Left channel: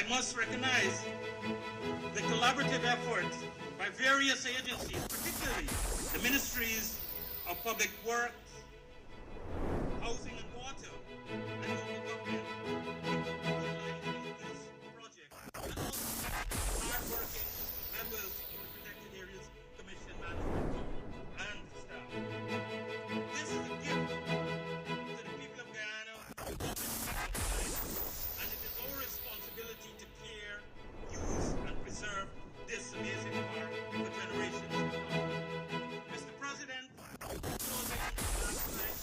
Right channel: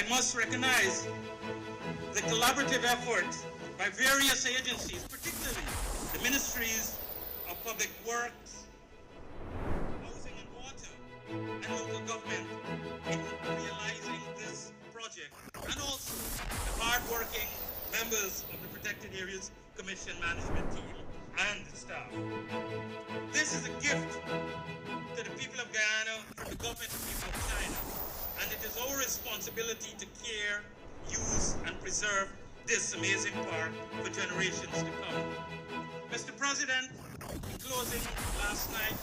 I must recognize the collaborative effort by various agencies, particularly the ministries of Public Works, Housing and Water, and local government in realizing this project, and also the hard-working members of the Protected Areas Commission management team and the staff. This is a gift to the people of Guyana from the government of the people of China, and it is our responsibility to care, use, and preserve this amazing park for generations to come. Mr. President, in closing last night,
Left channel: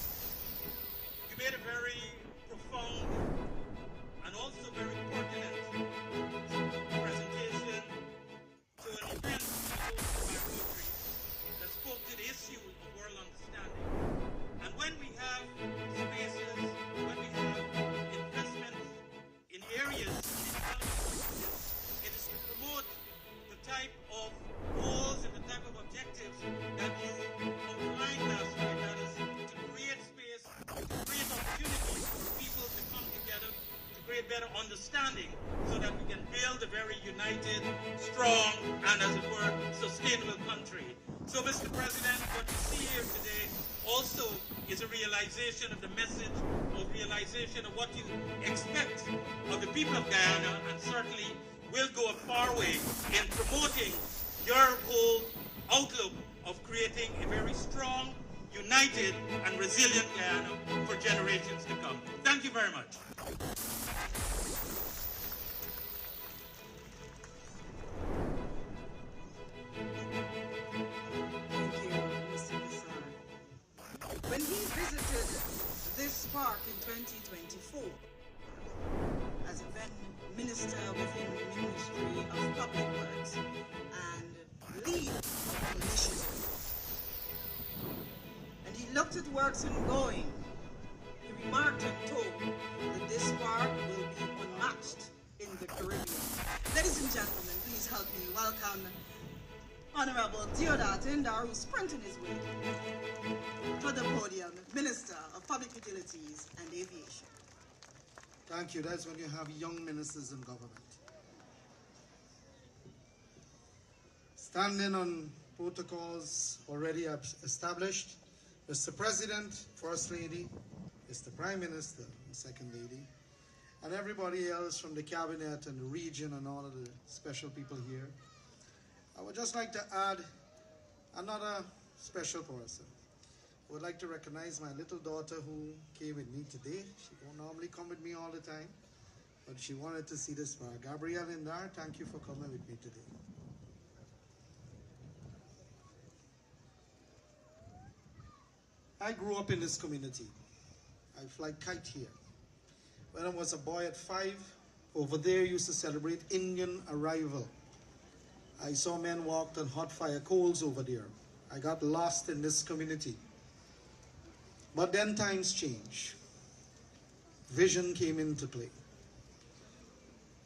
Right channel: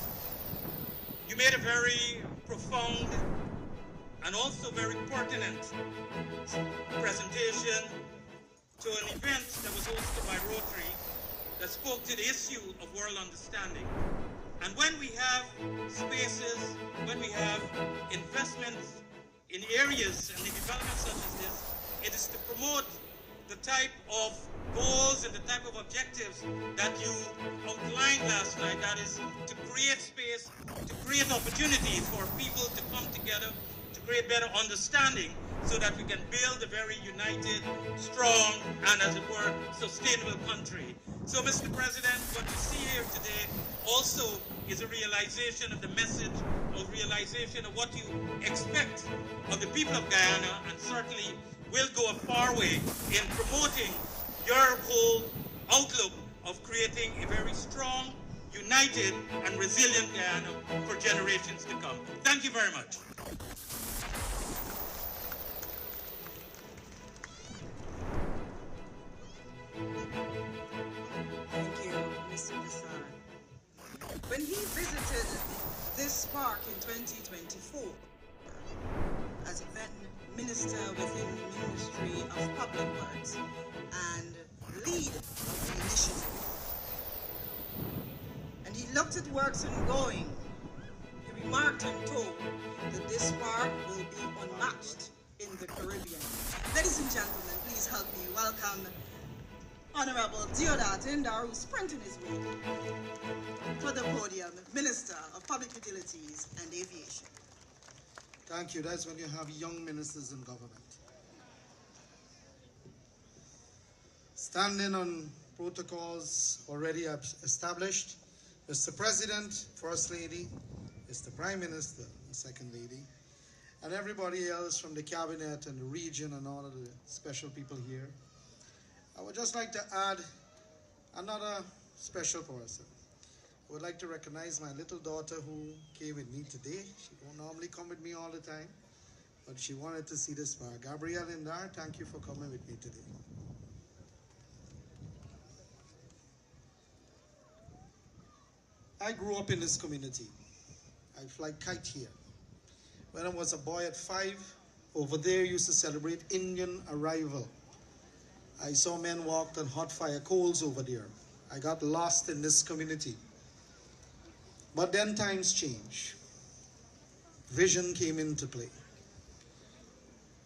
you made a very profound and also very pertinent presentation to an event that was hosted by Rotary that spoke to the issue of world understanding. And when we have spaces, when we have investments in areas and in development such as this, it is to promote the type of goals and the type of objectives that you outlined last night. That is to create space, to create opportunities for people to come together, to create better understanding so that we can build a very united, strong, and as it were, sustainable country. So, Mr. President, what you see here today also is a realization of the message, a realization of what you expect of the people of Guyana, and certainly will go a far way in promoting your whole outlook of creating a very strong, united, and resilient Guyana for generations to come. Thank you very much. Thank you, Mr. Nassar. When he visited this park in 2024, as a then minister within the Ministry of Public Works and lead of the initiative, and he looked at works ongoing, he remarked and told that this park will be unmatched in the Caribbean. Ladies and gentlemen, please help me welcome Honorable Deodat Indar, who's sprinting his way to the podium, Minister of Public Utilities and Aviation. Thank you. That's when you have young ministers in government. Standing on protocols already established, Mr. President, First Lady, Mr. Prime Minister, and Second Lady, and everybody else from the cabinet and the region and all of the special people here, I would just like to add another special person. I would like to recognize my little daughter who came with me today. She don't normally come with me all the time, but she wanted to see this park. Gabrielle Indar, thank you for coming with me today. I grew up in this community. I fly kite here. When I was a boy at 5, over there used to celebrate Indian arrival. I saw men walk on hot fire coals over there. I got lost in this community. But then times change. Vision came into play.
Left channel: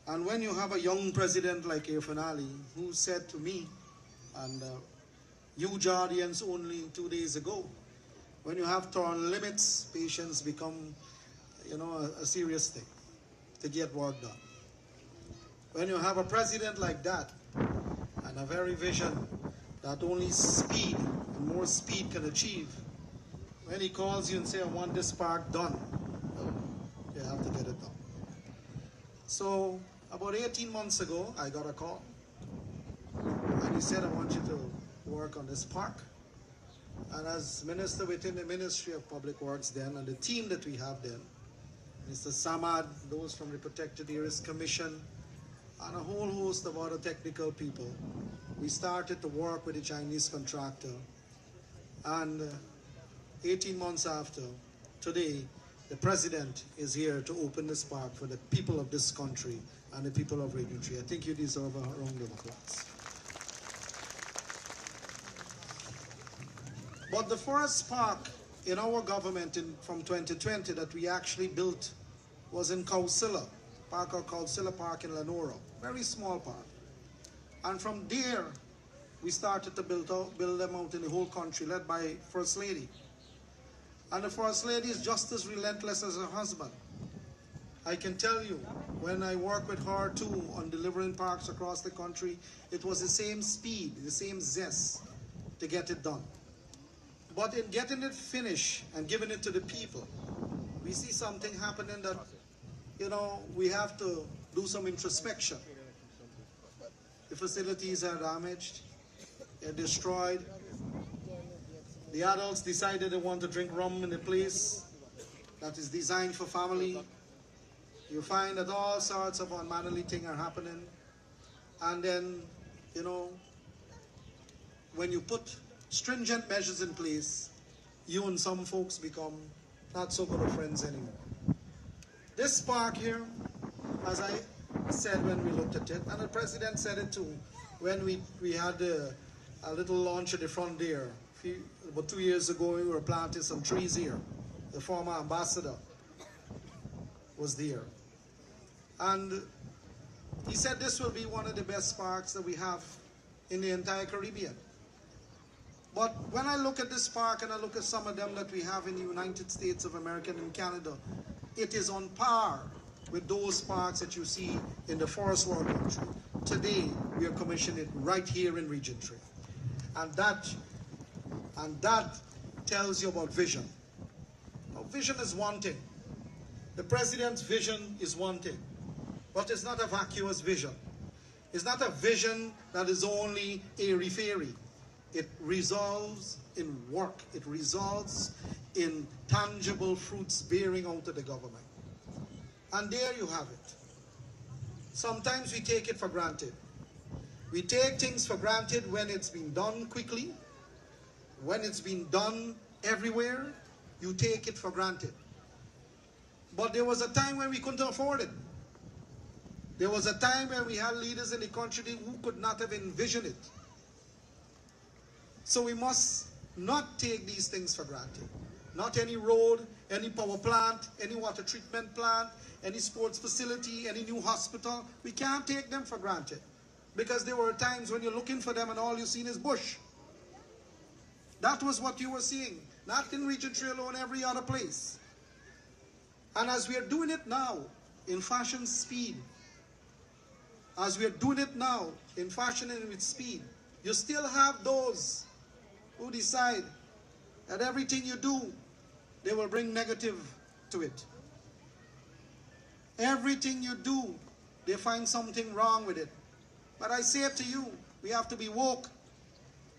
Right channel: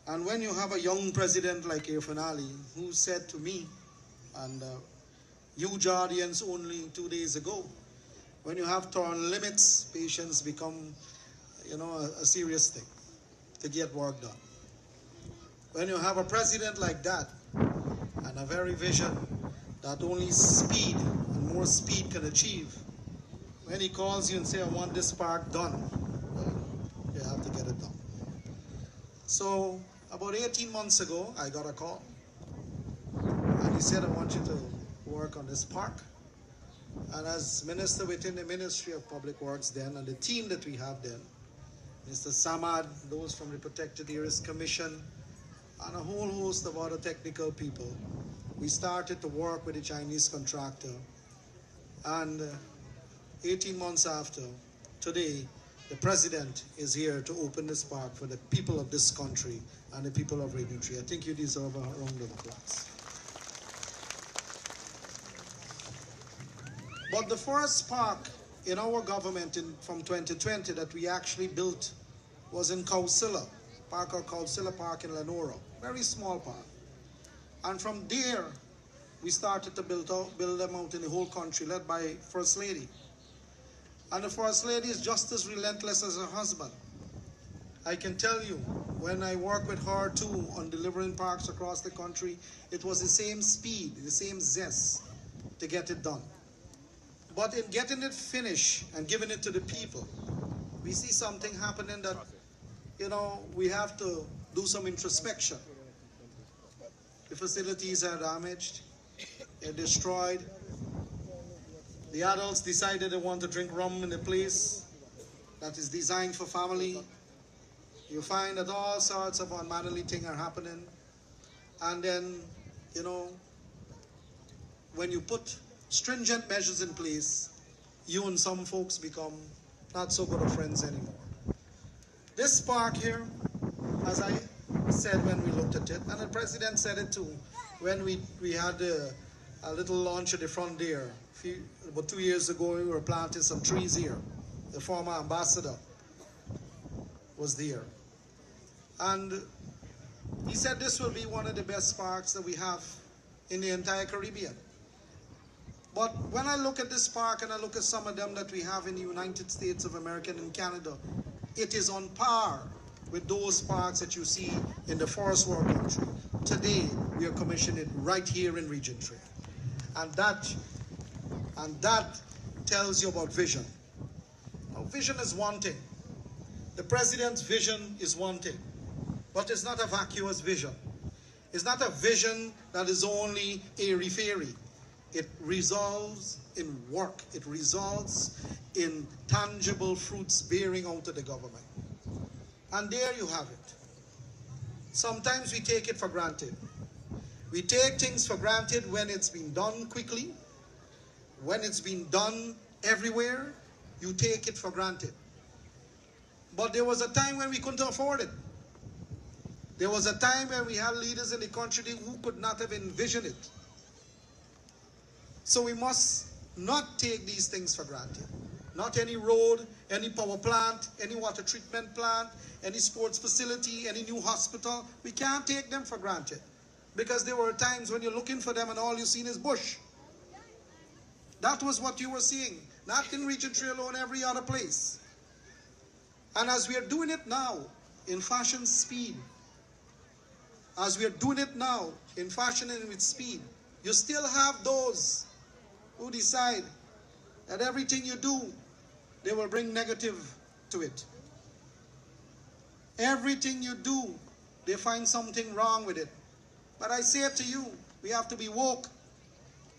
And when you have a young president like Irfan Ali, who said to me, and huge audience only 2 days ago, when you have term limits, patience become, a serious thing to get work done. When you have a president like that, and a very vision that only speed and more speed can achieve, when he calls you and say, I want this park done, well, you have to get it done. So about 18 months ago, I got a call. And he said, I want you to work on this park. And as minister within the Ministry of Public Works then, and the team that we have then, Mr. Samad, those from the Protected Areas Commission, and a whole host of other technical people, we started to work with the Chinese contractor. And 18 months after, today, the president is here to open this park for the people of this country and the people of Radio 3. I think you deserve a round of applause. But the first park in our government from 2020 that we actually built was in Kausila, park called Kausila Park in Lenora, very small park. And from there, we started to build them out in the whole country, led by First Lady. And the First Lady is just as relentless as her husband. I can tell you, When I worked with her too on delivering parks across the country, it was the same speed, the same zest to get it done. But in getting it finished and giving it to the people, we see something happening that, we have to do some introspection. The facilities are damaged, they're destroyed. The adults decided they want to drink rum in a place that is designed for family. You find that all sorts of unmannerly things are happening. And then, when you put stringent measures in place, you and some folks become not so good of friends anymore. This park here, as I said when we looked at it, and the president said it too, when we had a little launch at the front there, about 2 years ago, we were planting some trees here. The former ambassador was there. And he said this will be one of the best parks that we have in the entire Caribbean. But when I look at this park and I look at some of them that we have in the United States of America and in Canada, it is on par with those parks that you see in the Forest War country. Today, we are commissioning it right here in Region 3. And that tells you about vision. Now, vision is one thing. The president's vision is one thing. But it's not a vacuous vision. It's not a vision that is only airy-fairy. It resolves in work. It results in tangible fruits bearing out of the government. And there you have it. Sometimes we take it for granted. We take things for granted when it's been done quickly. When it's been done everywhere, you take it for granted. But there was a time when we couldn't afford it. There was a time when we had leaders in the country who could not have envisioned it. So we must not take these things for granted. Not any road, any power plant, any water treatment plant, any sports facility, any new hospital. We can't take them for granted. Because there were times when you're looking for them and all you've seen is bush. That was what you were seeing. Not in Region 3 alone, every other place. And as we are doing it now, in fashion speed, as we are doing it now, in fashion and with speed, you still have those who decide that everything you do, they will bring negative to it. Everything you do, they find something wrong with it. But I say it to you, we have to be woke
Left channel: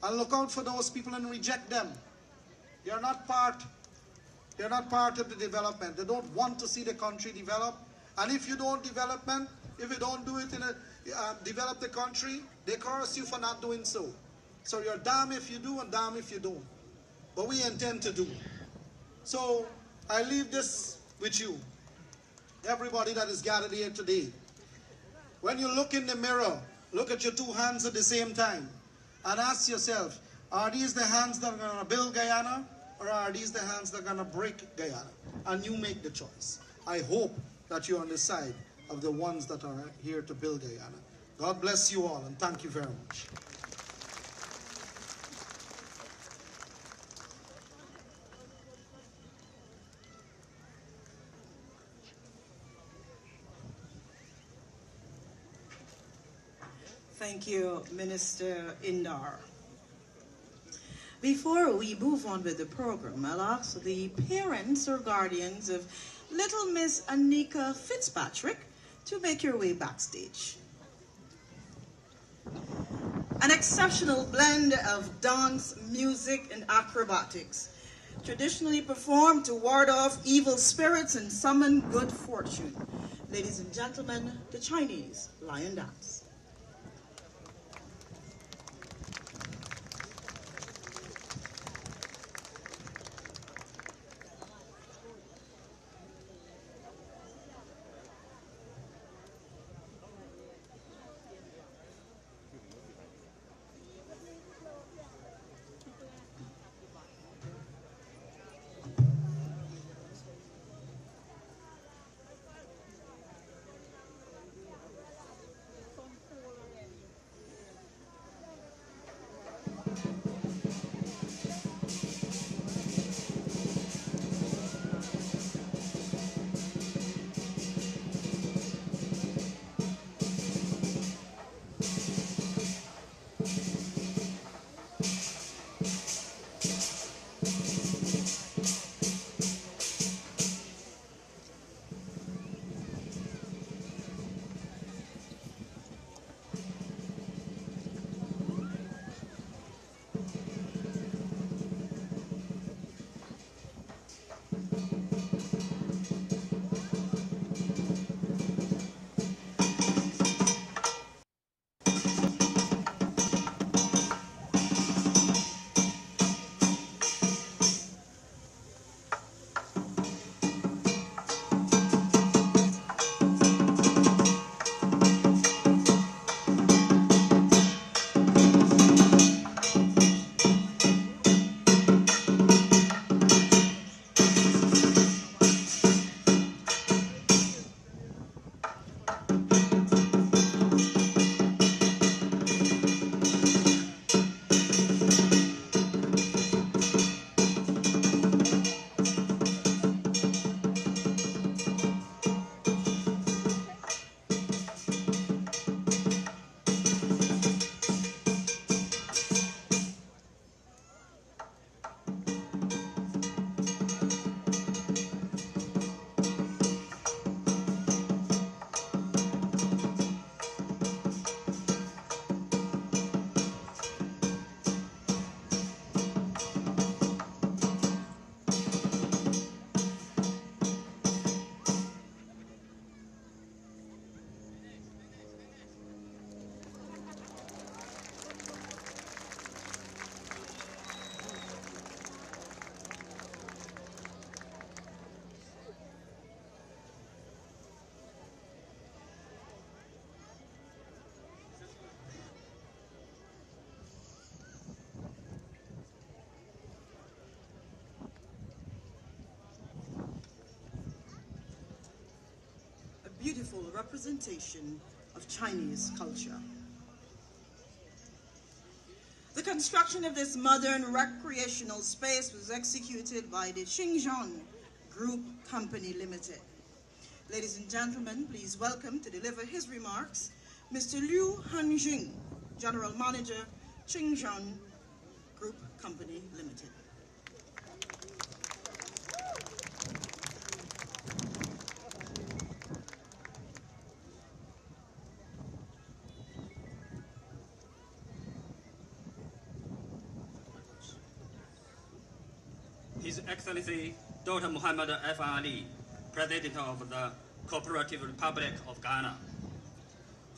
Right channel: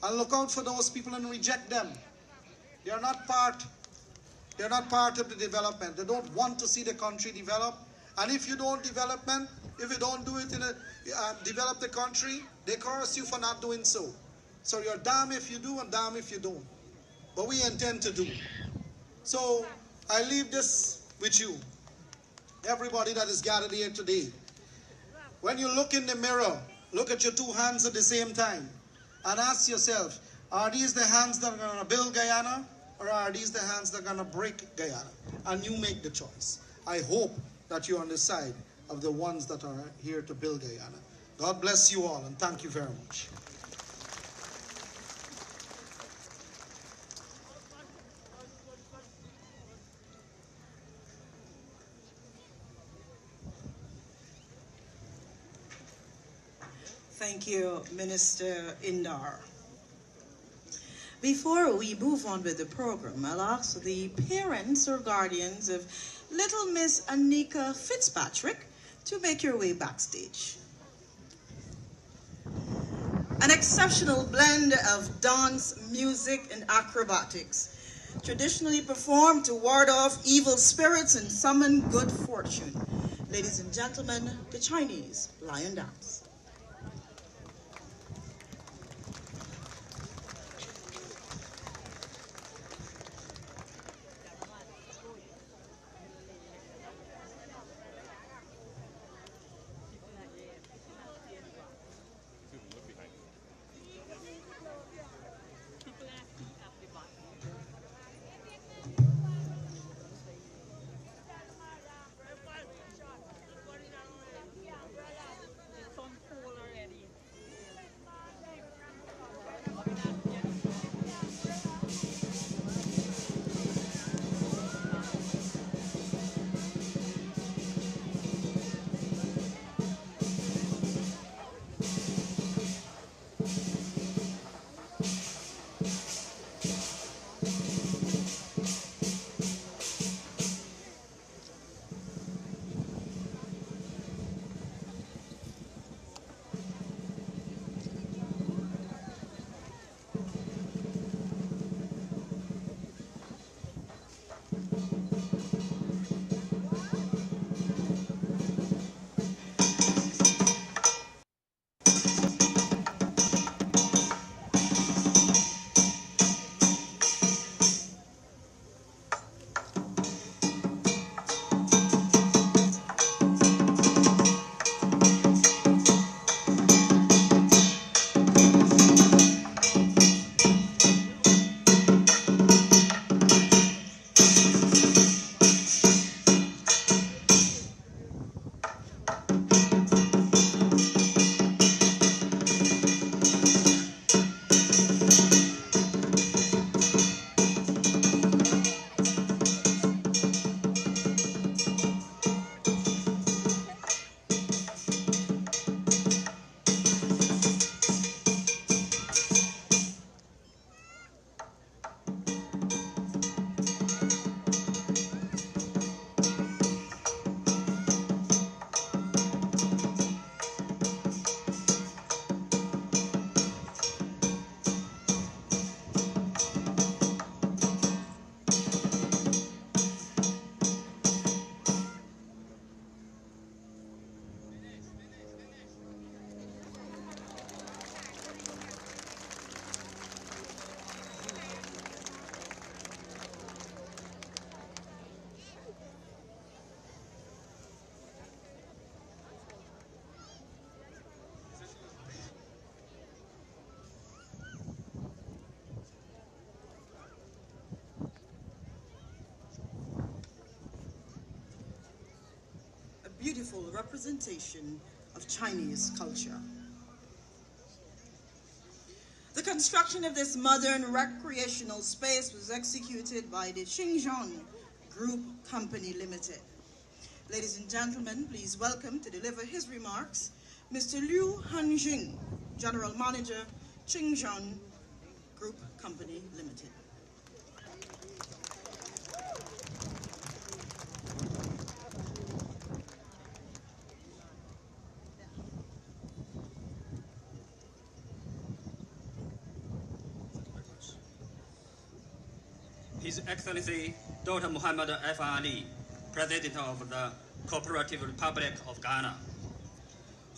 and look out for those people and reject them. They are not part of the development. They don't want to see the country develop. And if you don't if you don't do it develop the country, they curse you for not doing so. So you're damned if you do and damned if you don't. But we intend to do. So I leave this with you, everybody that is gathered here today. When you look in the mirror, look at your two hands at the same time and ask yourself, are these the hands that are going to build Guyana, or are these the hands that are going to break Guyana? And you make the choice. I hope that you're on the side of the ones that are here to build Guyana. God bless you all, and thank you very much. Thank you, Minister Indar. Before we move on with the program, I'll ask the parents or guardians of little Miss Anika Fitzpatrick to make your way backstage. An exceptional blend of dance, music, and acrobatics, traditionally performed to ward off evil spirits and summon good fortune. Ladies and gentlemen, the Chinese Lion Dance. beautiful representation of Chinese culture. The construction of this modern recreational space was executed by the Xinjiang Group Company Limited. Ladies and gentlemen, please welcome to deliver his remarks, Mr. Liu Hanjing, General Manager, Xinjiang Group Company Limited. His Excellency Dr. Muhammad F. Ali, President of the Cooperative Republic of Ghana.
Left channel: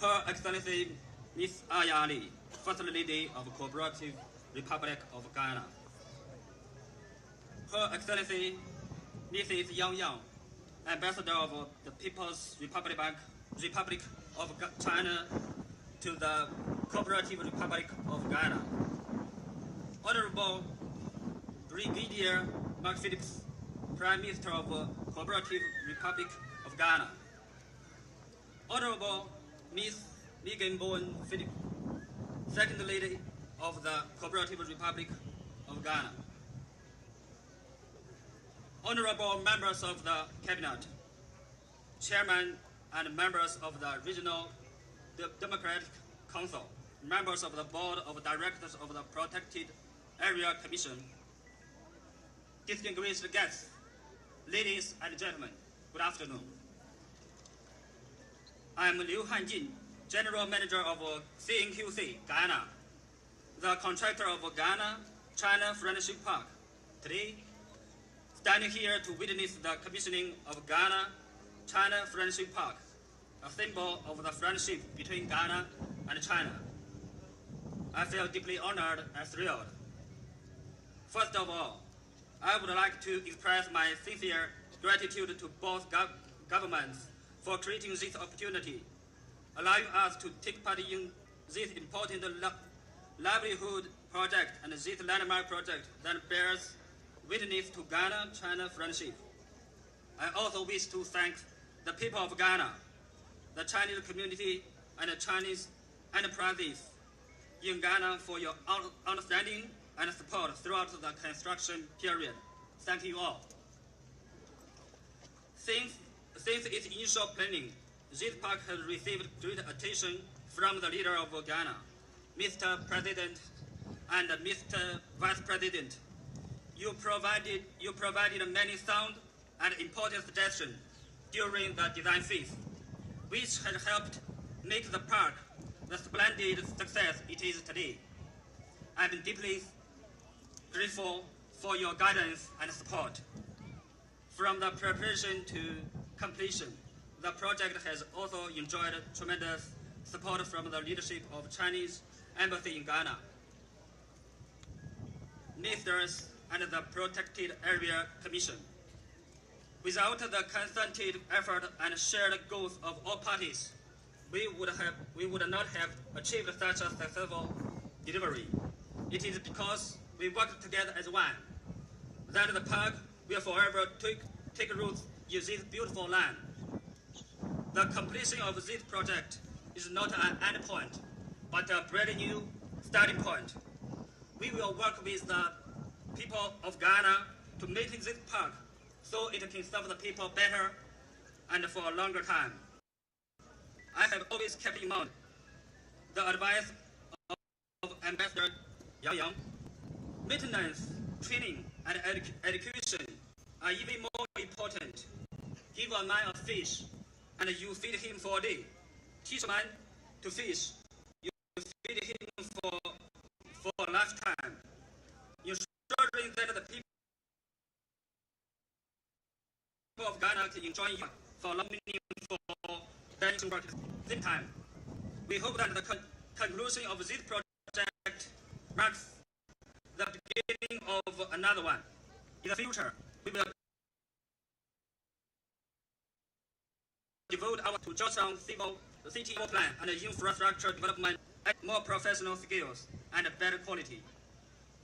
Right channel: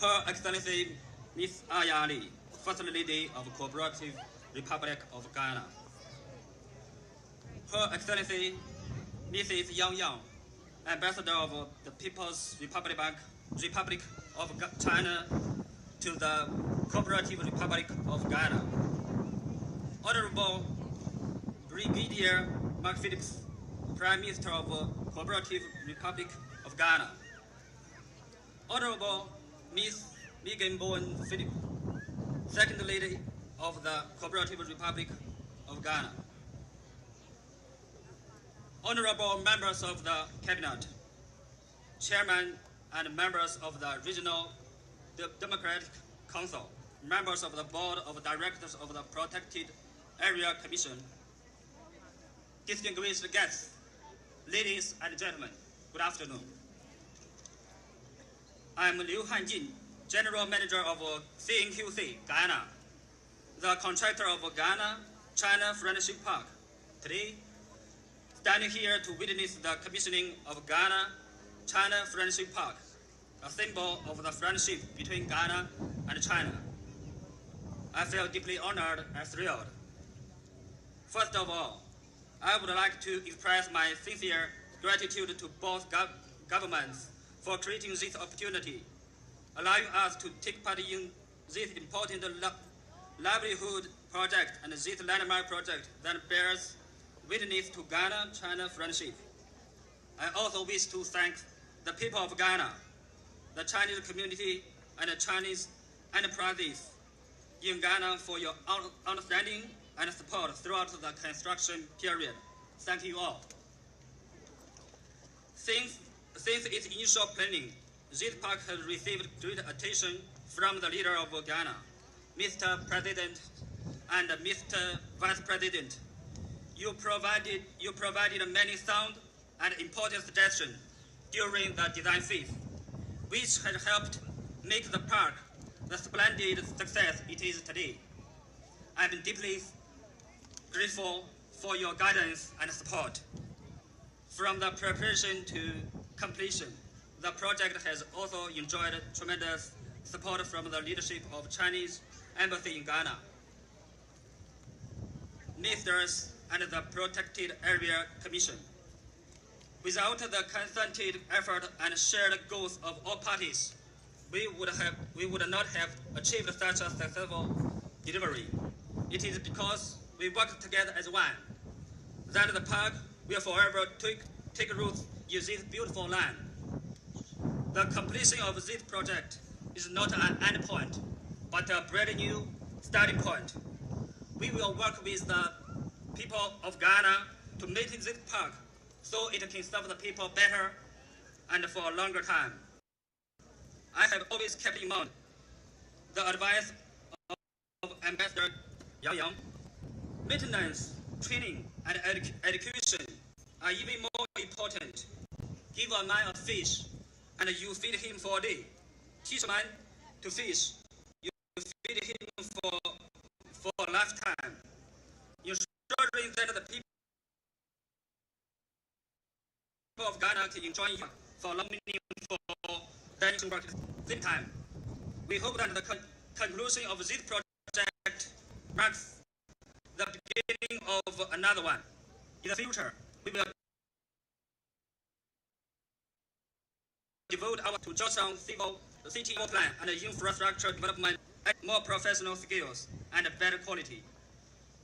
Her Excellency Ms. Aya Ali, First Lady of Cooperative Republic of Ghana. Her Excellency Mrs. Yang Yang, Ambassador of the People's Republic of China to the Cooperative Republic of Ghana. Honorable Brigadier Mark Phillips, Prime Minister of Cooperative Republic of Ghana. Honorable Ms. Megan Bowen Phillips, Second Lady of the Cooperative Republic of Ghana. Honorable members of the Cabinet, Chairman and members of the Regional Democratic Council, members of the Board of Directors of the Protected Area Commission, distinguished guests, ladies and gentlemen, good afternoon. I am Liu Hanjin, General Manager of CNQC, Guyana, the contractor of Ghana-China Friendship Park. Today, standing here to witness the commissioning of Ghana-China Friendship Park, a symbol of the friendship between Ghana and China. I feel deeply honored and thrilled. First of all, I would like to express my sincere gratitude to both governments for creating this opportunity, allowing us to take part in this important livelihood project and this landmark project that bears witness to Ghana-China friendship. I also wish to thank the people of Ghana, the Chinese community, and the Chinese enterprises in Ghana for your understanding and support throughout the construction period. Thank you all. Since its initial planning, this park has received great attention from the leader of Ghana, Mr. President and Mr. Vice President. You provided many sound and important suggestions during the design phase, which has helped make the park the splendid success it is today. I'm deeply grateful for your guidance and support. From the preparation to completion, the project has also enjoyed tremendous support from the leadership of Chinese Embassy in Ghana, ministers, and the Protected Area Commission. Without the concerted effort and shared goals of all parties, we would not have achieved such a successful delivery. It is because we work together as one that the park will forever take root in this beautiful land. The completion of this project is not an end point, but a brand new starting point. We will work with the people of Ghana to make this park so it can serve the people better and for a longer time. I have always kept in mind the advice of Ambassador Yang Yang. Maintenance, training, and education are even more important. Give a man a fish, and you feed him for a day. Teach a man to fish, you feed him for a lifetime. Ensuring that the people of Ghana can enjoy you for a long meaningful dining work at the same time. We hope that the conclusion of this project marks the beginning of another one. In the future, we will devote our to Georgetown city plan and infrastructure development at more professional skills and better quality.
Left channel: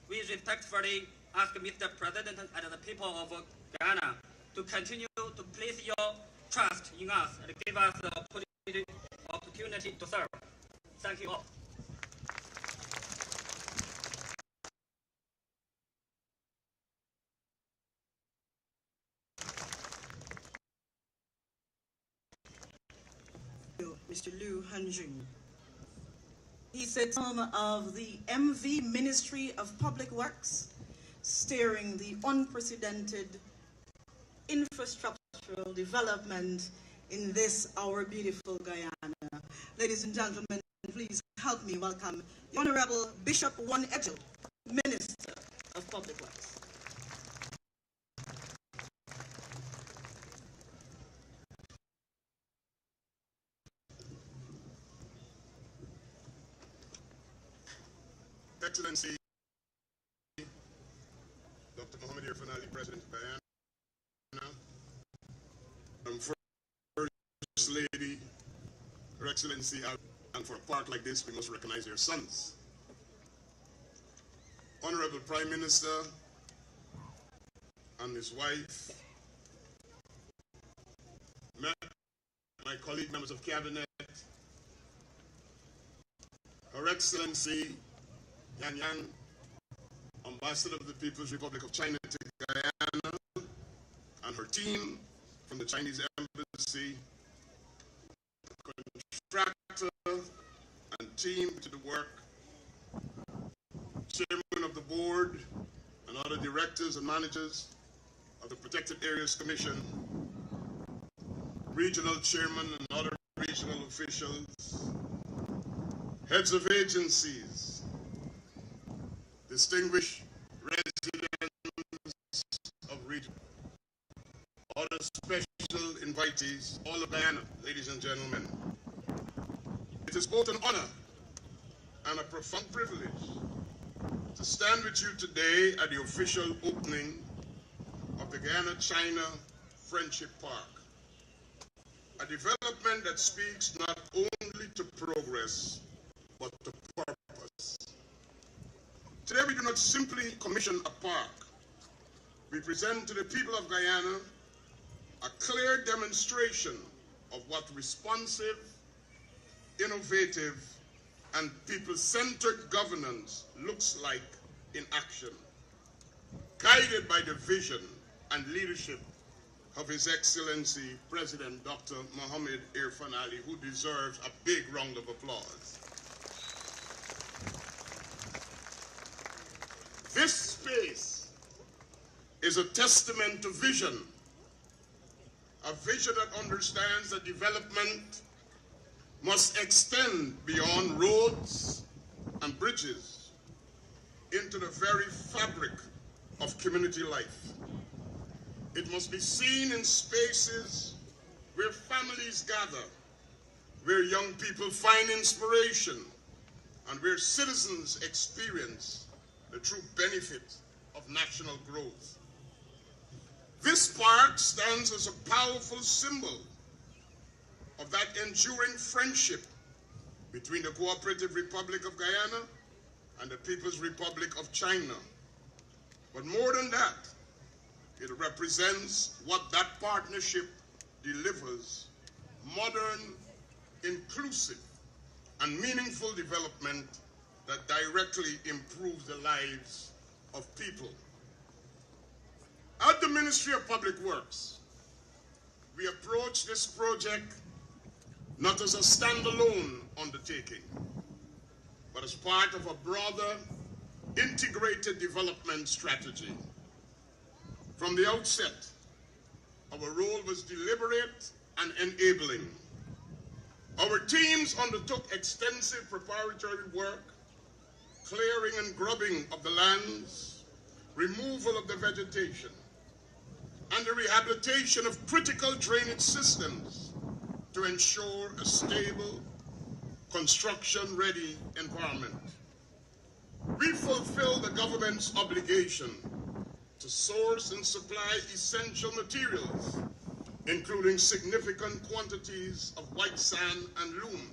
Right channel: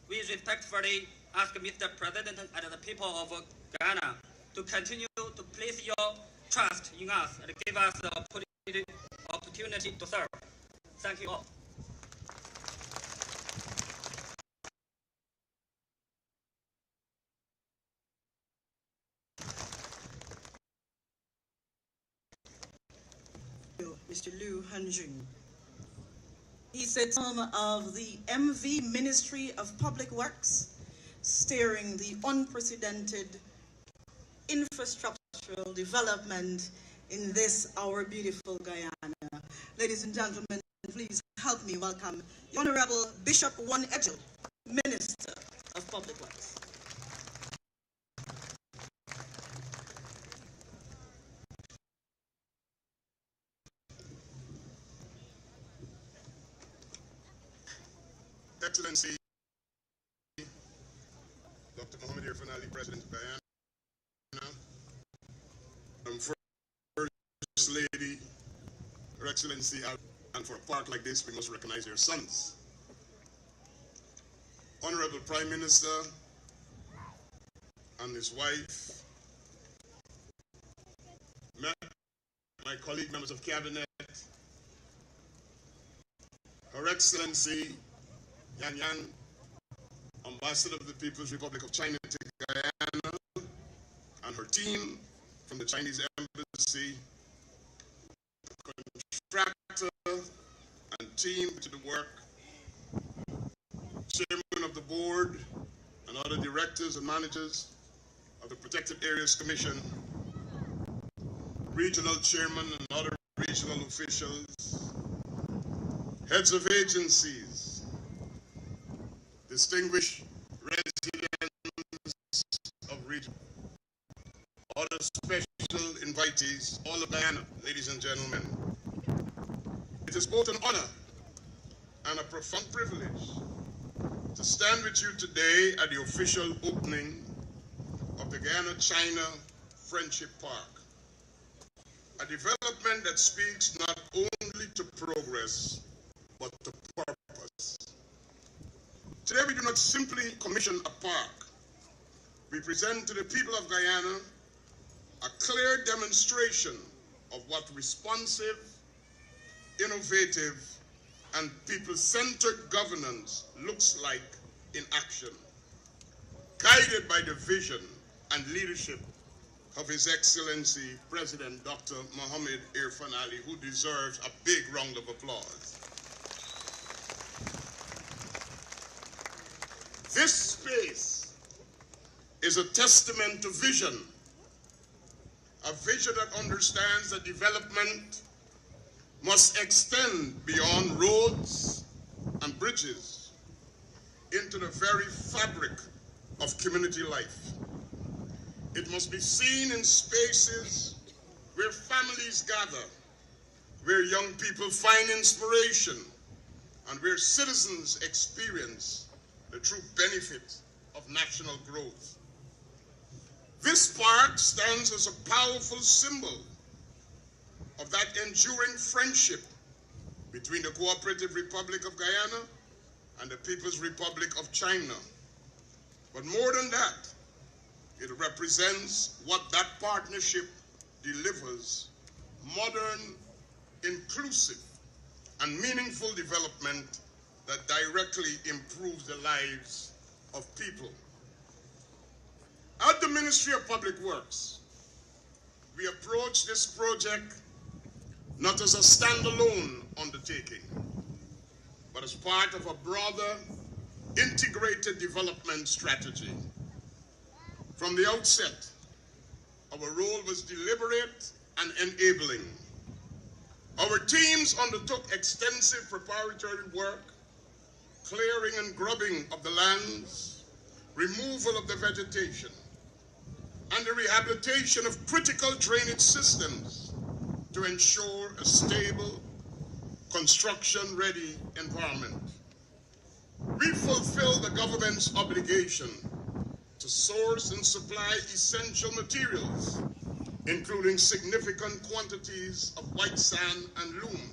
We respectfully ask Mr. President and the people of Ghana to continue to place your trust in us and give us the opportunity to serve. Thank you all. Mr. Liu Hanjun. He sits at the helm of the MV Ministry of Public Works, steering the unprecedented infrastructural development in this, our beautiful Guyana. Ladies and gentlemen, please help me welcome the Honorable Bishop One Edgel, Minister of Public Works. Excellency, Dr. Mohammed Irfan Ali, President of Guyana, First Lady, Her Excellency, and for a park like this, we must recognize their sons. Honorable Prime Minister and his wife, my colleague members of Cabinet, Her Excellency, Yan Yan, Ambassador of the People's Republic of China to Guyana, and her team from the Chinese Embassy, contractor and team to the work, Chairman of the Board, and other directors and managers of the Protected Areas Commission, regional chairman and other regional officials, heads of agencies, distinguished residents of region, other special invitees, all of Guyana, ladies and gentlemen. It is both an honor and a profound privilege to stand with you today at the official opening of the Guyana-China Friendship Park, a development that speaks not only to progress, but to purpose. Today we do not simply commission a park. We present to the people of Guyana a clear demonstration of what responsive, innovative, and people-centered governance looks like in action, guided by the vision and leadership of His Excellency President Dr. Mohammed Irfan Ali, who deserves a big round of applause. This space is a testament to vision, a vision that understands that development must extend beyond roads and bridges into the very fabric of community life. It must be seen in spaces where families gather, where young people find inspiration, and where citizens experience the true benefit of national growth. This park stands as a powerful symbol of that enduring friendship between the Cooperative Republic of Guyana and the People's Republic of China. But more than that, it represents what that partnership delivers: modern, inclusive, and meaningful development that directly improves the lives of people. At the Ministry of Public Works, we approach this project not as a standalone undertaking, but as part of a broader, integrated development strategy. From the outset, our role was deliberate and enabling. Our teams undertook extensive preparatory work, clearing and grubbing of the lands, removal of the vegetation, and the rehabilitation of critical drainage systems to ensure a stable, construction-ready environment. We fulfill the government's obligation to source and supply essential materials, including significant quantities of white sand and loam,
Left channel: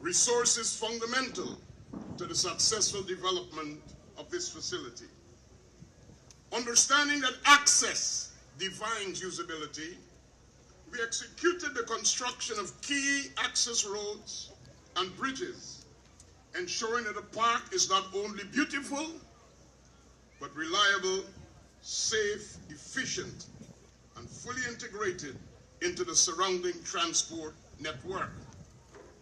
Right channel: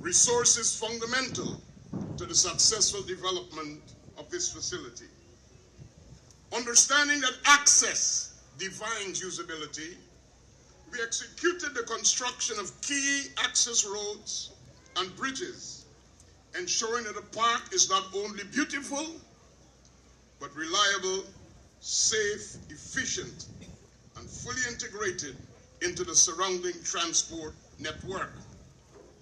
resources fundamental to the successful development of this facility. Understanding that access defines usability, we executed the construction of key access roads and bridges, ensuring that the park is not only beautiful, but reliable, safe, efficient, and fully integrated into the surrounding transport network.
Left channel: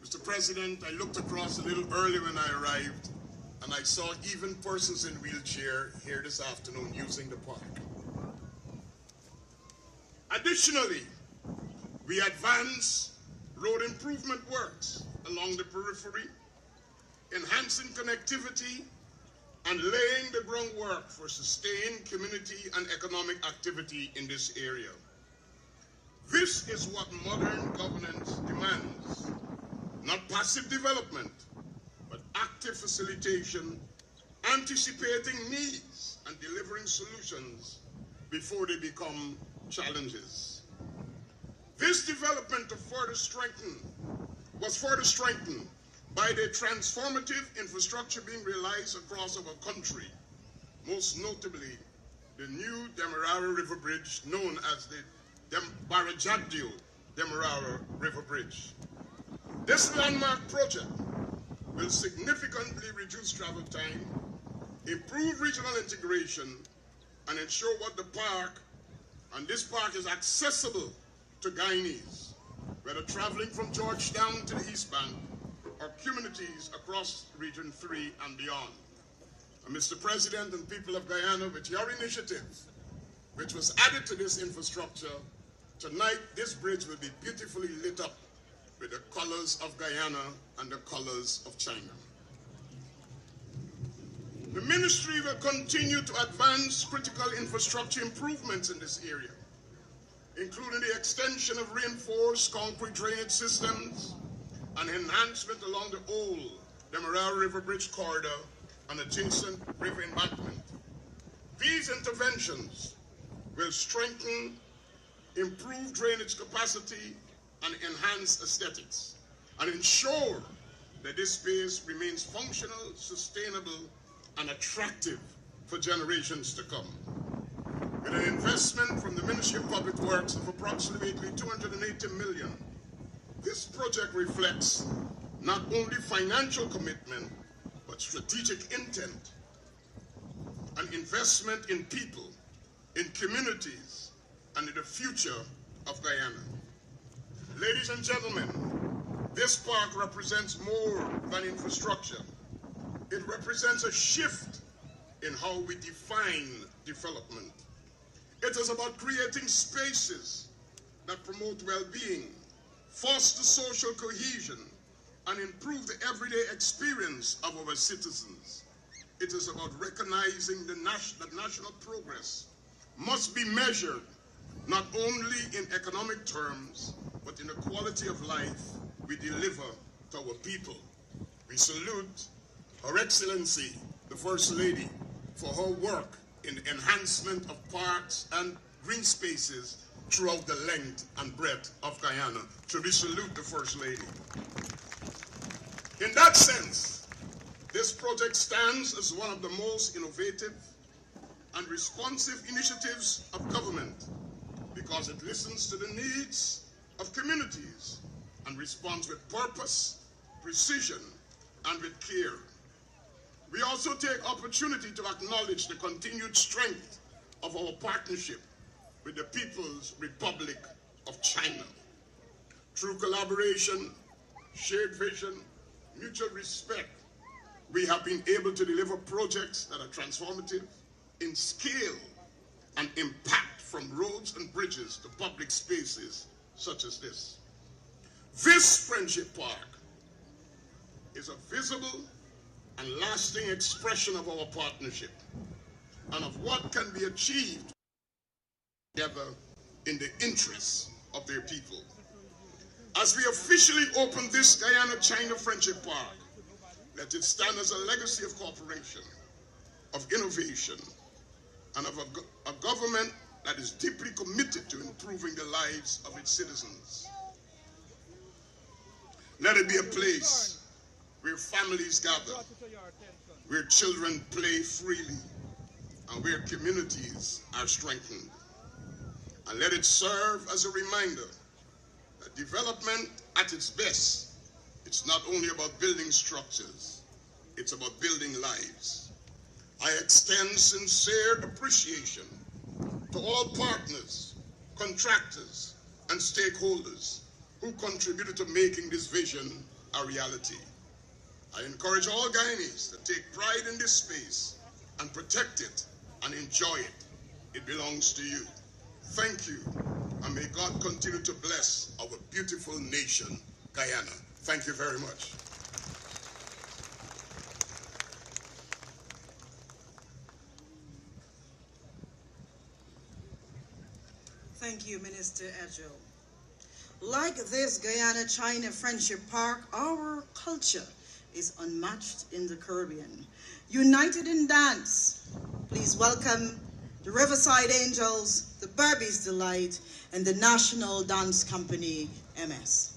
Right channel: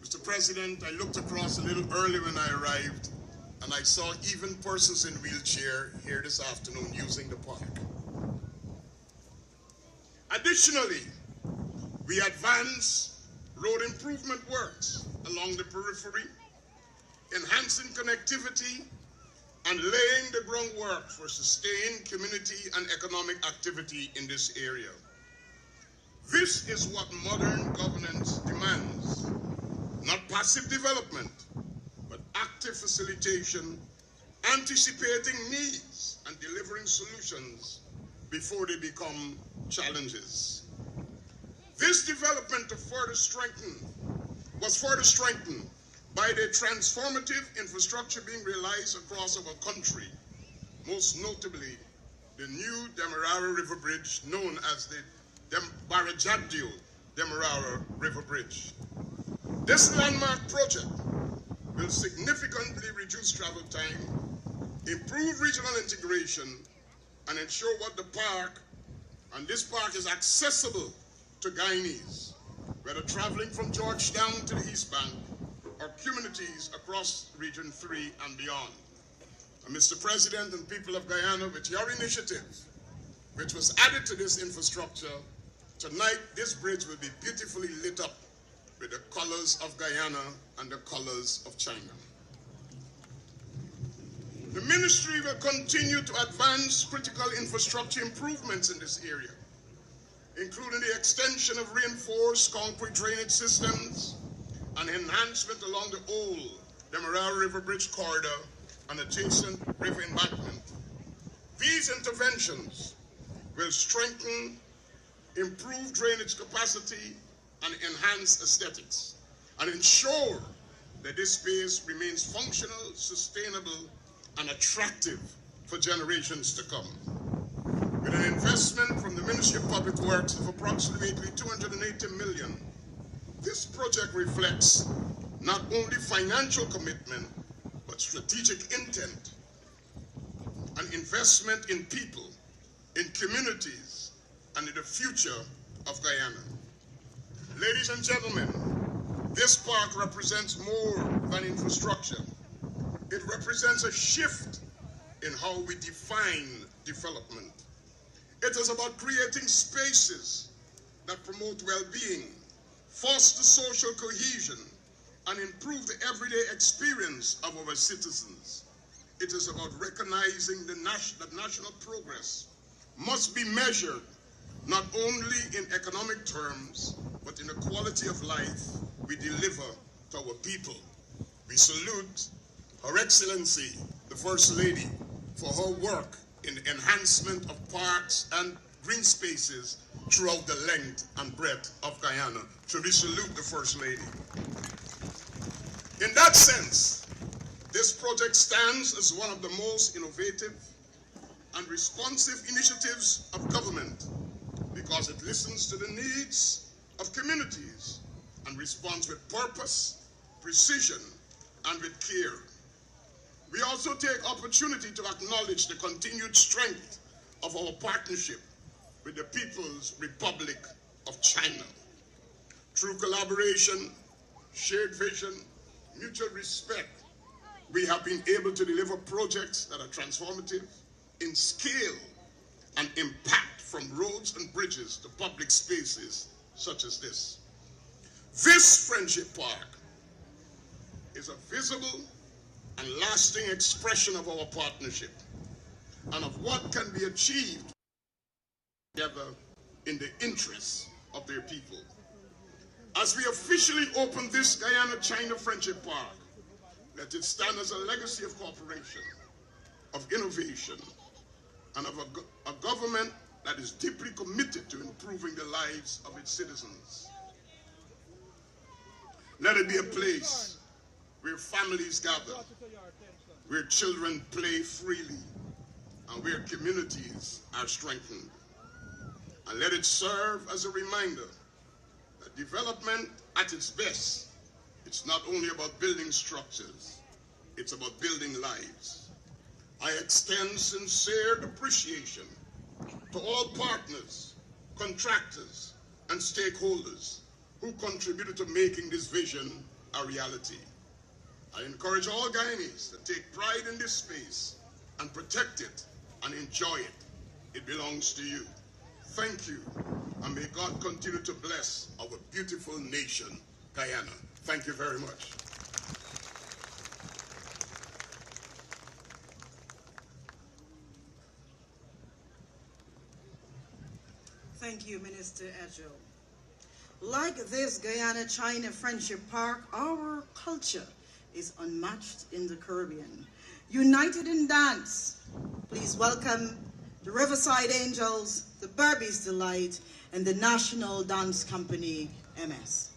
Mr. President, I looked across a little early when I arrived, and I saw even persons in wheelchair here this afternoon using the park. Additionally, we advance road improvement works along the periphery, enhancing connectivity and laying the groundwork for sustained community and economic activity in this area. This is what modern governance demands. Not passive development, but active facilitation, anticipating needs and delivering solutions before they become challenges. This development was further strengthened by the transformative infrastructure being realized across our country, most notably the new Demerara River Bridge, known as the Demerara River Bridge. This landmark project will significantly reduce travel time, improve regional integration, and ensure this park is accessible to Guyanese, whether traveling from Georgetown to the East Bank or communities across Region 3 and beyond. And Mr. President and people of Guyana, with your initiative, which was added to this infrastructure, tonight this bridge will be beautifully lit up with the colors of Guyana and the colors of China. The ministry will continue to advance critical infrastructure improvements in this area, including the extension of reinforced concrete drainage systems and enhancement along the old Demerara River Bridge corridor and adjacent river embankment. These interventions will strengthen, improve drainage capacity, and enhance aesthetics, and ensure that this space remains functional, sustainable, and attractive for generations to come. With an investment from the Ministry of Public Works of approximately $280 million, this project reflects not only financial commitment, but strategic intent and investment in people, in communities, and in the future of Guyana. Ladies and gentlemen, this park represents more than infrastructure. It represents a shift in how we define development. It is about creating spaces that promote well-being, foster social cohesion, and improve the everyday experience of our citizens. It is about recognizing that national progress must be measured not only in economic terms, but in the quality of life we deliver to our people. We salute Her Excellency, the First Lady, for her work in the enhancement of parks and green spaces throughout the length and breadth of Guyana. So we salute the First Lady. In that sense, this project stands as one of the most innovative and responsive initiatives of government because it listens to the needs of communities and responds with purpose, precision, and with care. We also take opportunity to acknowledge the continued strength of our partnership with the People's Republic of China. Through collaboration, shared vision, mutual respect, we have been able to deliver projects that are transformative in scale and impact, from roads and bridges to public spaces such as this. This Friendship Park is a visible and lasting expression of our partnership and of what can be achieved together in the interests of their people. As we officially open this Guyana-China Friendship Park, let it stand as a legacy of cooperation, of innovation, and of a government that is deeply committed to improving the lives of its citizens. Let it be a place where families gather, where children play freely, and where communities are strengthened. And let it serve as a reminder Development at its best, it's not only about building structures, it's about building lives. I extend sincere appreciation to all partners, contractors, and stakeholders who contributed to making this vision a reality. I encourage all Guyanese to take pride in this space and protect it and enjoy it. It belongs to you. Thank you, and may God continue to bless our beautiful nation, Guyana. Thank you very much. Thank you, Minister Adjo. Like this Guyana-China Friendship Park, our culture is unmatched in the Caribbean. United in dance, please welcome the Riverside Angels, the Burbies Delight, and the National Dance Company, MS.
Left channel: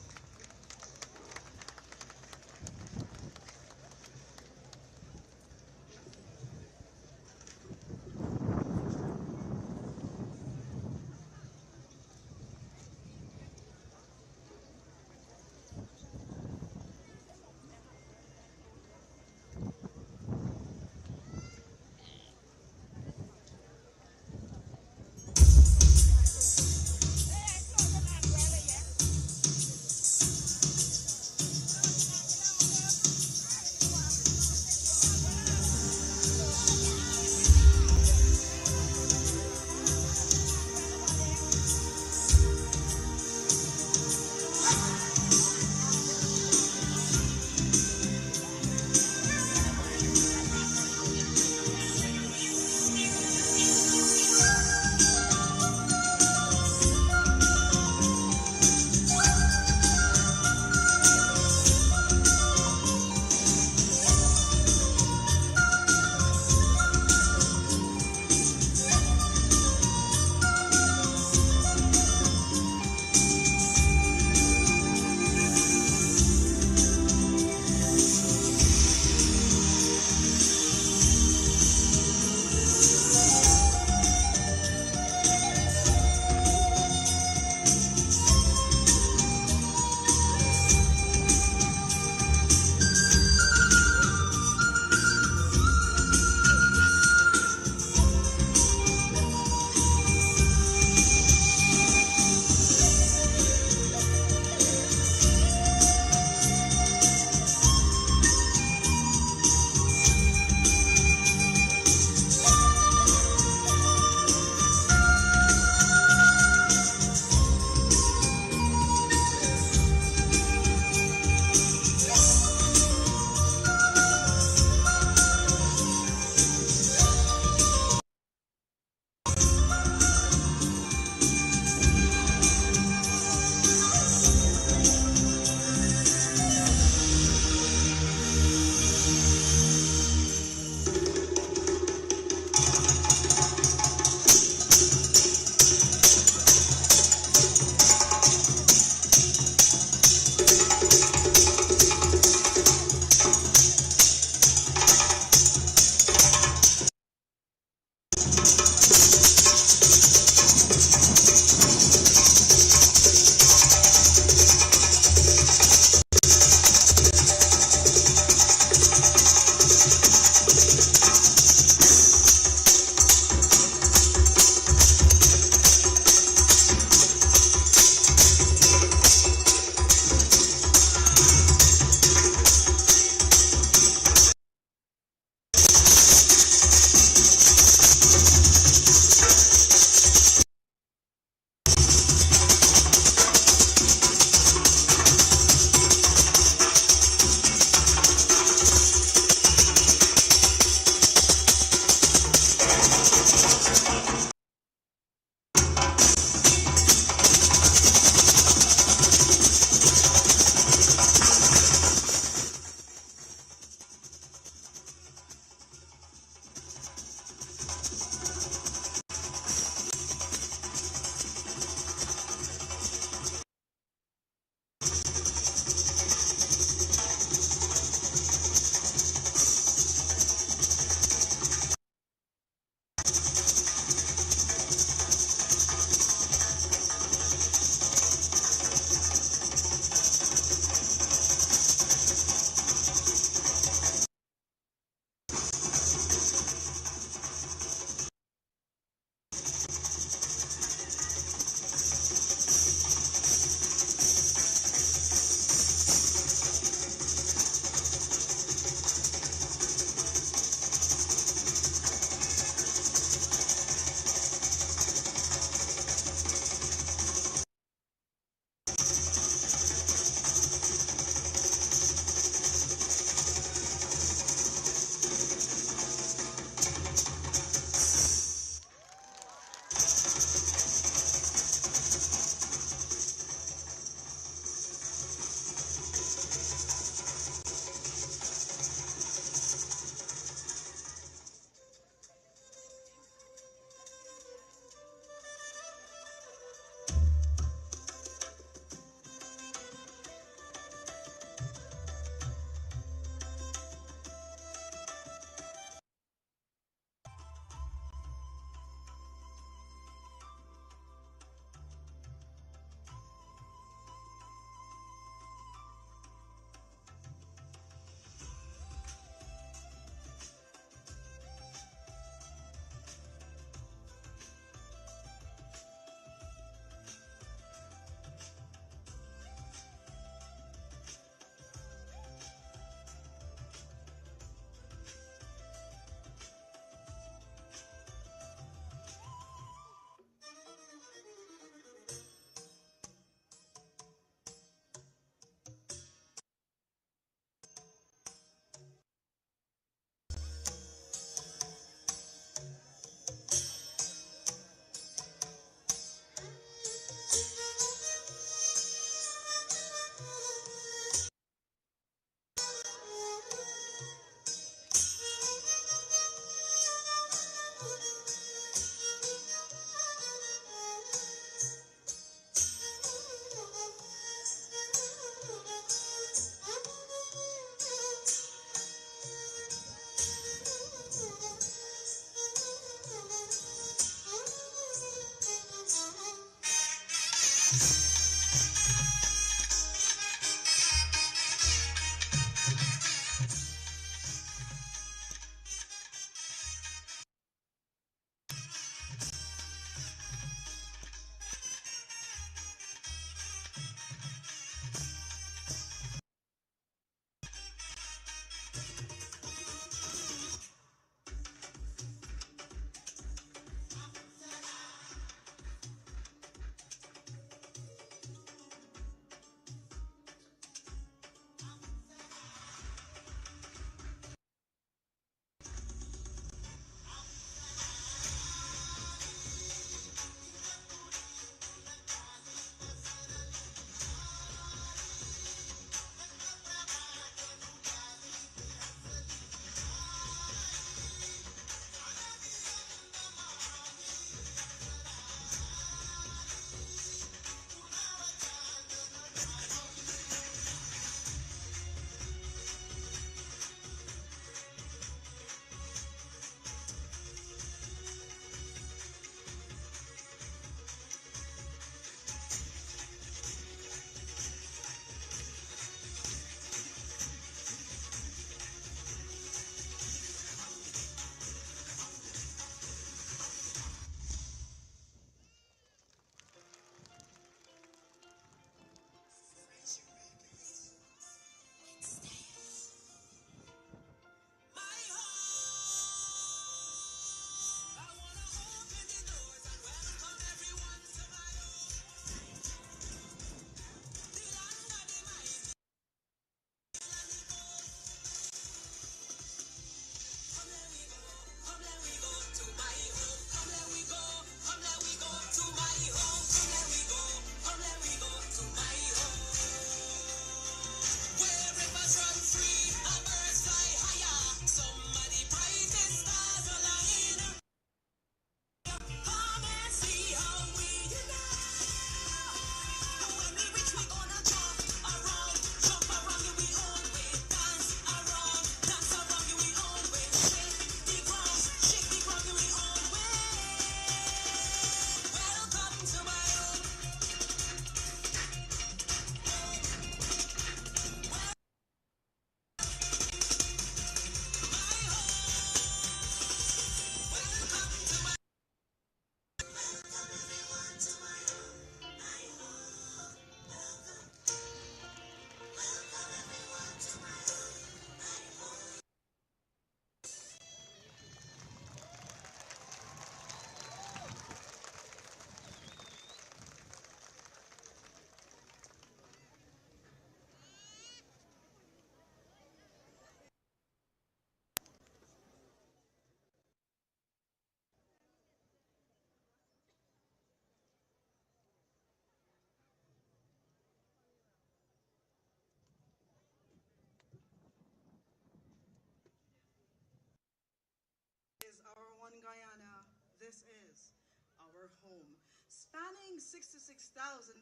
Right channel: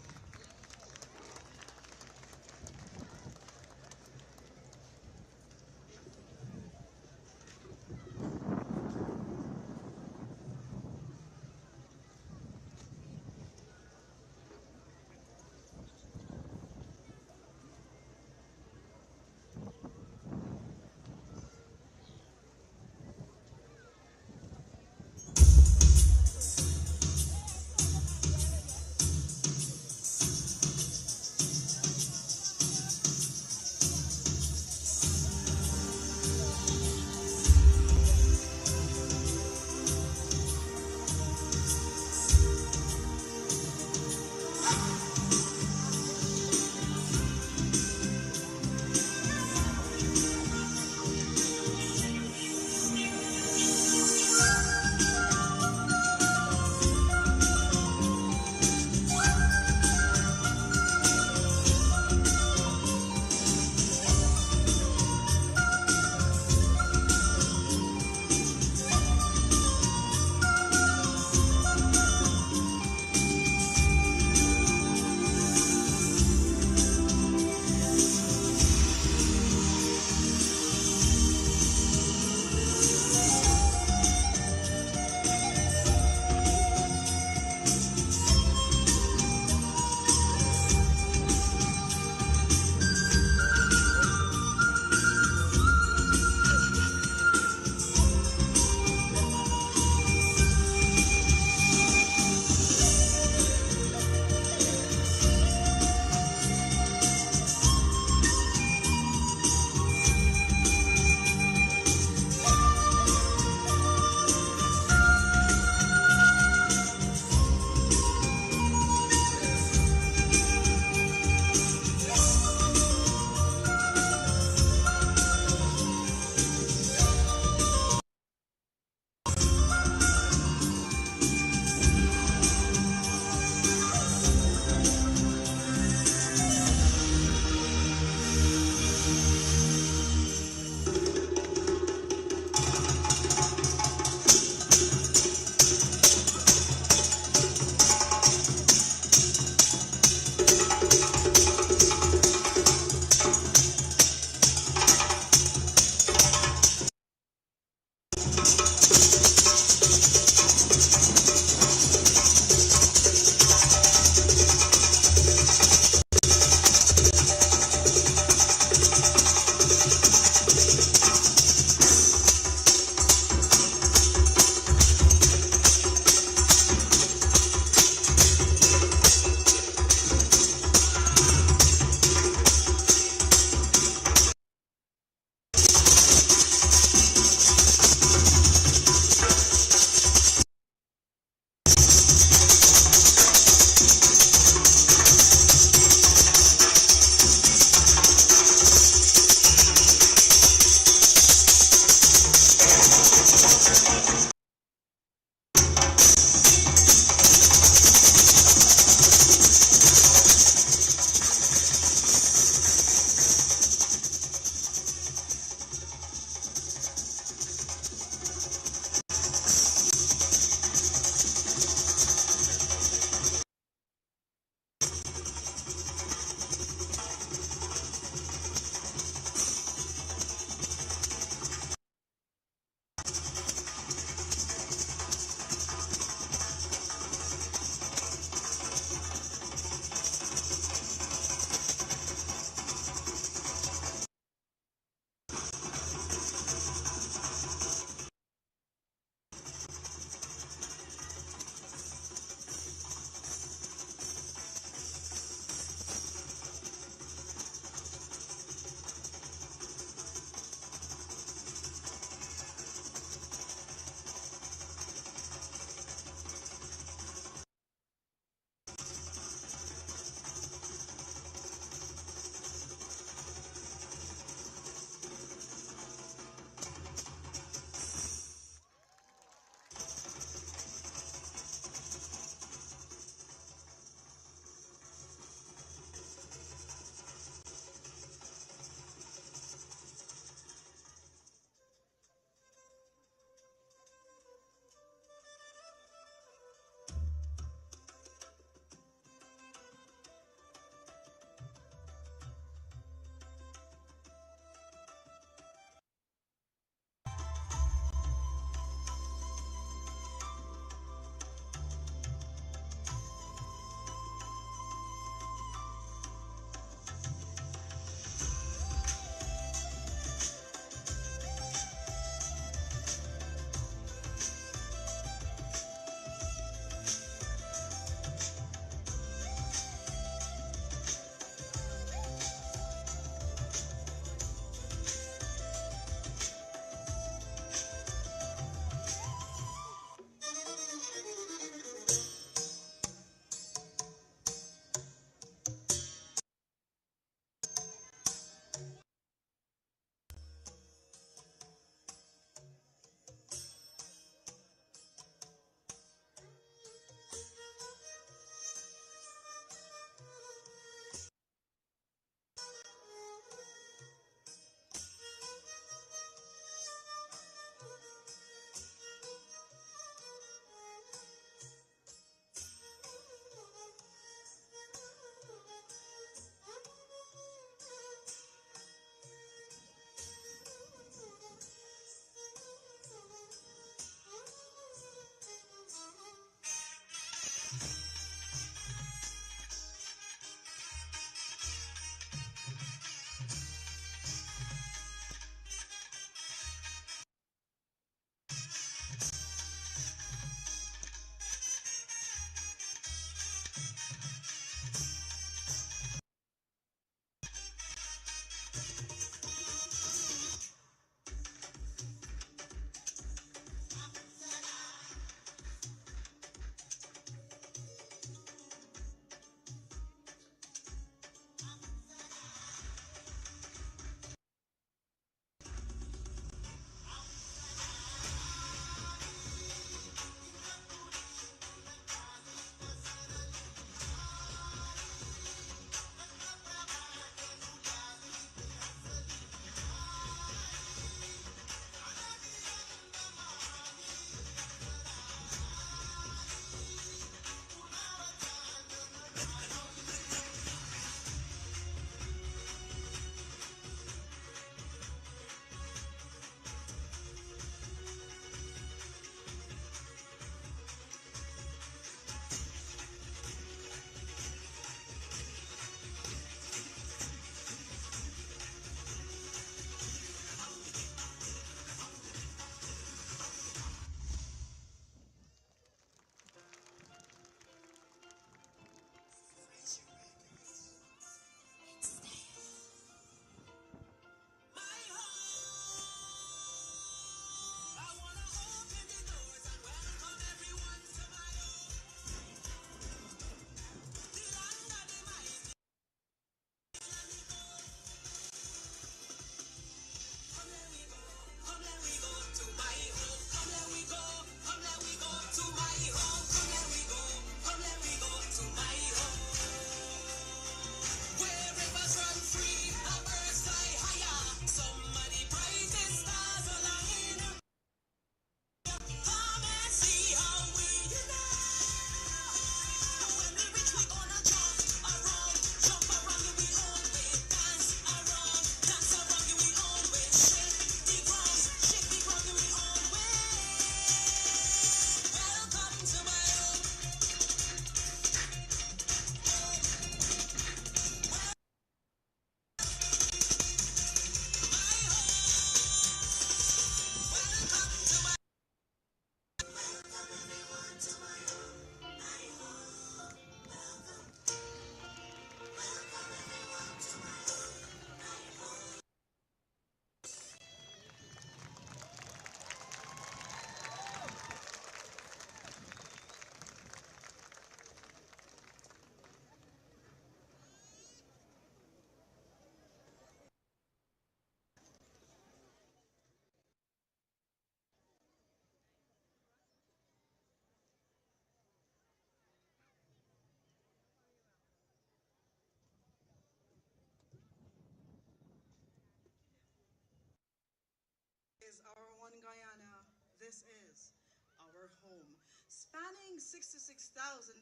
Is our one Guyana. This is our home. Spanning 66,700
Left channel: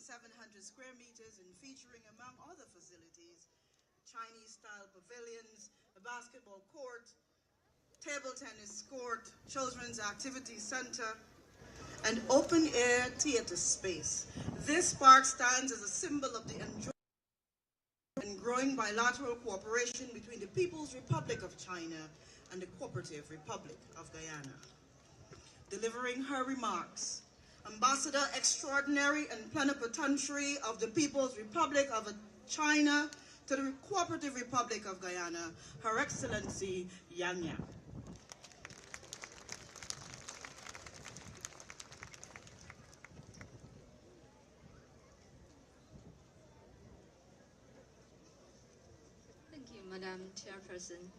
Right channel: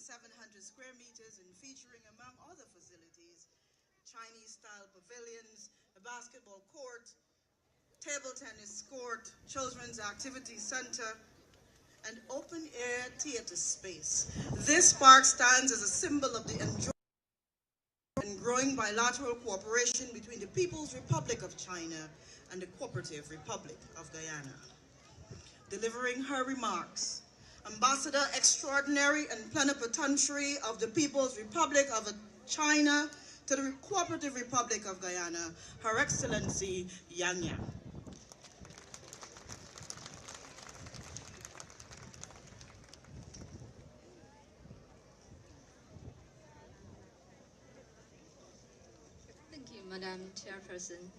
square meters and featuring, among other facilities, Chinese-style pavilions, a basketball court, table tennis court, children's activity center, and open-air theater space. This park stands as a symbol of the enjoyment and growing bilateral cooperation between the People's Republic of China and the Cooperative Republic of Guyana. Delivering her remarks, Ambassador Extraordinary and Plenipotentiary of the People's Republic of China to the Cooperative Republic of Guyana, Her Excellency Yang Yang. Thank you, Madam Chairperson.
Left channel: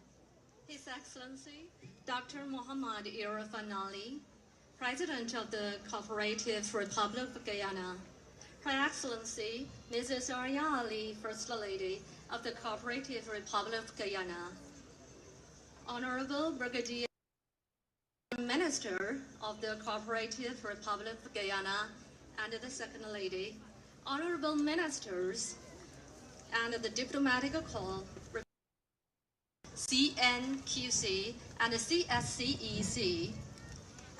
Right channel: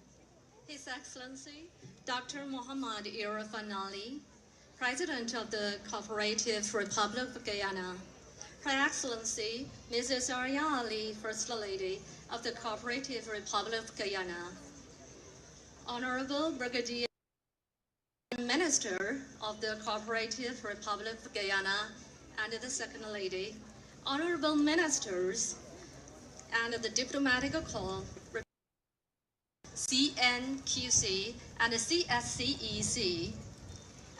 His Excellency, Dr. Muhammad Irfan Ali, President of the Cooperative Republic of Guyana, Her Excellency, Mrs. Arya Ali, First Lady of the Cooperative Republic of Guyana, Honorable Brigadier Minister of the Cooperative Republic of Guyana and the Second Lady, Honorable Ministers, and the Diplomatic Corps, CNQC and the CSCEC,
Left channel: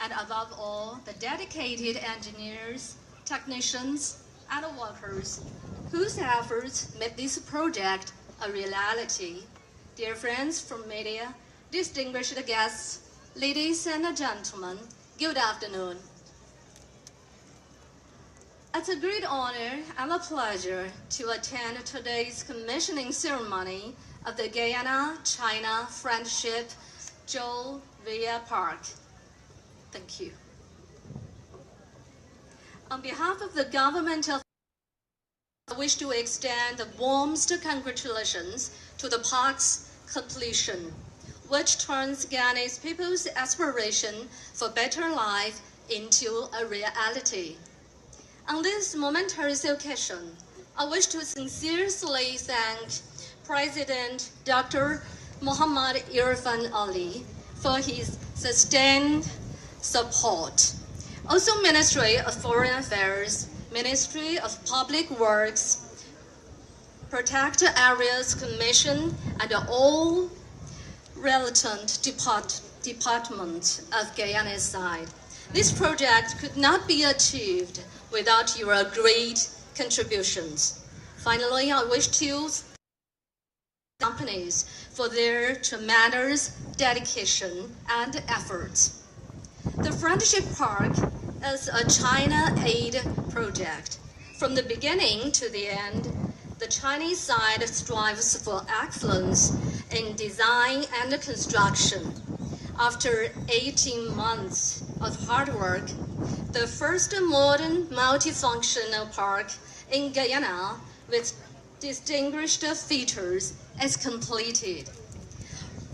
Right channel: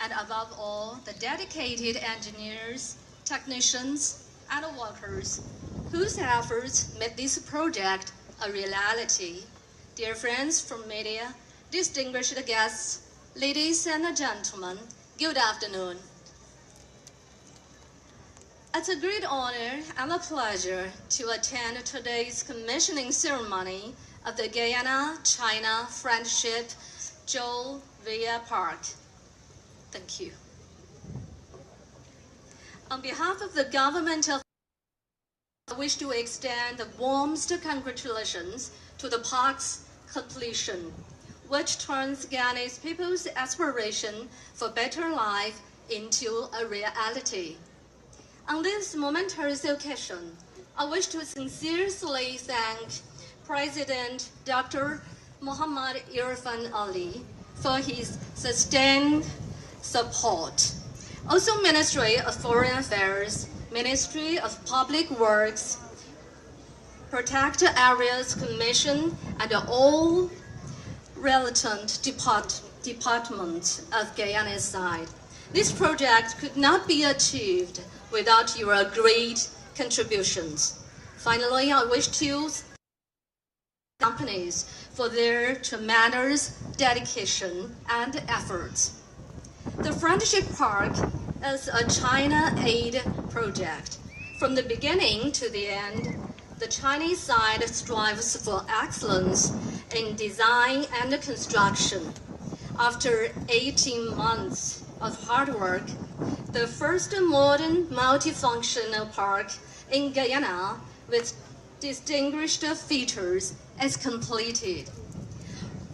and above all, the dedicated engineers, technicians, and workers whose efforts made this project a reality. Dear friends from media, distinguished guests, ladies and gentlemen, good afternoon. It's a great honor and a pleasure to attend today's commissioning ceremony of the Guyana-China Friendship Joel Villa Park. Thank you. On behalf of the government of I wish to extend the warmest congratulations to the park's completion, which turns Guyanese people's aspiration for better life into a reality. On this momentous occasion, I wish to sincerely thank President Dr. Muhammad Irfan Ali for his sustained support. Also, Ministry of Foreign Affairs, Ministry of Public Works, Protected Areas Commission, and all relevant departments of Guyana's side. This project could not be achieved without your great contributions. Finally, I wish to thank companies for their tremendous dedication and efforts. The Friendship Park is a China aid project. From the beginning to the end, the Chinese side strives for excellence in design and construction. After 18 months of hard work, the first modern multifunctional park in Guyana with distinguished features is completed.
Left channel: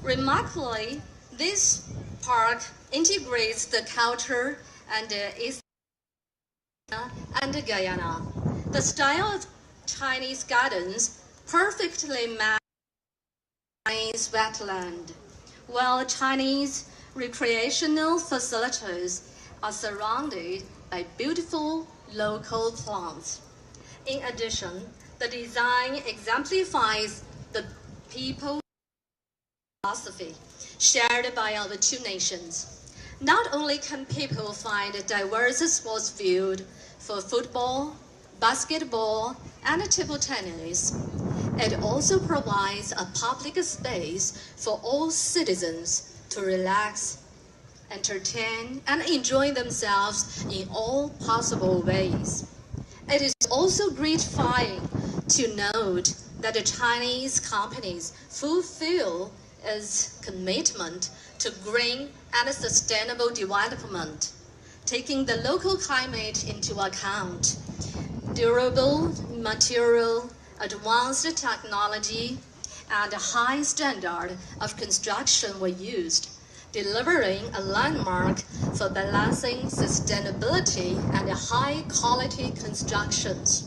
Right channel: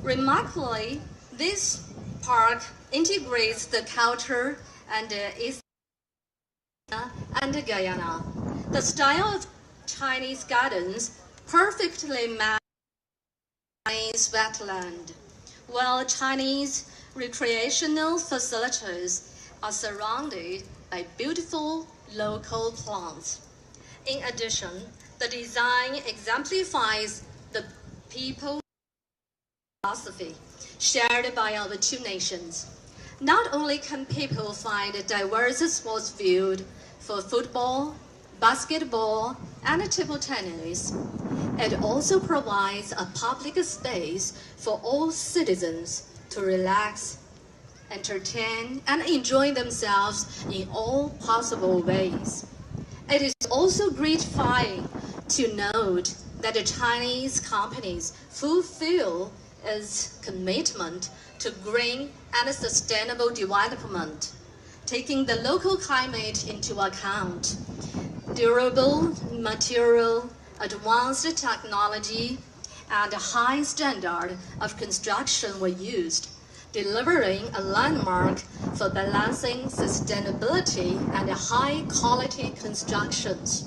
Remarkably, this park integrates the culture and East and Guyana. The style of Chinese gardens perfectly matches Chinese wetland, while Chinese recreational facilities are surrounded by beautiful local plants. In addition, the design exemplifies the people's philosophy shared by our two nations. Not only can people find diverse sports fields for football, basketball, and table tennis, it also provides a public space for all citizens to relax, entertain, and enjoy themselves in all possible ways. It is also gratifying to note that the Chinese companies fulfill its commitment to green and sustainable development, taking the local climate into account. Durable material, advanced technology, and a high standard of construction were used, delivering a landmark for balancing sustainability and high-quality constructions.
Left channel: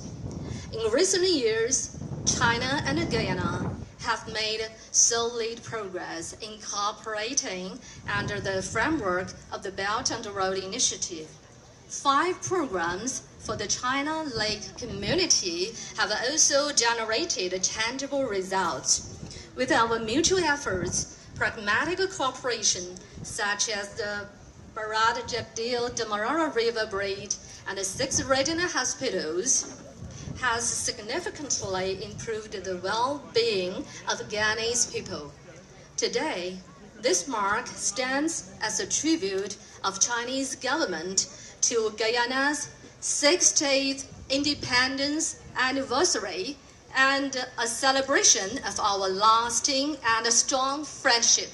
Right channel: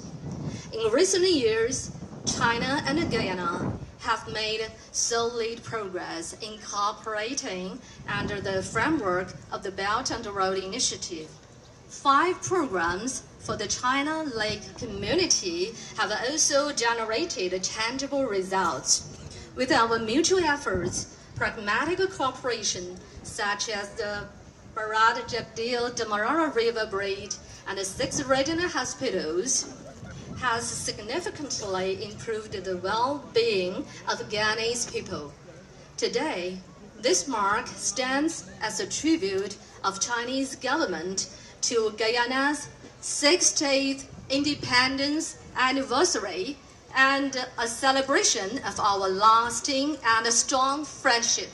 In recent years, China and Guyana have made solid progress in cooperating under the framework of the Belt and Road Initiative. 5 programs for the China Lake community have also generated tangible results. With our mutual efforts, pragmatic cooperation, such as the Demerara River Bridge and 6 regional hospitals, has significantly improved the well-being of Guyanese people. Today, this mark stands as a tribute of Chinese government to Guyana's 60th independence anniversary and a celebration of our lasting and strong friendship.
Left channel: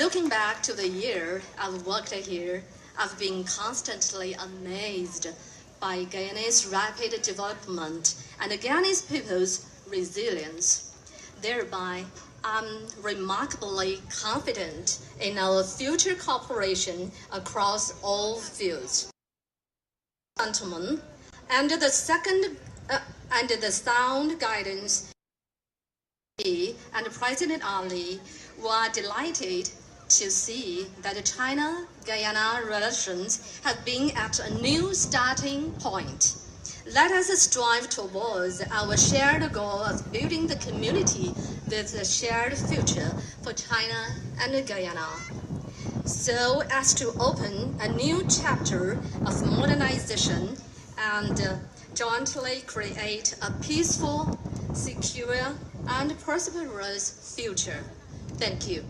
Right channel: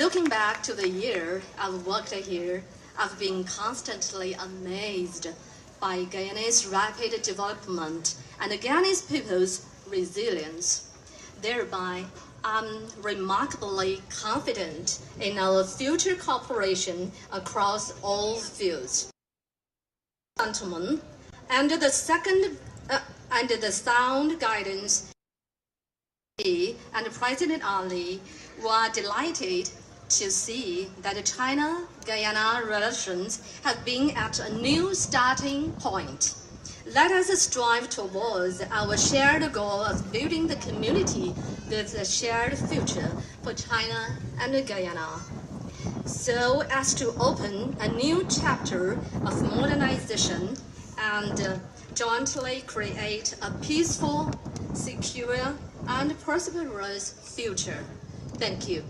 Looking back to the year I've worked here, I've been constantly amazed by Guyana's rapid development and Guyanese people's resilience. Thereby, I'm remarkably confident in our future cooperation across all fields. Gentlemen, under the sound guidance and President Ali, we are delighted to see that China-Guyana relations have been at a new starting point. Let us strive towards our shared goal of building the community with a shared future for China and Guyana. so as to open a new chapter of modernization and jointly create a peaceful, secure, and prosperous future. Thank you.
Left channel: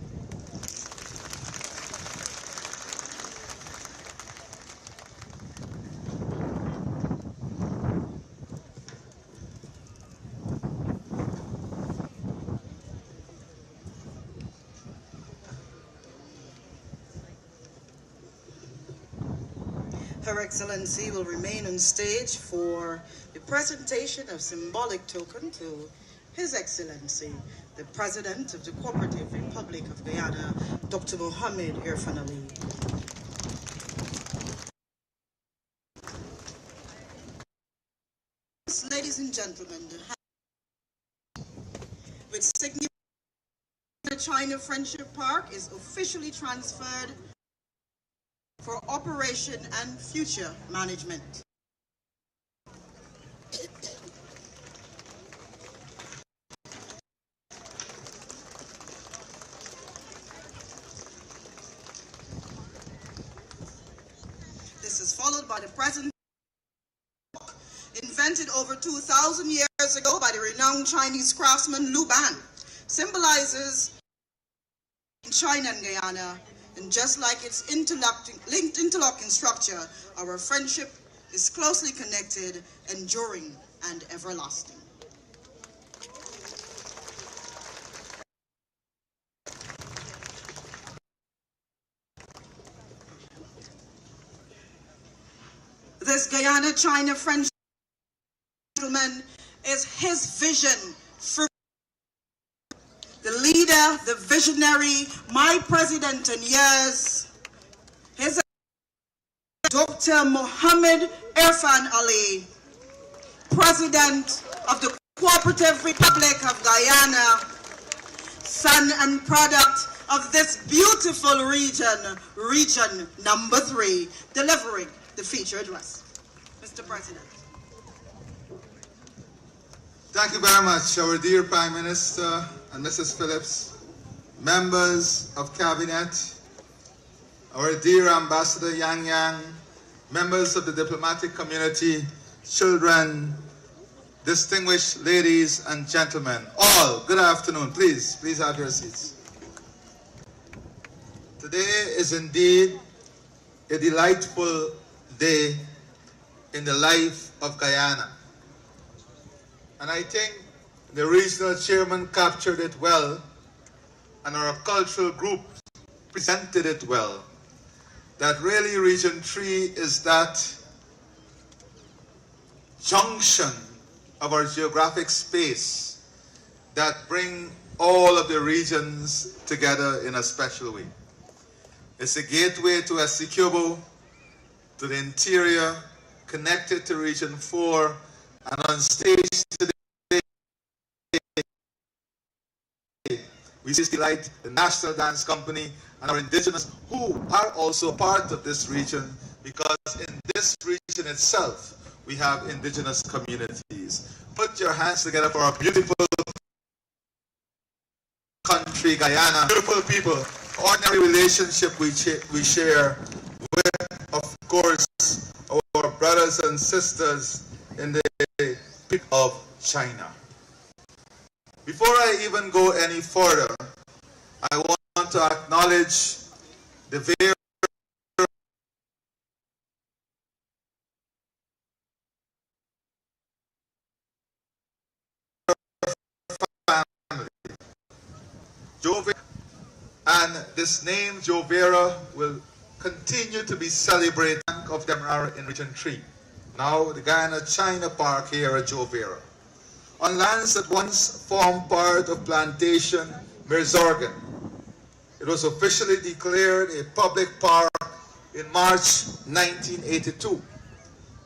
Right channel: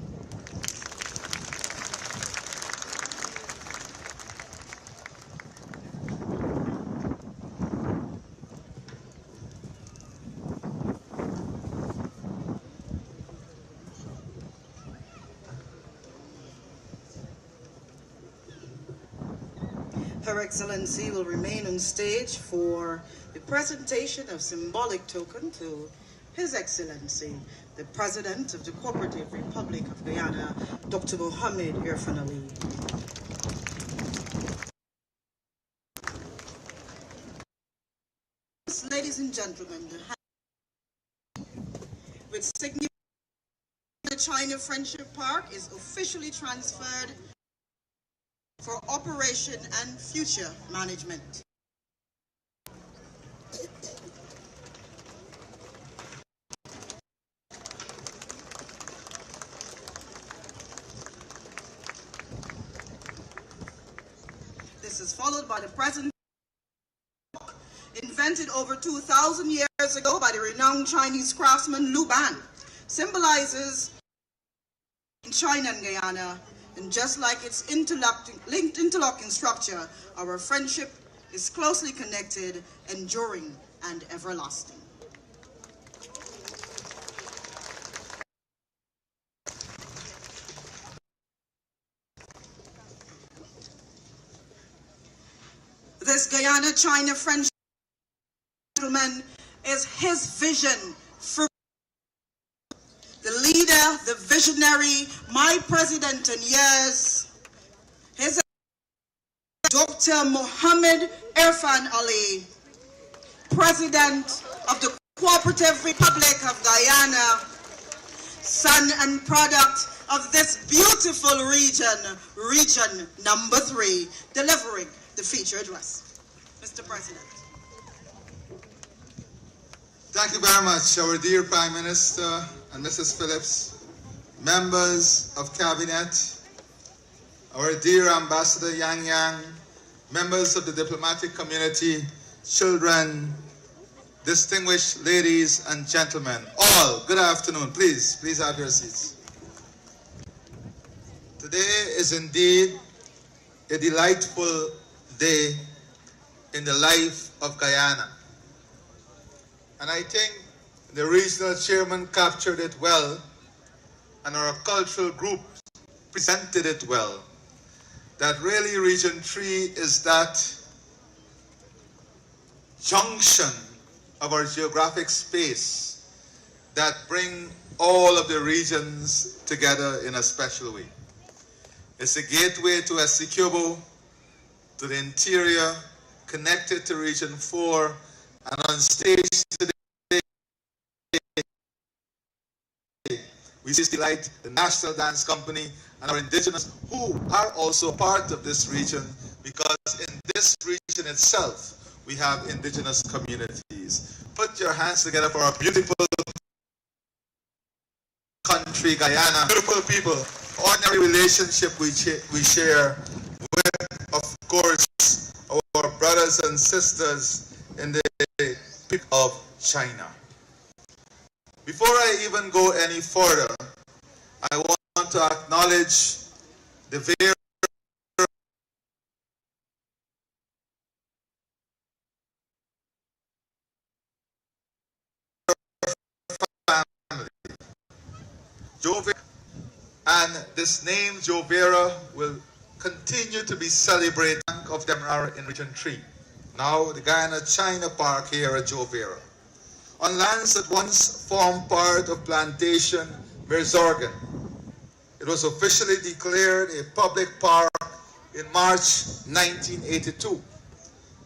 Her Excellency will remain on stage for the presentation of symbolic token to His Excellency, the President of the Cooperative Republic of Guyana, Dr. Mohamed Irfan Ali. Ladies and gentlemen, with significance, the China Friendship Park is officially transferred for operation and future management. This is followed by the present, invented over 2,000 years ago by the renowned Chinese craftsman Lu Ban, symbolizes China and Guyana. And just like its interlocking structure, our friendship is closely connected, enduring, and everlasting. This Guyana-China friendship, gentlemen, is his vision for the leader, the visionary, my president in years, His Dr. Mohamed Irfan Ali, President of the Cooperative Republic of Guyana, son and product of this beautiful region number 3, delivering the feature address. Mr. President. Thank you very much, our dear Prime Minister and Mrs. Phillips, members of Cabinet, our dear Ambassador Yang Yang, members of the diplomatic community, children, distinguished ladies and gentlemen, all, good afternoon. Please have your seats. Today is indeed a delightful day in the life of Guyana. And I think the regional chairman captured it well, and our cultural group presented it well, that really Region 3 is that junction of our geographic space that bring all of the regions together in a special way. It's a gateway to Essequibo, to the interior, connected to Region 4, and on stage today, we see Delight, the National Dance Company, and our indigenous who are also part of this region, because in this region itself, we have indigenous communities. Put your hands together for our beautiful country, Guyana. Beautiful people, ordinary relationship we share with, of course, our brothers and sisters in the Republic of China. Before I even go any further, I want to acknowledge the very family. And this name, Jovera, will continue to be celebrated of Demerara in Region 3. Now the Guyana-China Park here at Jovera, on lands that once formed part of plantation Merzorgan. It was officially declared a public park in March 1982,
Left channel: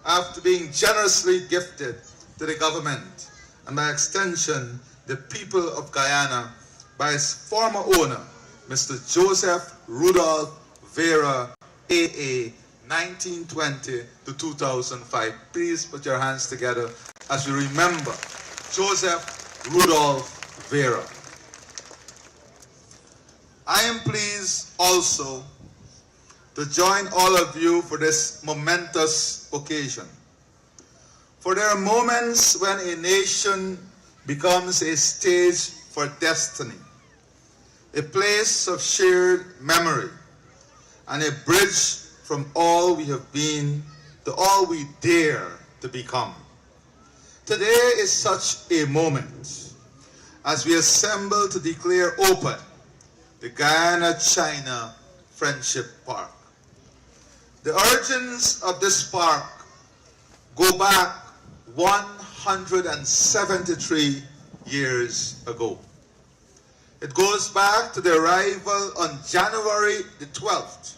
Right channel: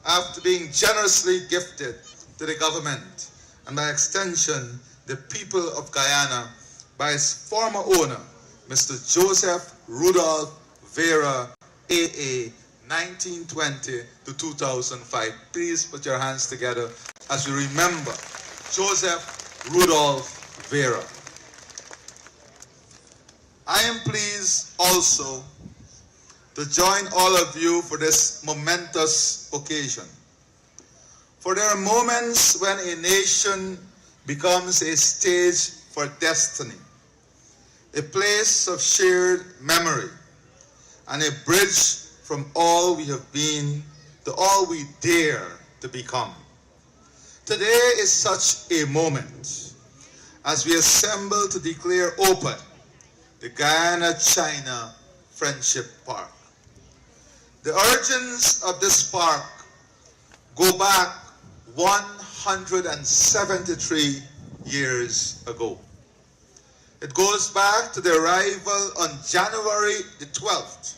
after being generously gifted to the government and by extension the people of Guyana by its former owner, Mr. Joseph Rudolph Vera, AA, 1920 to 2005. Please put your hands together as we remember Joseph Rudolph Vera. I am pleased also to join all of you for this momentous occasion. For there are moments when a nation becomes a stage for destiny, a place of shared memory, and a bridge from all we have been to all we dare to become. Today is such a moment as we assemble to declare open the Guyana-China Friendship Park. The origins of this park go back 173 years ago. It goes back to the arrival on January the 12th,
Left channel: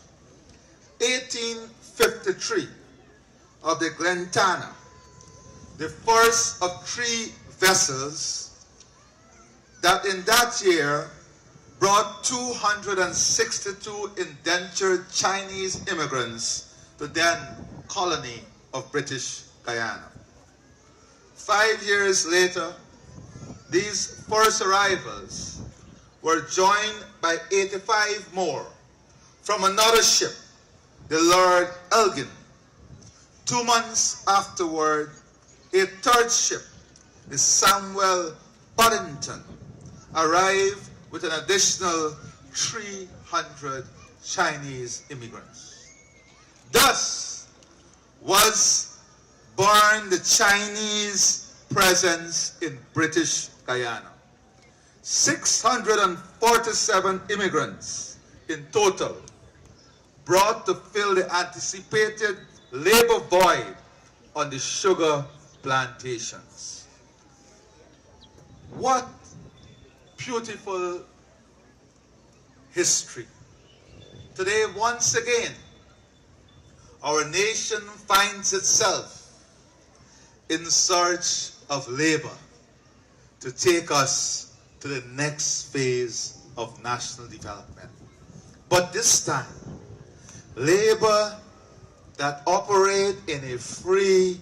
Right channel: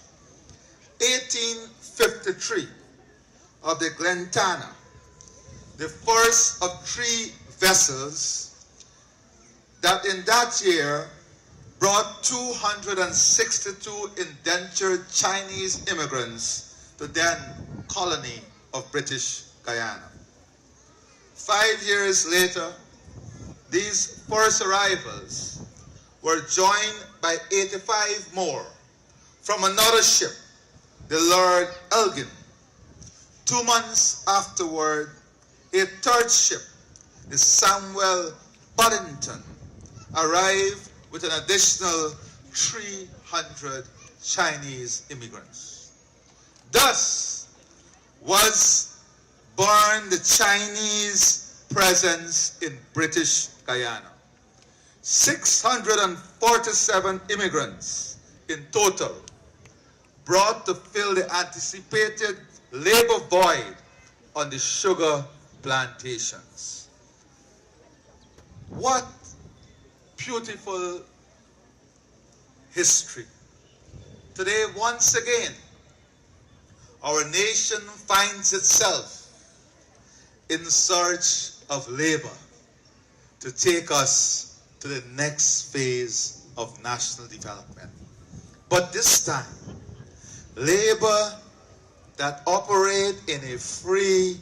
1853, of the Guyana, the first of 3 vessels that in that year brought 262 indentured Chinese immigrants to then colony of British Guyana. 5 years later, these first arrivals were joined by 85 more from another ship, the Lord Elgin. 2 months afterward, a third ship, the Samuel Boddington, arrived with an additional 300 Chinese immigrants. Thus was born the Chinese presence in British Guyana. 647 immigrants in total, brought to fill the anticipated labor void on the sugar plantations. What beautiful history. Today, once again, our nation finds itself in search of labor to take us to the next phase of national development. But this time, labor that operate in a free,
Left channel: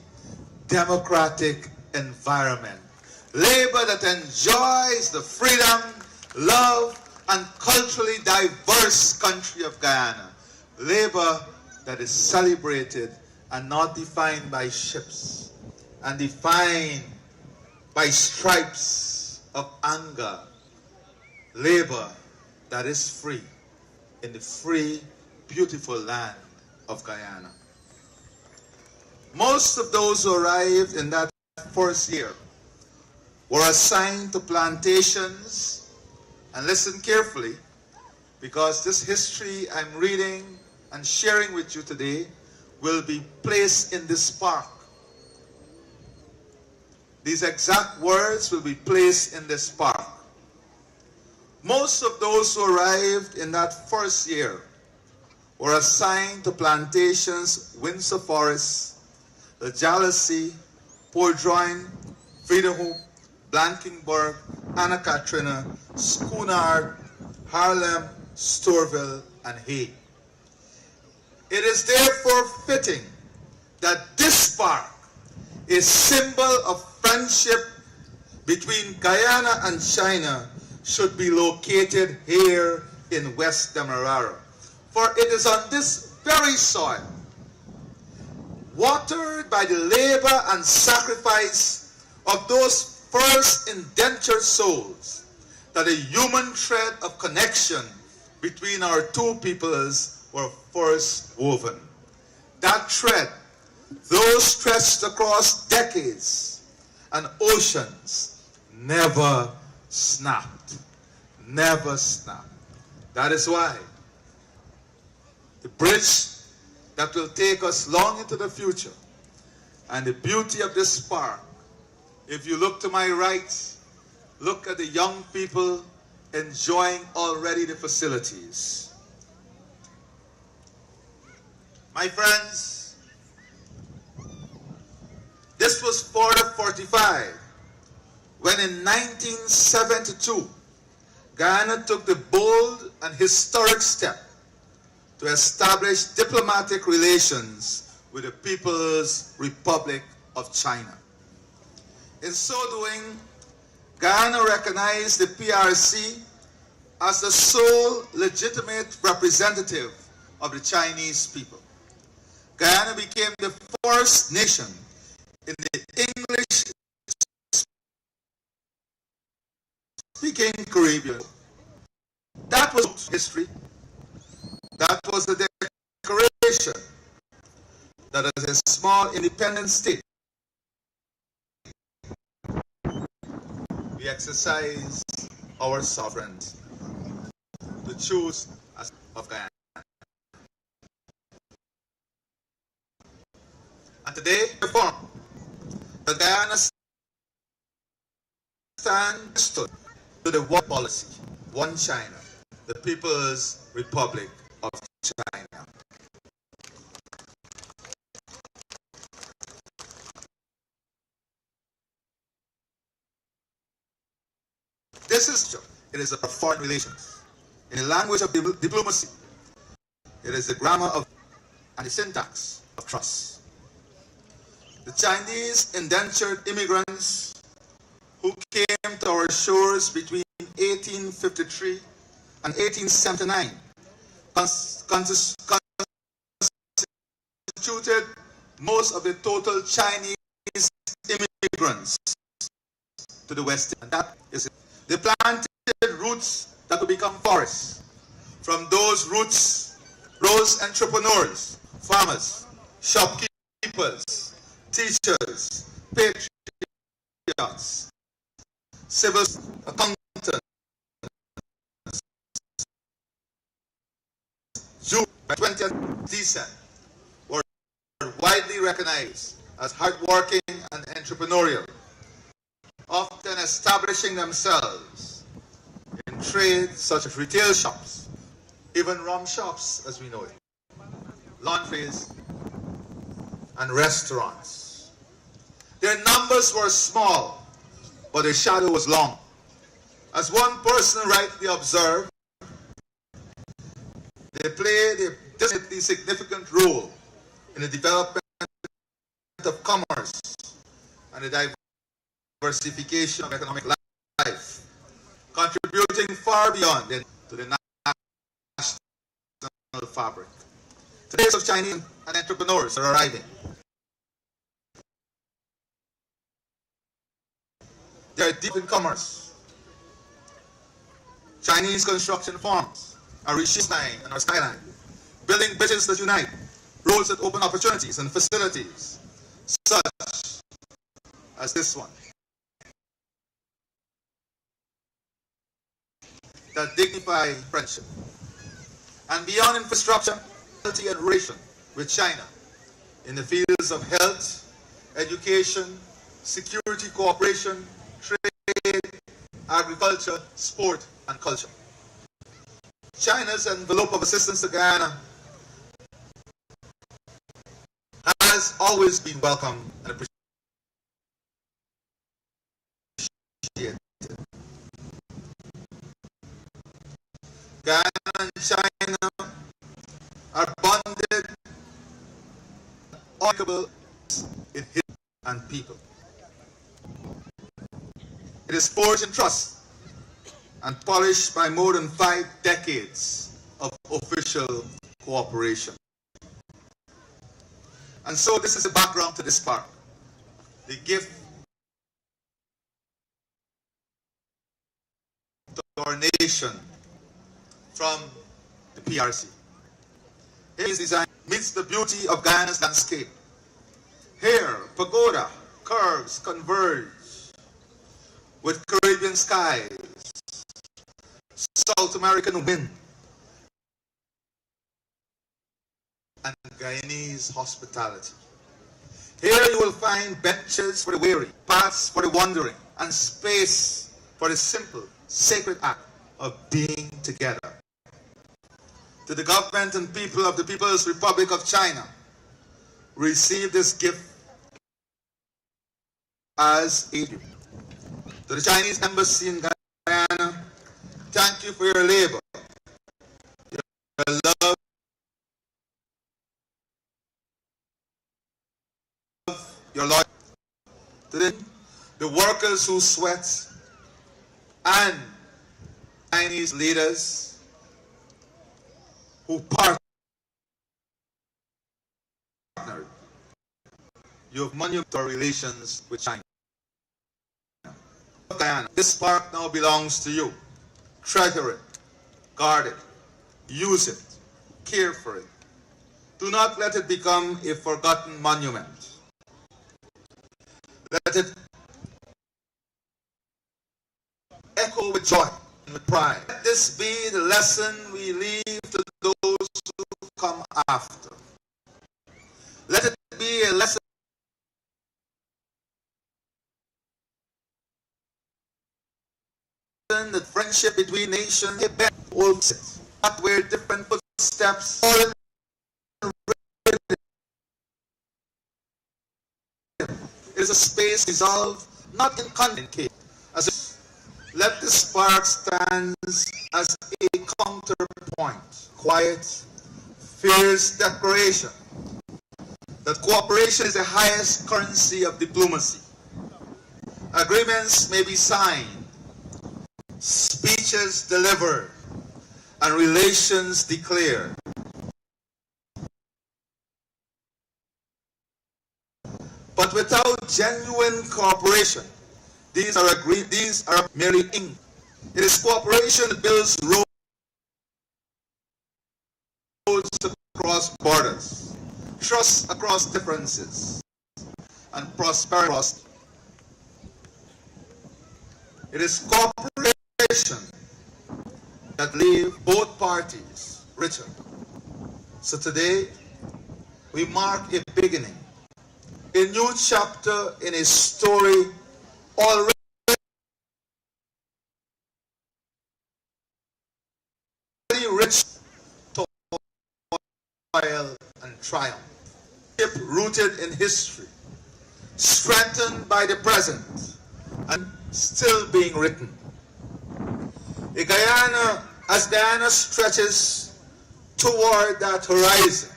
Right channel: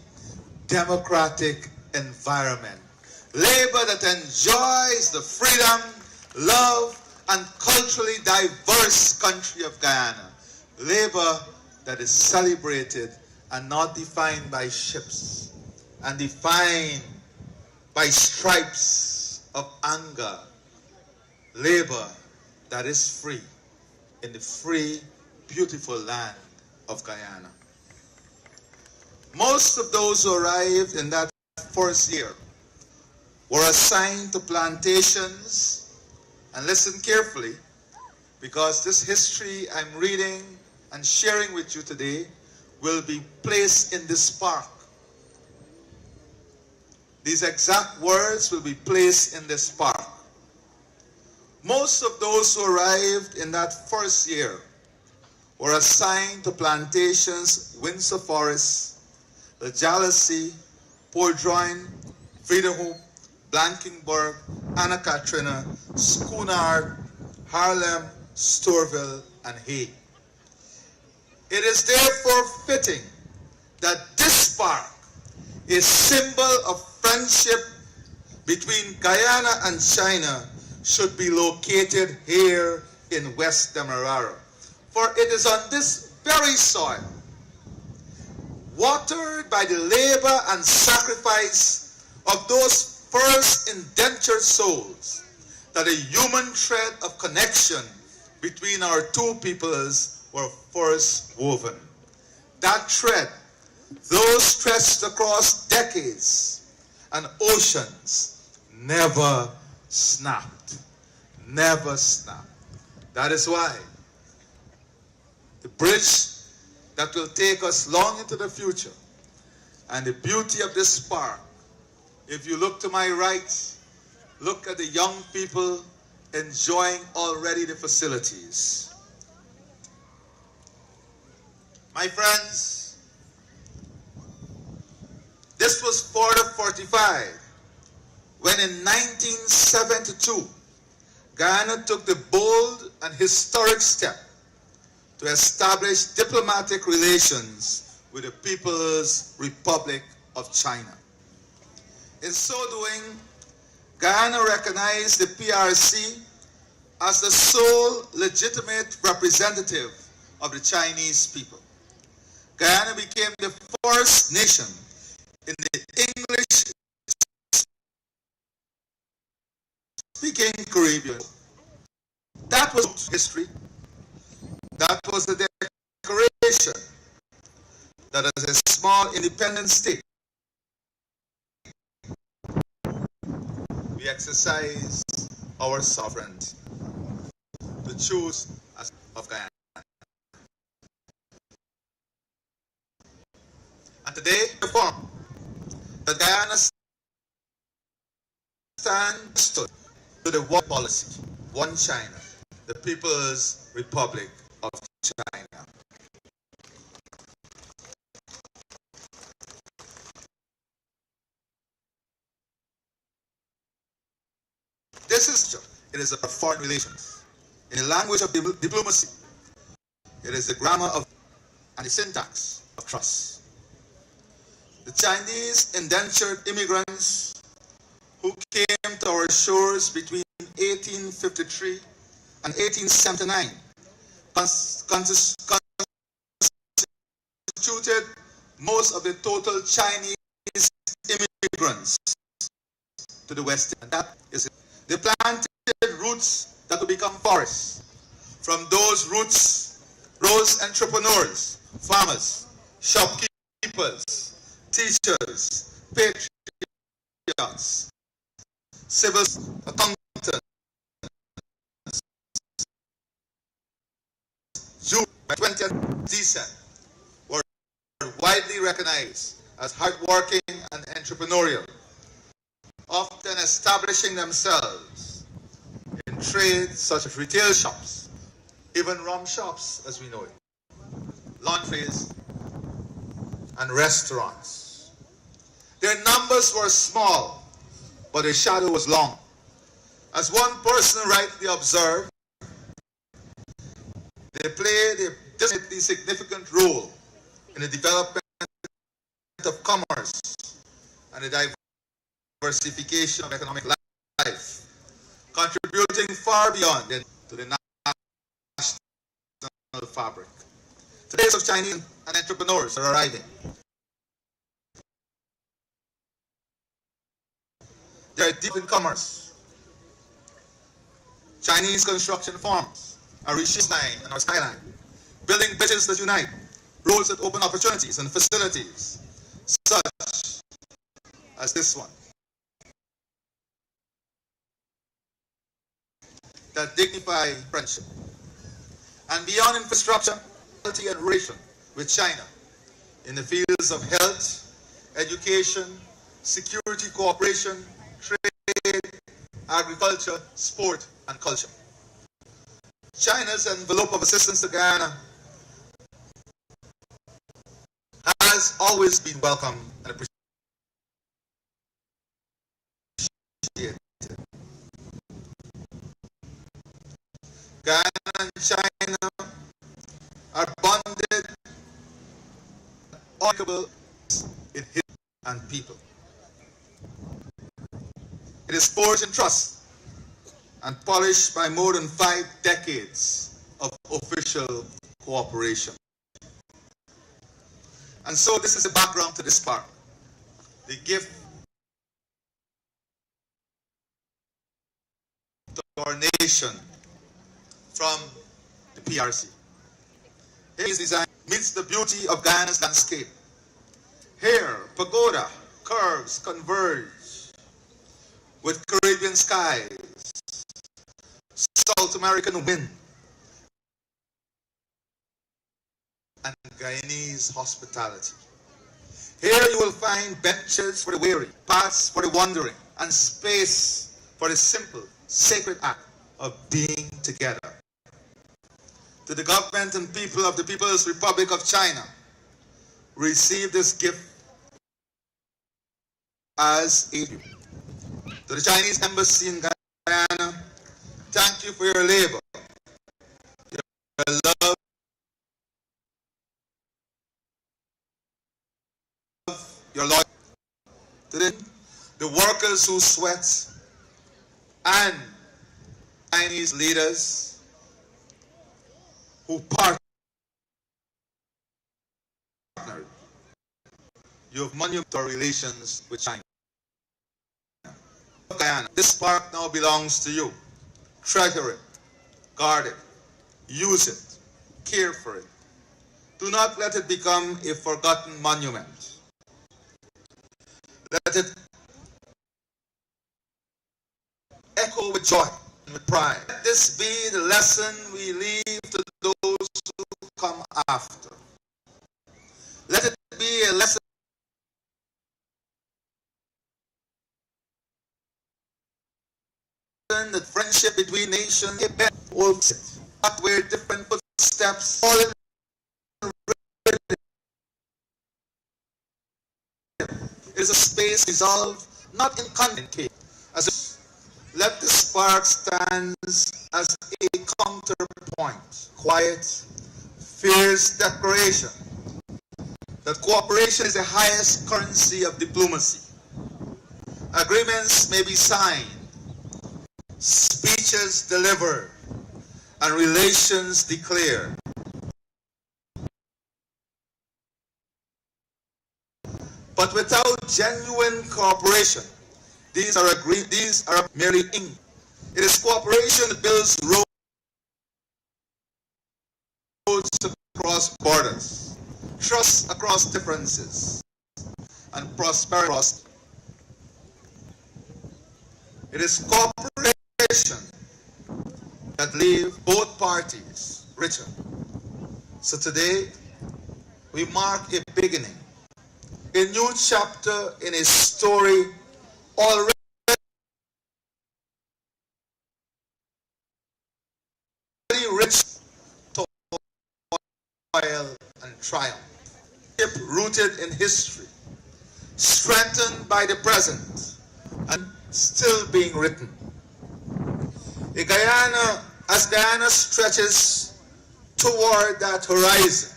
democratic environment. Labor that enjoys the freedom, love, and culturally diverse country of Guyana. Labor that is celebrated and not defined by ships and defined by stripes of anger. Labor that is free in the free, beautiful land of Guyana. Most of those who arrived in that first year were assigned to plantations, and listen carefully, because this history I'm reading and sharing with you today will be placed in this park. These exact words will be placed in this park. Most of those who arrived in that first year were assigned to plantations Windsor Forest, the Jalousie, Pordroin, Vredehoop, Blankenburg, Anna Katrina, Schoonord, Haarlem, Stourville, and Hay. It is therefore fitting that this park, a symbol of friendship between Guyana and China, should be located here in West Demerara. For it is on this very soil, watered by the labor and sacrifice of those first indentured souls, that a human thread of connection between our two peoples were first woven. That thread, though stretched across decades and oceans, never snapped. Never snapped. That is why the bridge that will take us long into the future, and the beauty of this park, if you look to my right, look at the young people enjoying already the facilities. My friends, this was Fort 45, when in 1972, Guyana took the bold and historic step to establish diplomatic relations with the People's Republic of China. In so doing, Guyana recognized the PRC as the sole legitimate representative of the Chinese people. Guyana became the first nation in the English-speaking Caribbean. That was history. That was the declaration that as a small independent state, we exercise our sovereignty to choose as of Guyana. And today, reform, the Guyana stands to the one policy, one China, the People's Republic of China. This is it is about foreign relations. In the language of diplomacy, it is the grammar of and the syntax of trust. The Chinese indentured immigrants who came to our shores between 1853 and 1879 constituted most of the total Chinese immigrants to the West. And that is it. They planted roots that will become forests. From those roots rose entrepreneurs, farmers, shopkeepers, teachers, patriots, civil accountants. Jews by 20th descent were widely recognized as hardworking and entrepreneurial, often establishing themselves in trades such as retail shops, even rum shops as we know it, laundries, and restaurants. Their numbers were small, but their shadow was long. As one person rightly observed, they played a definitely significant role in the development of commerce and the diversification of economic life, contributing far beyond to the national fabric. Today's of Chinese and entrepreneurs are arriving. They are deep in commerce. Chinese construction firms are reaching our skyline, building bridges that unite, roads that open opportunities and facilities, such as this one, that dignify friendship. And beyond infrastructure, quality and relation with China in the fields of health, education, security cooperation, trade, agriculture, sport, and culture. China's envelope of assistance to Guyana has always been welcome and appreciated. Guyana and China are bonded, unbreakable in history and people. It is forged in trust and polished by more than 5 decades of official cooperation. And so this is the background to this park. The gift to our nation from the PRC. His design meets the beauty of Guyana's landscape. Here, pagoda curves converge with Caribbean skies, South American wind, and Guyanese hospitality. Here you will find benches for the weary, paths for the wandering, and space for the simple, sacred act of being together. To the government and people of the People's Republic of China, receive this gift as a gift. To the Chinese Embassy in Guyana, thank you for your labor, your love, your loyalty. To the workers who sweat and Chinese leaders who partner you have monumental relations with China. Guyana, this park now belongs to you. Treasure it, guard it, use it, care for it. Do not let it become a forgotten monument. Let it echo with joy and with pride. Let this be the lesson we leave to those who come after. Let it be a lesson that friendship between nations is not where different footsteps fall in. It is a space resolved, not in conflict. Let this park stand as a counterpoint, quiet, fierce declaration that cooperation is the highest currency of diplomacy. Agreements may be signed, speeches delivered, and relations declared. But without genuine cooperation, these are merely ink. It is cooperation that builds roads across borders, trust across differences, and prosperity across. It is cooperation that leaves both parties richer. So today, we mark a beginning, a new chapter in a story already rich toil and triumph, rooted in history, strengthened by the present, and still being written. As Guyana stretches toward that horizon,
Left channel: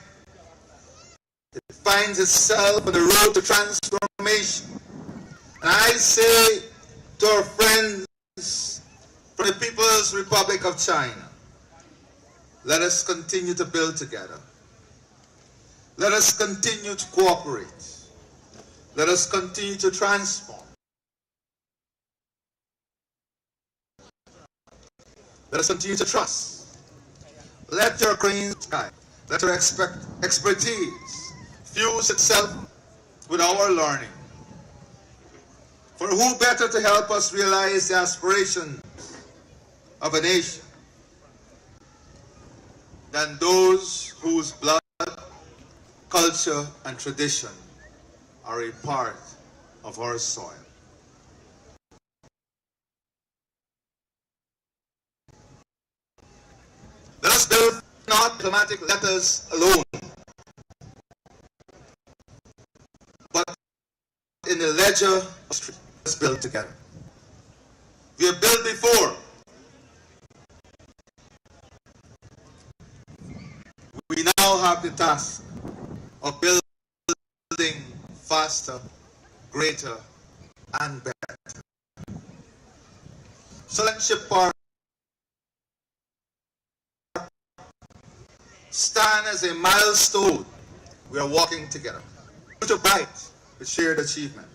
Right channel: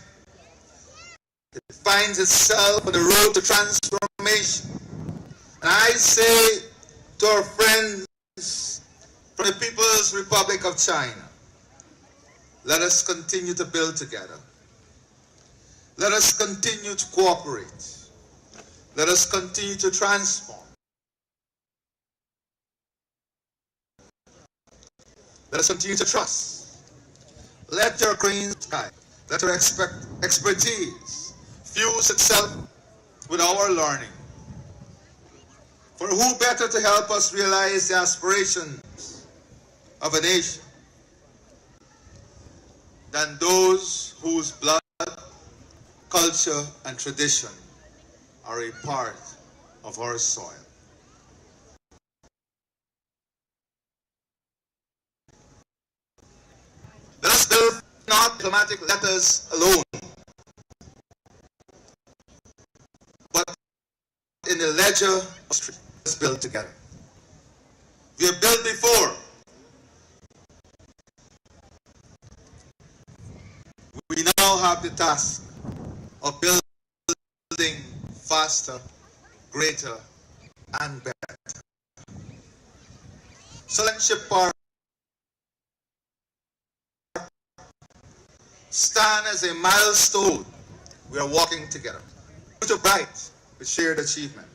it finds itself on the road to transformation. And I say to our friends from the People's Republic of China, let us continue to build together. Let us continue to cooperate. Let us continue to transform. Let us continue to trust. Let your green sky, let your expertise fuse itself with our learning. For who better to help us realize the aspirations of a nation than those whose blood, culture, and tradition are a part of our soil. Let us build not diplomatic letters alone, but in the ledger of history. Let's build together. We have built before. We now have the task of building faster, greater, and better. Friendship Park stand as a milestone. We are walking together. Future bright with shared achievement.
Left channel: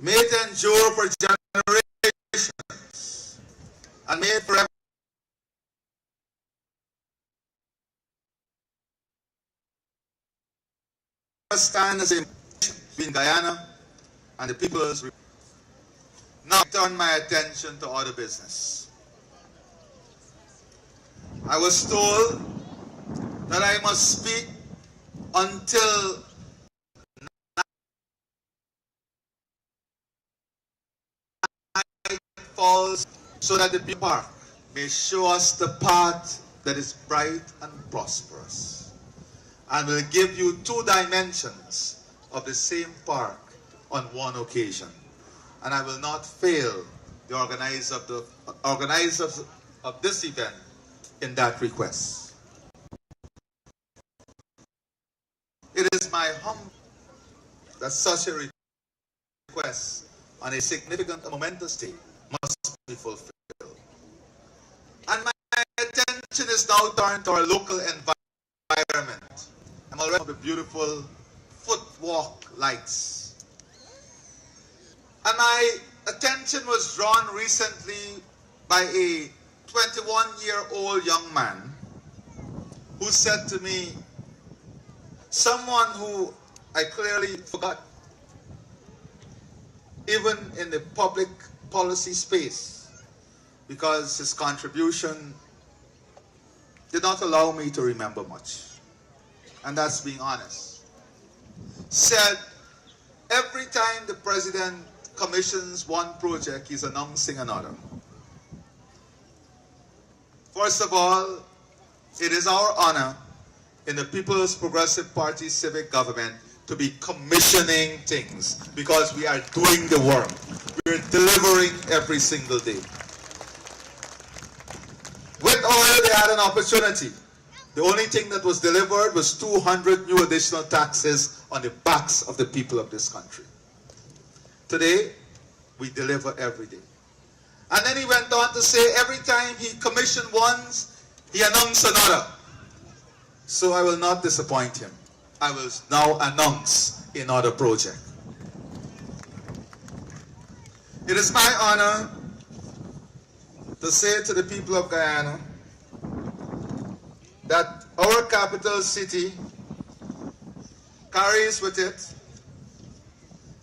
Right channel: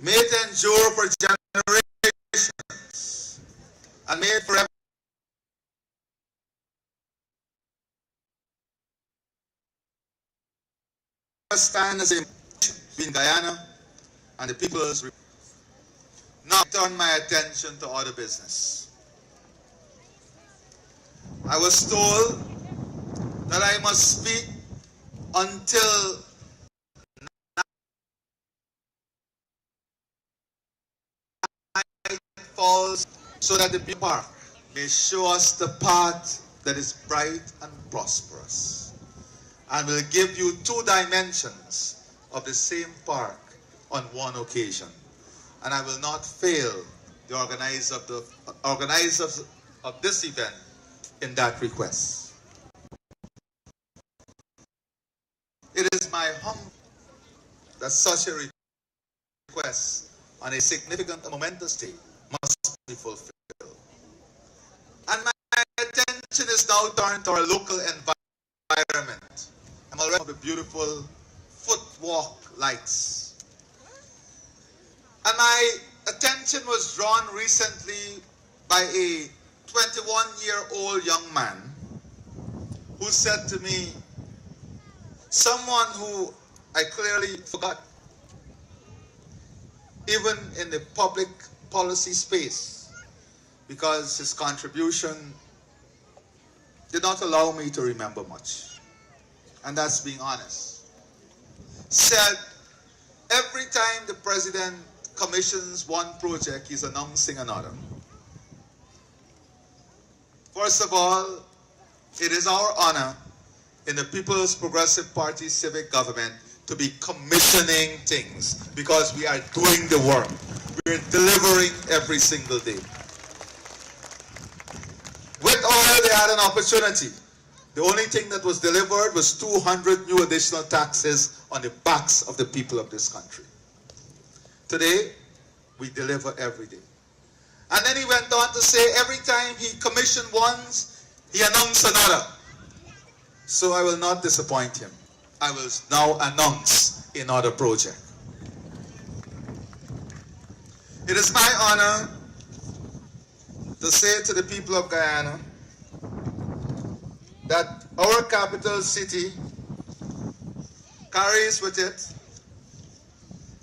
May it endure for generations and may it forever stand as a between Guyana and the People's Republic. Now I turn my attention to other business. I was told that I must speak until night falls so that the park may show us the path that is bright and prosperous, and will give you two dimensions of the same park on one occasion. And I will not fail the organizers of this event in that request. It is my humble that such a request on a significant and momentous day must be fulfilled. And my attention is now turned to our local environment I'm already of the beautiful footwalk lights. And my attention was drawn recently by a 21-year-old young man who said to me, someone who I clearly forgot, even in the public policy space, because his contribution did not allow me to remember much. And that's being honest. Said, every time the president commissions one project, he's announcing another. First of all, it is our honor in the People's Progressive Party civic government to be commissioning things because we are doing the work. We're delivering every single day. With oil, they had an opportunity. The only thing that was delivered was 200 new additional taxes on the backs of the people of this country. Today, we deliver every day. And then he went on to say every time he commissioned ones, he announced another. So I will not disappoint him. I will now announce another project. It is my honor to say to the people of Guyana that our capital city carries with it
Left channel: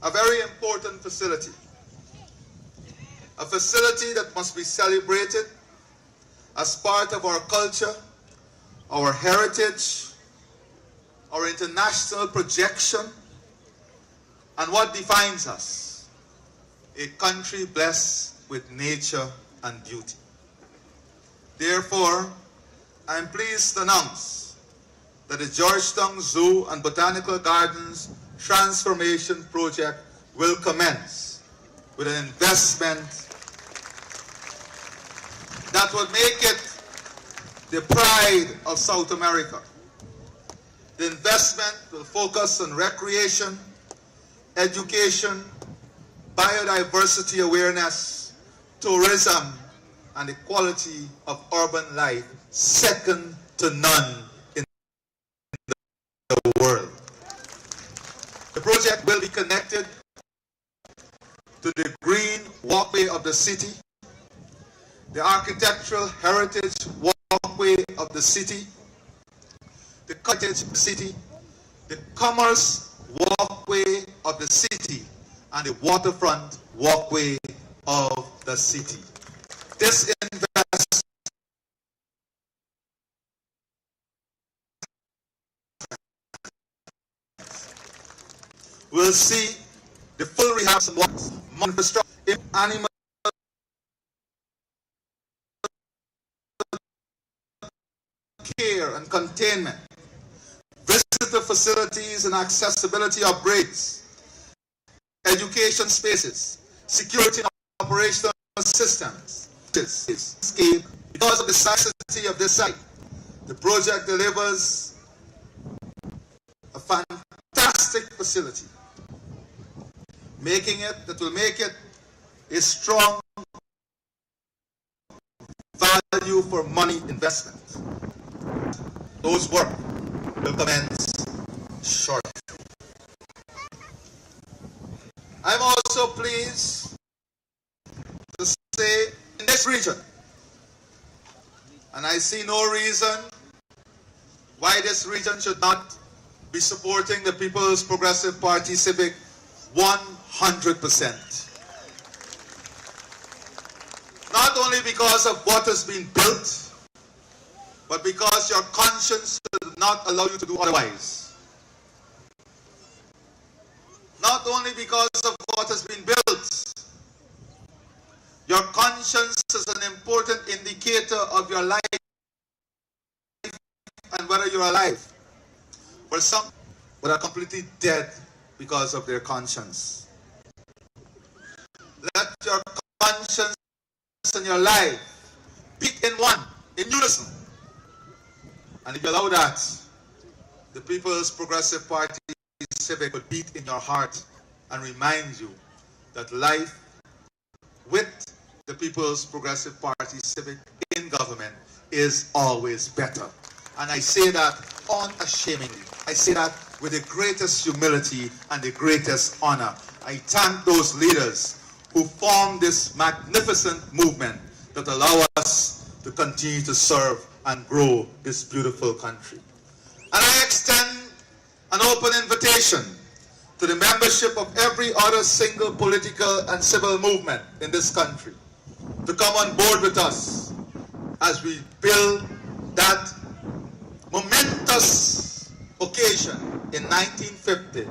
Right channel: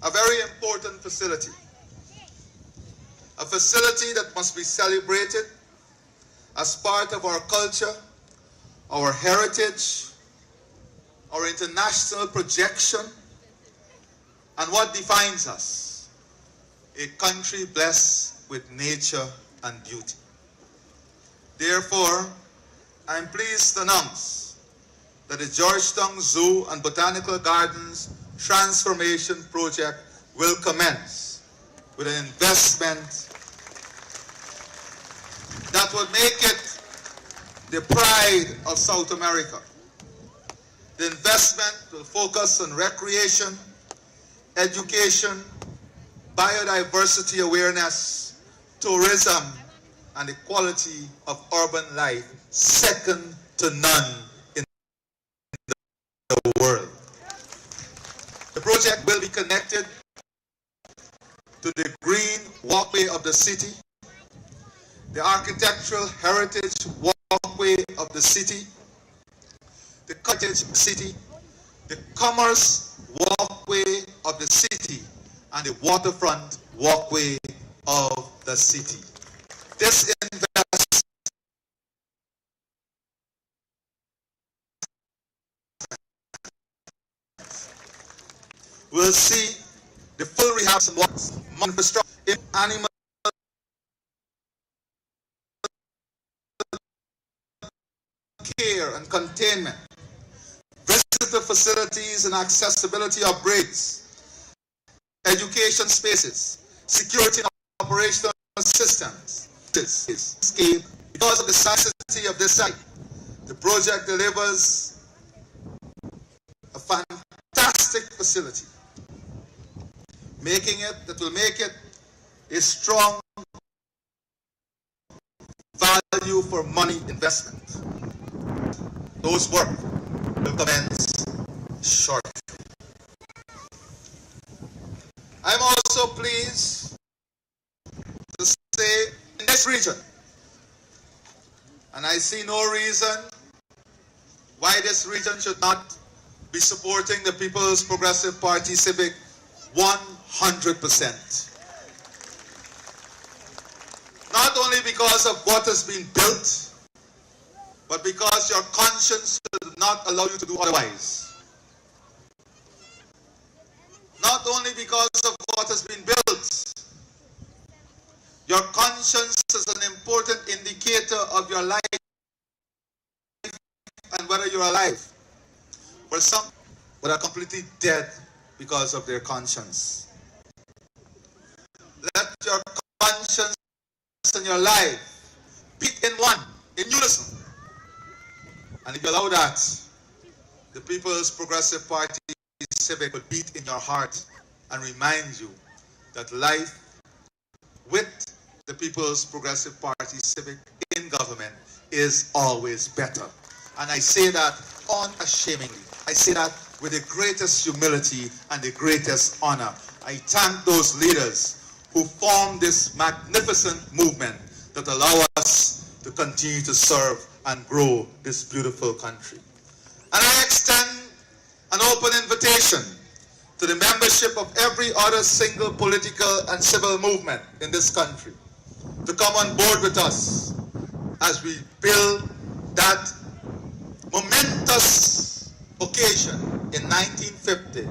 a very important facility. A facility that must be celebrated as part of our culture, our heritage, our international projection, and what defines us, a country blessed with nature and beauty. Therefore, I am pleased to announce that the Georgetown Zoo and Botanical Gardens Transformation Project will commence with an investment that will make it the pride of South America. The investment will focus on recreation, education, biodiversity awareness, tourism, and the quality of urban life second to none in the world. The project will be connected to the green walkway of the city, the architectural heritage walkway of the city, the cottage city, the commerce walkway of the city, and the waterfront walkway of the city. This investment will see the full rehab of water, infrastructure, animal care and containment, visitor facilities and accessibility upgrades, education spaces, security and operational systems. Because of the necessity of this site, the project delivers a fantastic facility, that will make it a strong value for money investment. Those work will commence shortly. I'm also pleased to say in this region, and I see no reason why this region should not be supporting the People's Progressive Party Civic 100%. Not only because of what has been built, but because your conscience should not allow you to do otherwise. Not only because of what has been built, your conscience is an important indicator of your life and whether you're alive. For some that are completely dead because of their conscience. Let your conscience and your life beat in one, in unison. And if you allow that, the People's Progressive Party Civic will beat in your heart and remind you that life with the People's Progressive Party Civic in government is always better. And I say that unashamedly. I say that with the greatest humility and the greatest honor. I thank those leaders who formed this magnificent movement that allow us to continue to serve and grow this beautiful country. And I extend an open invitation to the membership of every other single political and civil movement in this country to come on board with us as we build that momentous occasion in 1950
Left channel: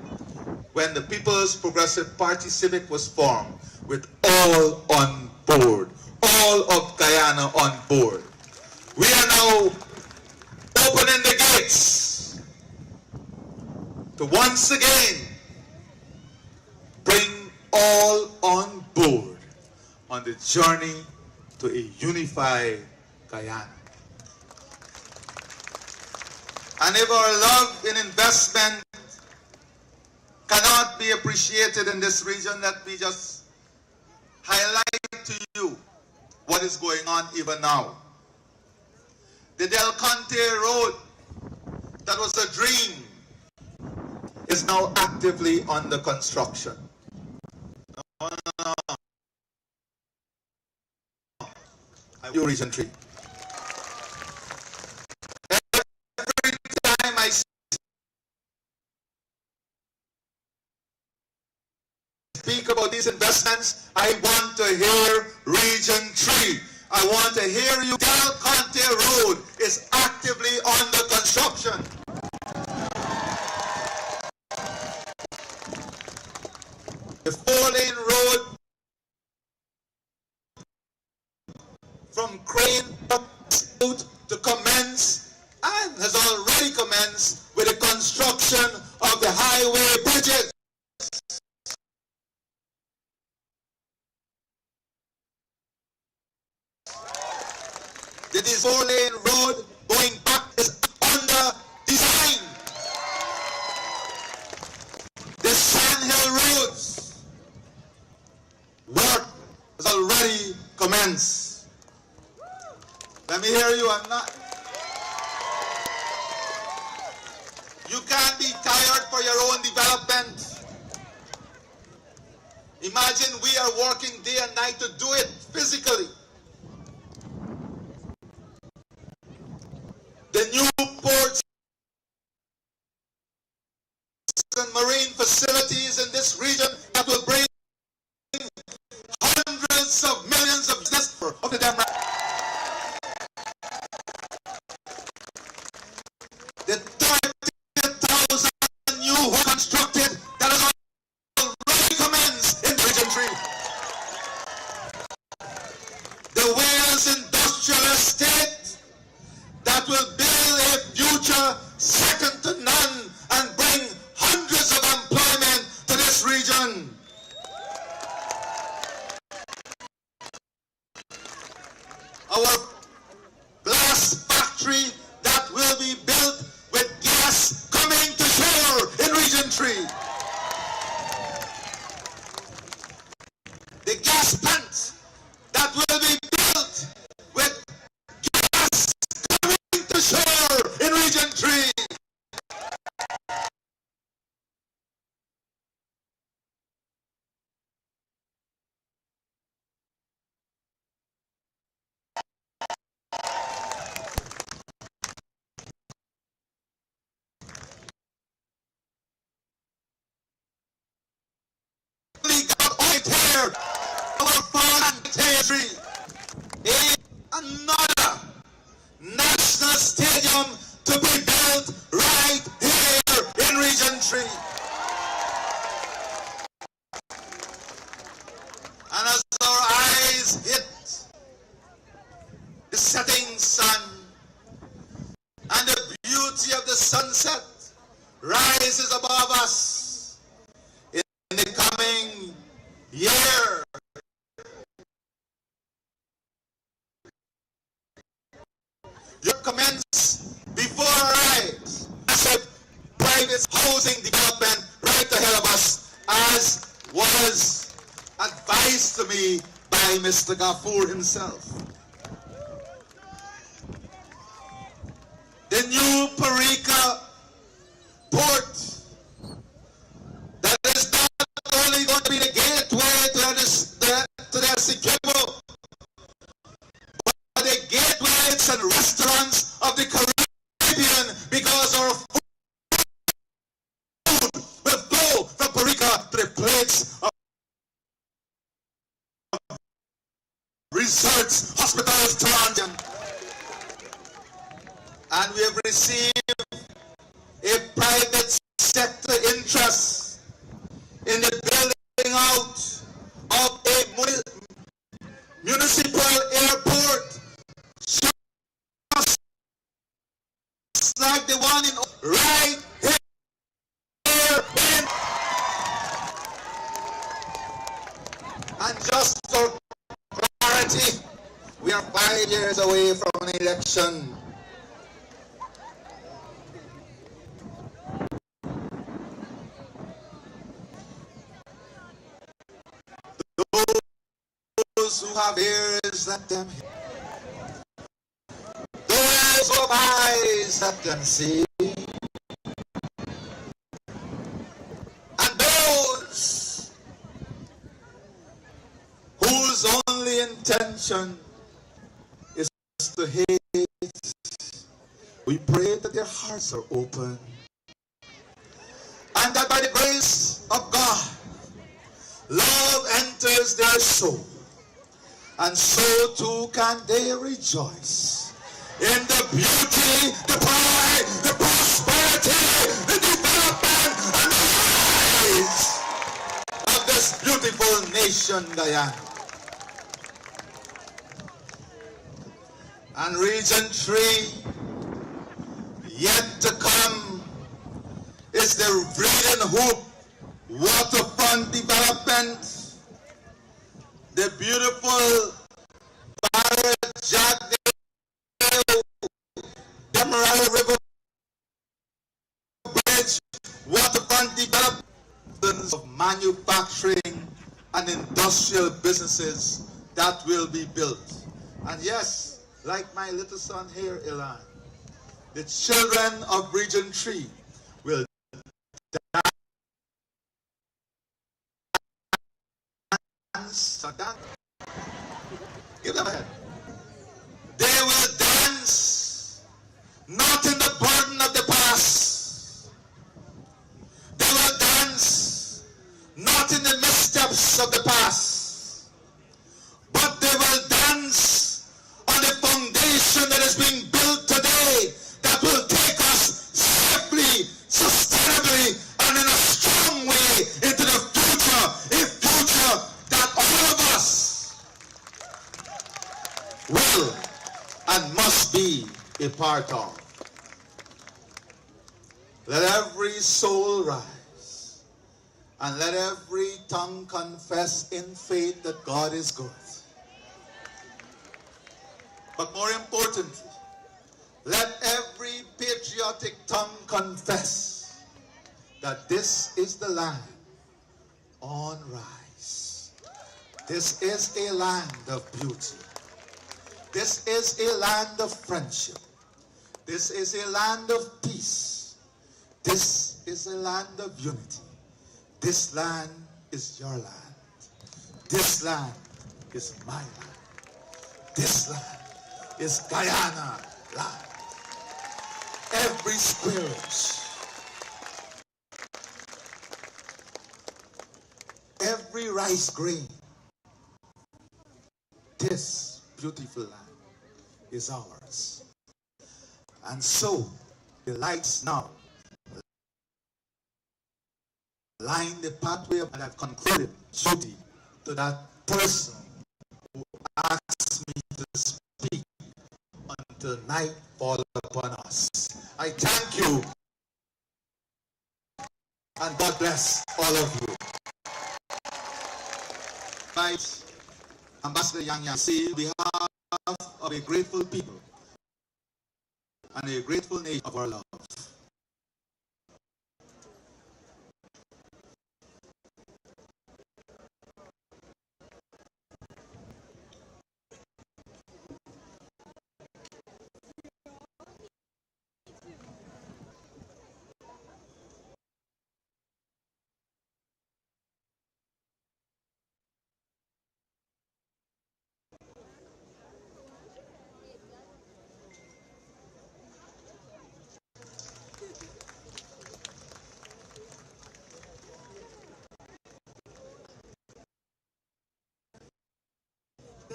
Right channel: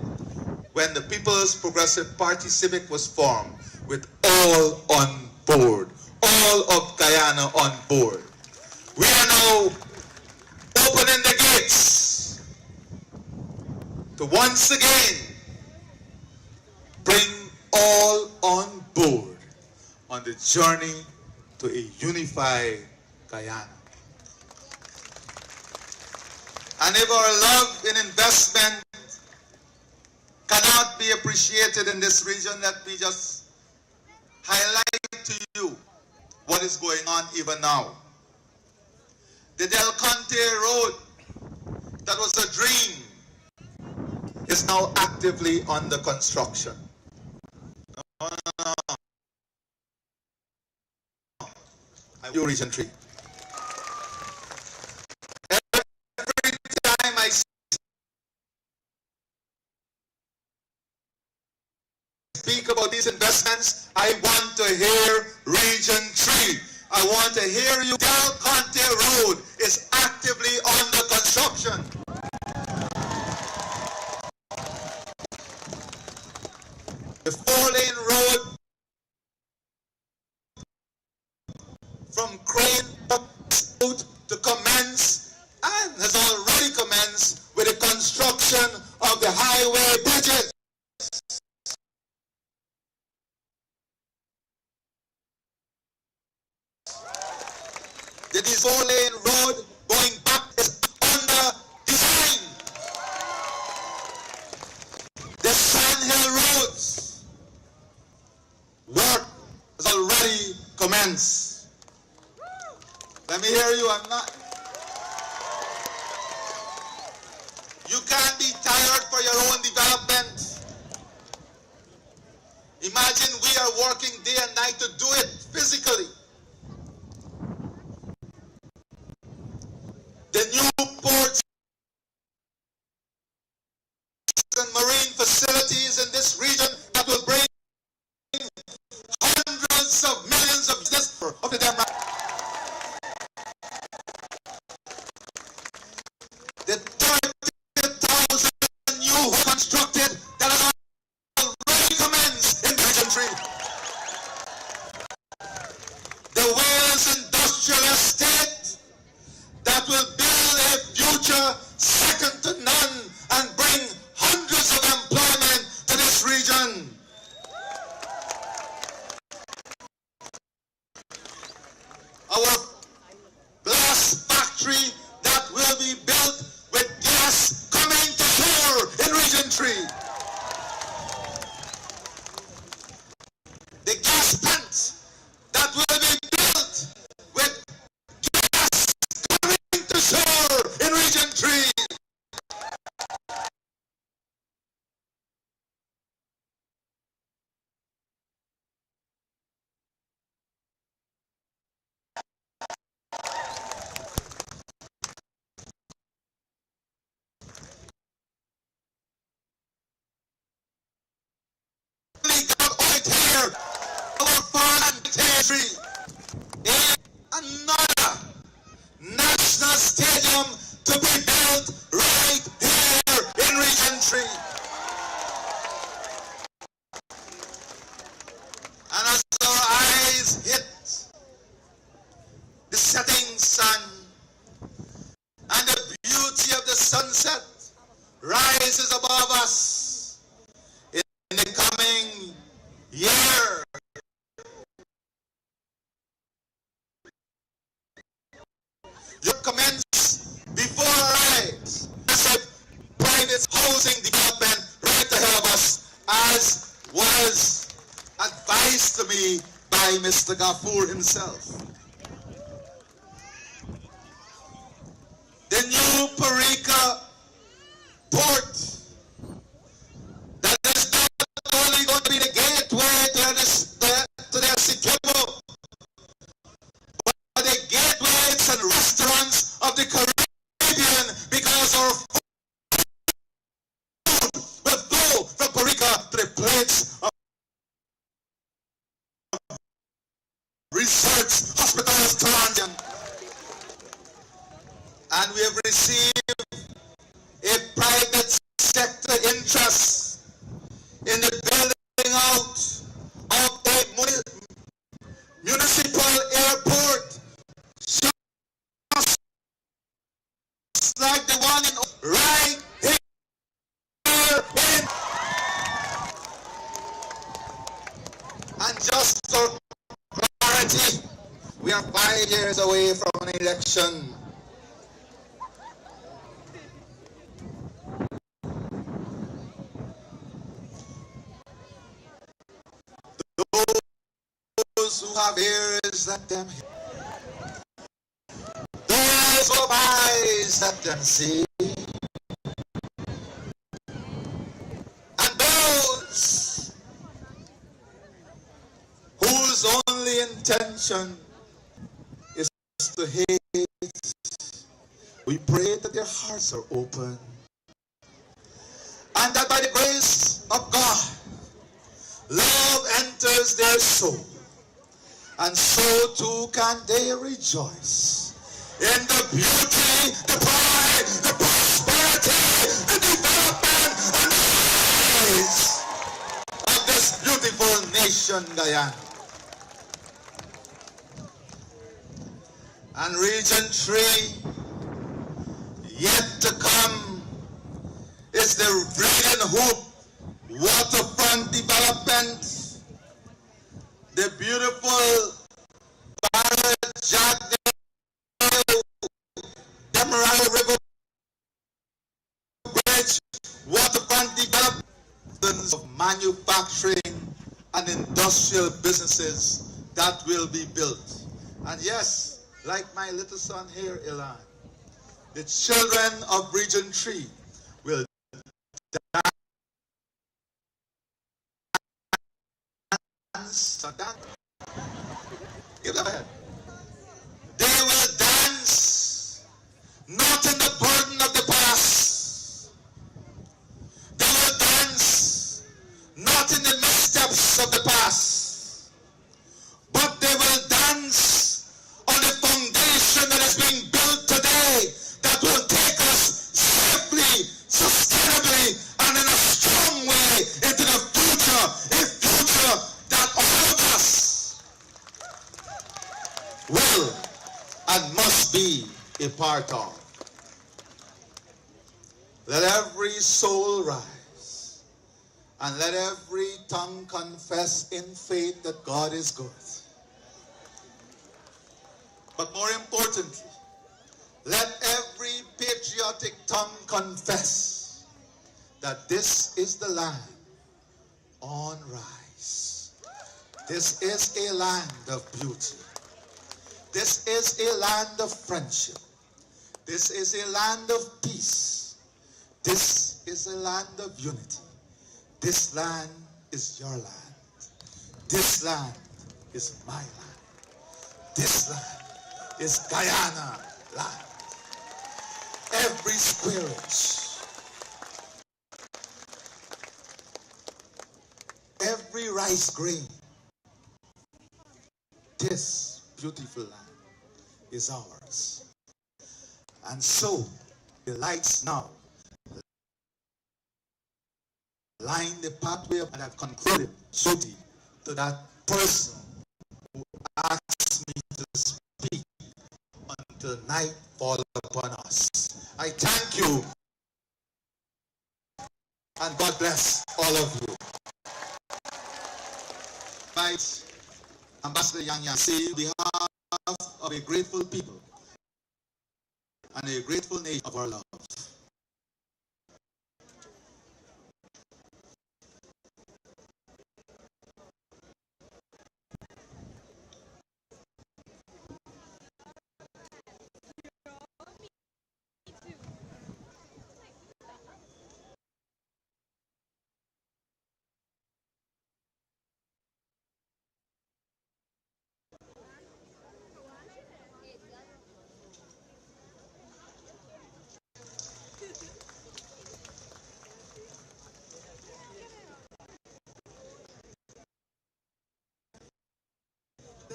when the People's Progressive Party Civic was formed with all on board, all of Guyana on board. We are now opening the gates to once again bring all on board on the journey to a unified Guyana. And if our love in investment cannot be appreciated in this region, let me just highlight to you what is going on even now. The Del Conte Road, that was a dream, is now actively under construction. You Region 3. Every time I speak about these investments, I want to hear Region 3. I want to hear you. Del Conte Road is actively under construction. The 4-lane road from Crane to commence and has already commenced with the construction of the highway bridges. The 4-lane road going back is under design. The Sandhill roads work has already commenced. Let me hear you. You can't be tired for your own development. Imagine we are working day and night to do it physically. The new ports and marine facilities in this region that will bring hundreds of millions of business of the Demerara. The 30,000 new homes constructed that has already commenced in Region 3. The Wales Industrial Estate that will build a future second to none and bring hundreds of employment to this region. Our glass factory that will be built with gas coming to shore in Region 3. The gas plant that will be built with gas coming to shore in Region 3. Here, our farm territory, another national stadium to be built right here in Region 3. And as our eyes hit the setting sun and the beauty of the sunset rises above us in the coming year, you commence before our eyes massive private housing development right ahead of us, as was advised to me by Mr. Gafoor himself. The new Parika port that is not only going to be the gateway to their Essequibo, but the gateways and restaurants of the Caribbean, because our food will flow from Puerto Rico to the plates of resorts, hospitals, Toronto. And we have received a private sector interest in the building out of a municipal airport, just like the one right here in. And just for clarity, we are 5 years away from an election. Those who have ears, let them hear. Those who have eyes, let them see. And those whose only intention is to hate, we pray that their hearts are open, and that by the grace of God, love enters their soul, and so too can they rejoice in the beauty, the pride, the prosperity, the development, and the rise of this beautiful nation, Guyana. And Region 3, yet to come, is the Breeding Hoop waterfront development, the beautiful Barrett Jack Demerara River Bridge waterfront development of manufacturing and industrial businesses that will be built. And yes, like my little son here, Ilan, the children of Region 3 will dance. Give them a hand. They will dance not in the burden of the past. They will dance not in the missteps of the past, but they will dance on the foundation that is being built today that will take us safely, sustainably, and in a strong way into the future, a future that all of us will and must be a part of. Let every soul rise, and let every tongue confess in faith that God is good. But more importantly, let every patriotic tongue confess that this is the land on rise. This is a land of beauty. This is a land of friendship. This is a land of peace. This is a land of unity. This land is your land. This land is my land. This land is Guyana land. Every square inch, every rice grain, this beautiful land is ours. And so the lights now line the pathway, and I've concluded duty to that person who asked me to speak until night fall upon us. I thank you, and God bless all of you. Right, Ambassador Yang Yang, say on behalf of a grateful people and a grateful nation of our love.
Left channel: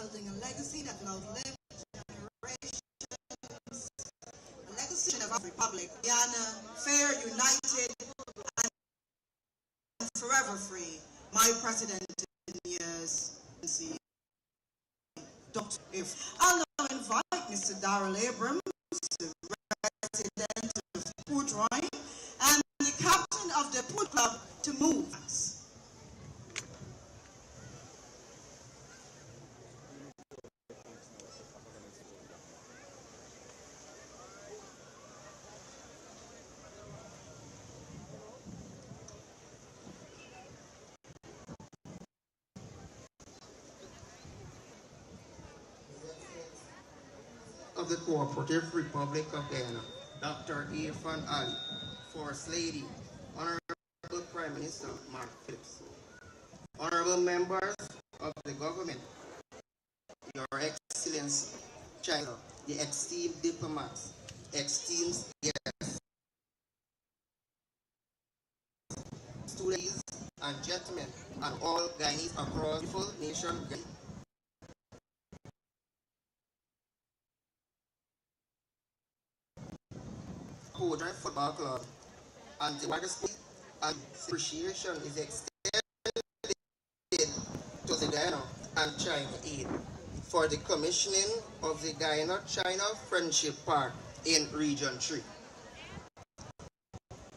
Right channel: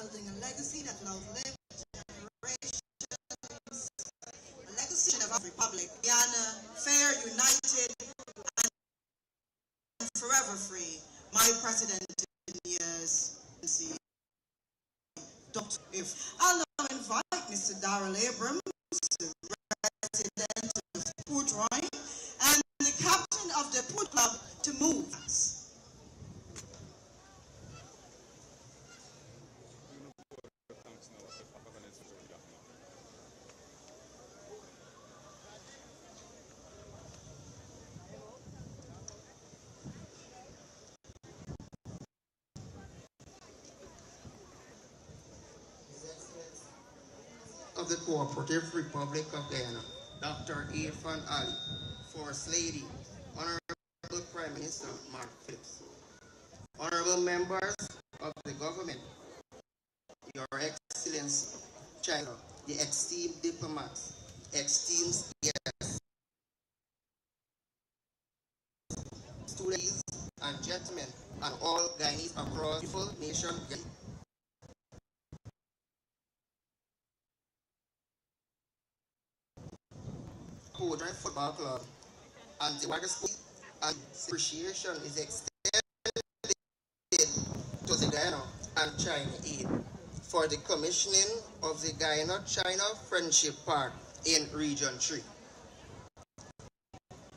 building a legacy that will outlive generations, a legacy of our republic, Guyana, fair, united, and forever free. My president in years, Dr. If I'll now invite Mr. Darrell Abrams, the resident of Port Roy, and the captain of the Port Club to move us. Of the Cooperative Republic of Guyana, Dr. Irfan Ali, First Lady, Honorable Prime Minister Mark Phillips, Honorable members of the government, Your Excellency, China, the esteemed diplomats, esteemed guests, ladies and gentlemen, and all Guyanese across the beautiful nation. Schoonord Football Club and the widest and appreciation is extended to the Guyana and China aid for the commissioning of the Guyana-China Friendship Park in Region 3.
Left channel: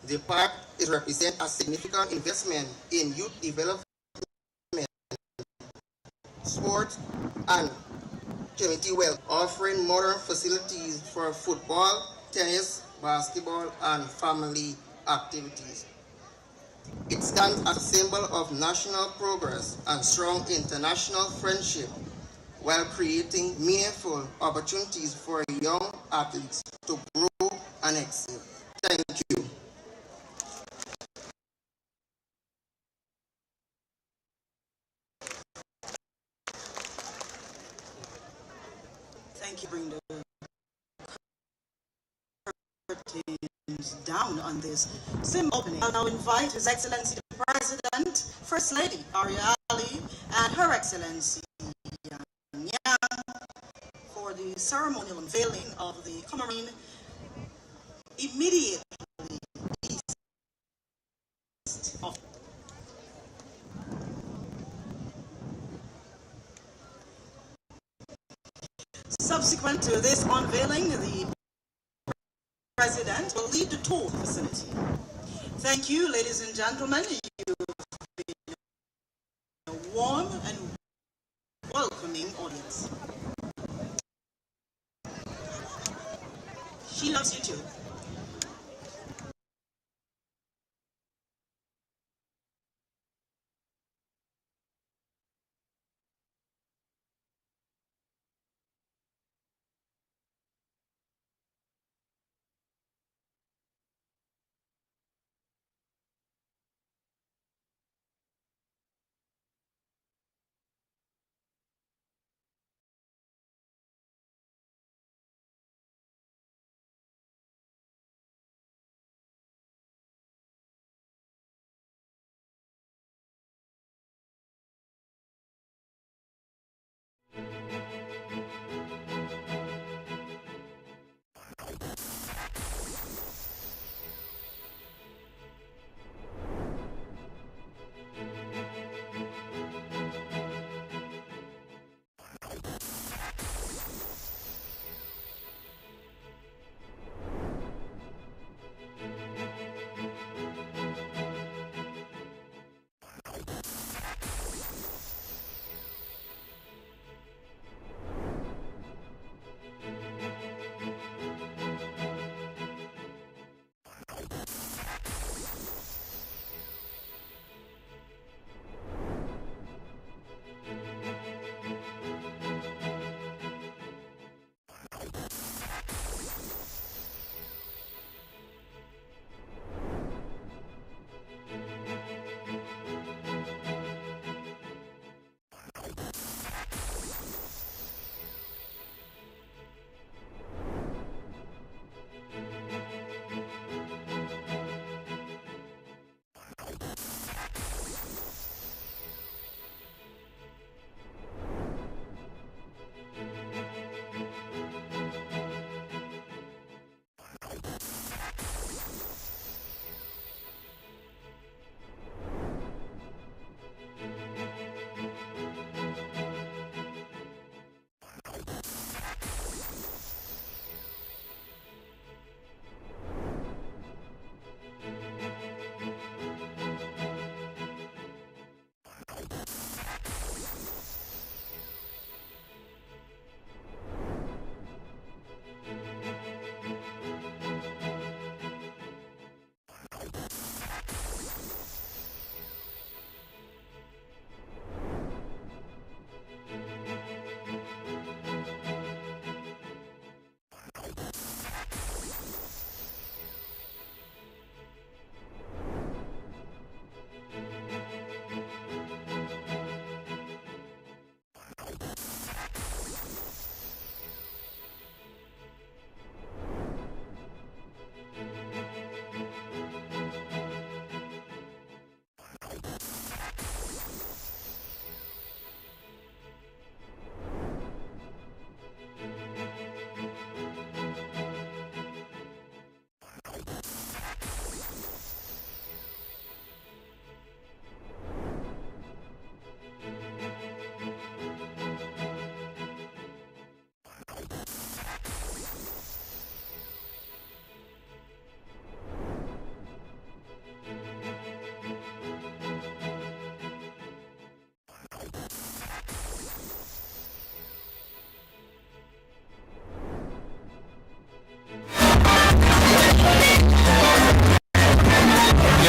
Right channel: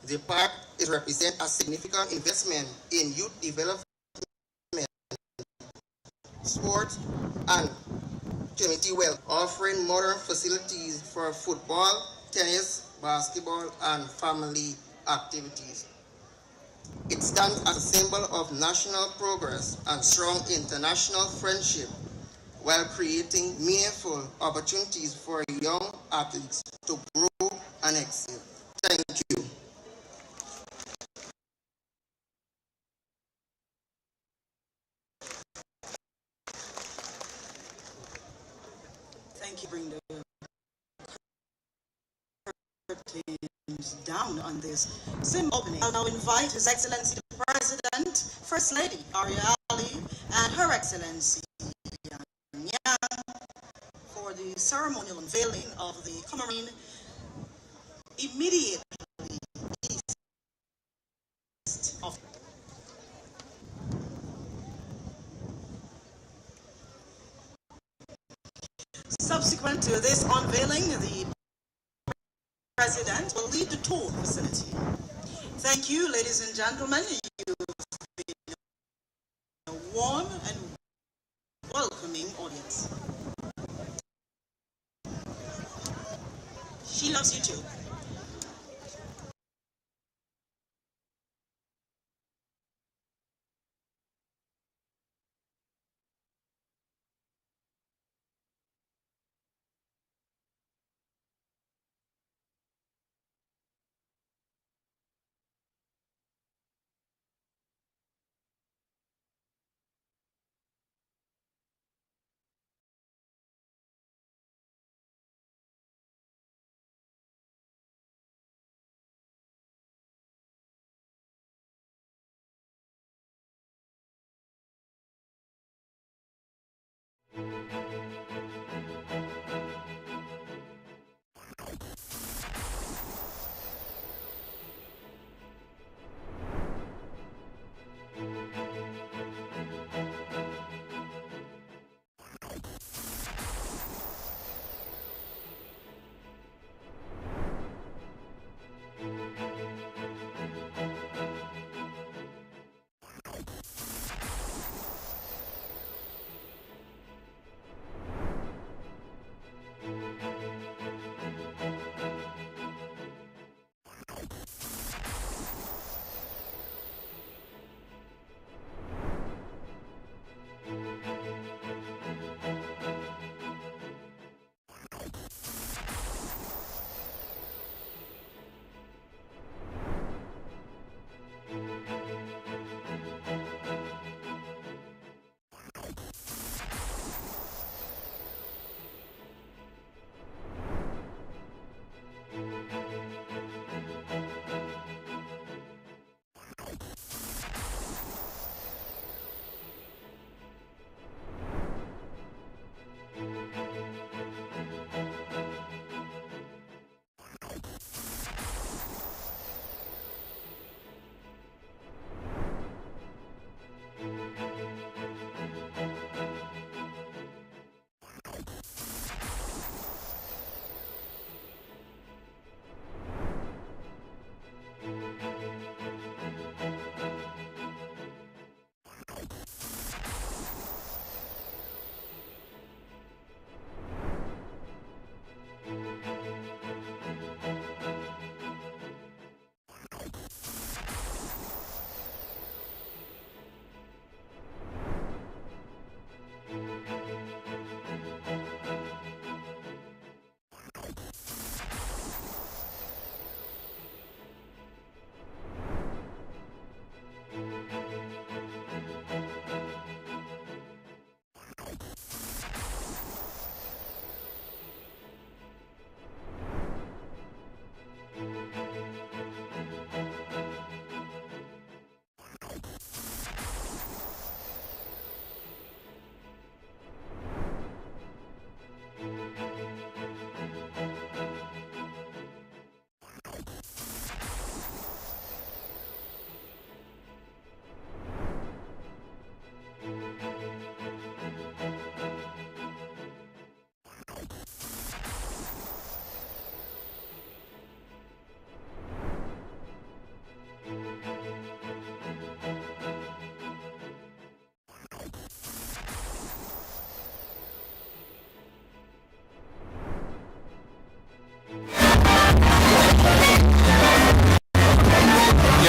The park is represent a significant investment in youth development, sports, and community wealth, offering modern facilities for football, tennis, basketball, and family activities. It stands as a symbol of national progress and strong international friendship, while creating meaningful opportunities for young athletes to grow and excel. Thank you. Thank you. Bring the curtains down on this symbol opening. I'll now invite His Excellency the President, First Lady Arya Ali, and Her Excellency Yang for the ceremonial unveiling of the commemoration immediately east of. Subsequent to this unveiling, the President will lead the tour facility. Thank you, ladies and gentlemen. You've been a warm and welcoming audience. She loves you too.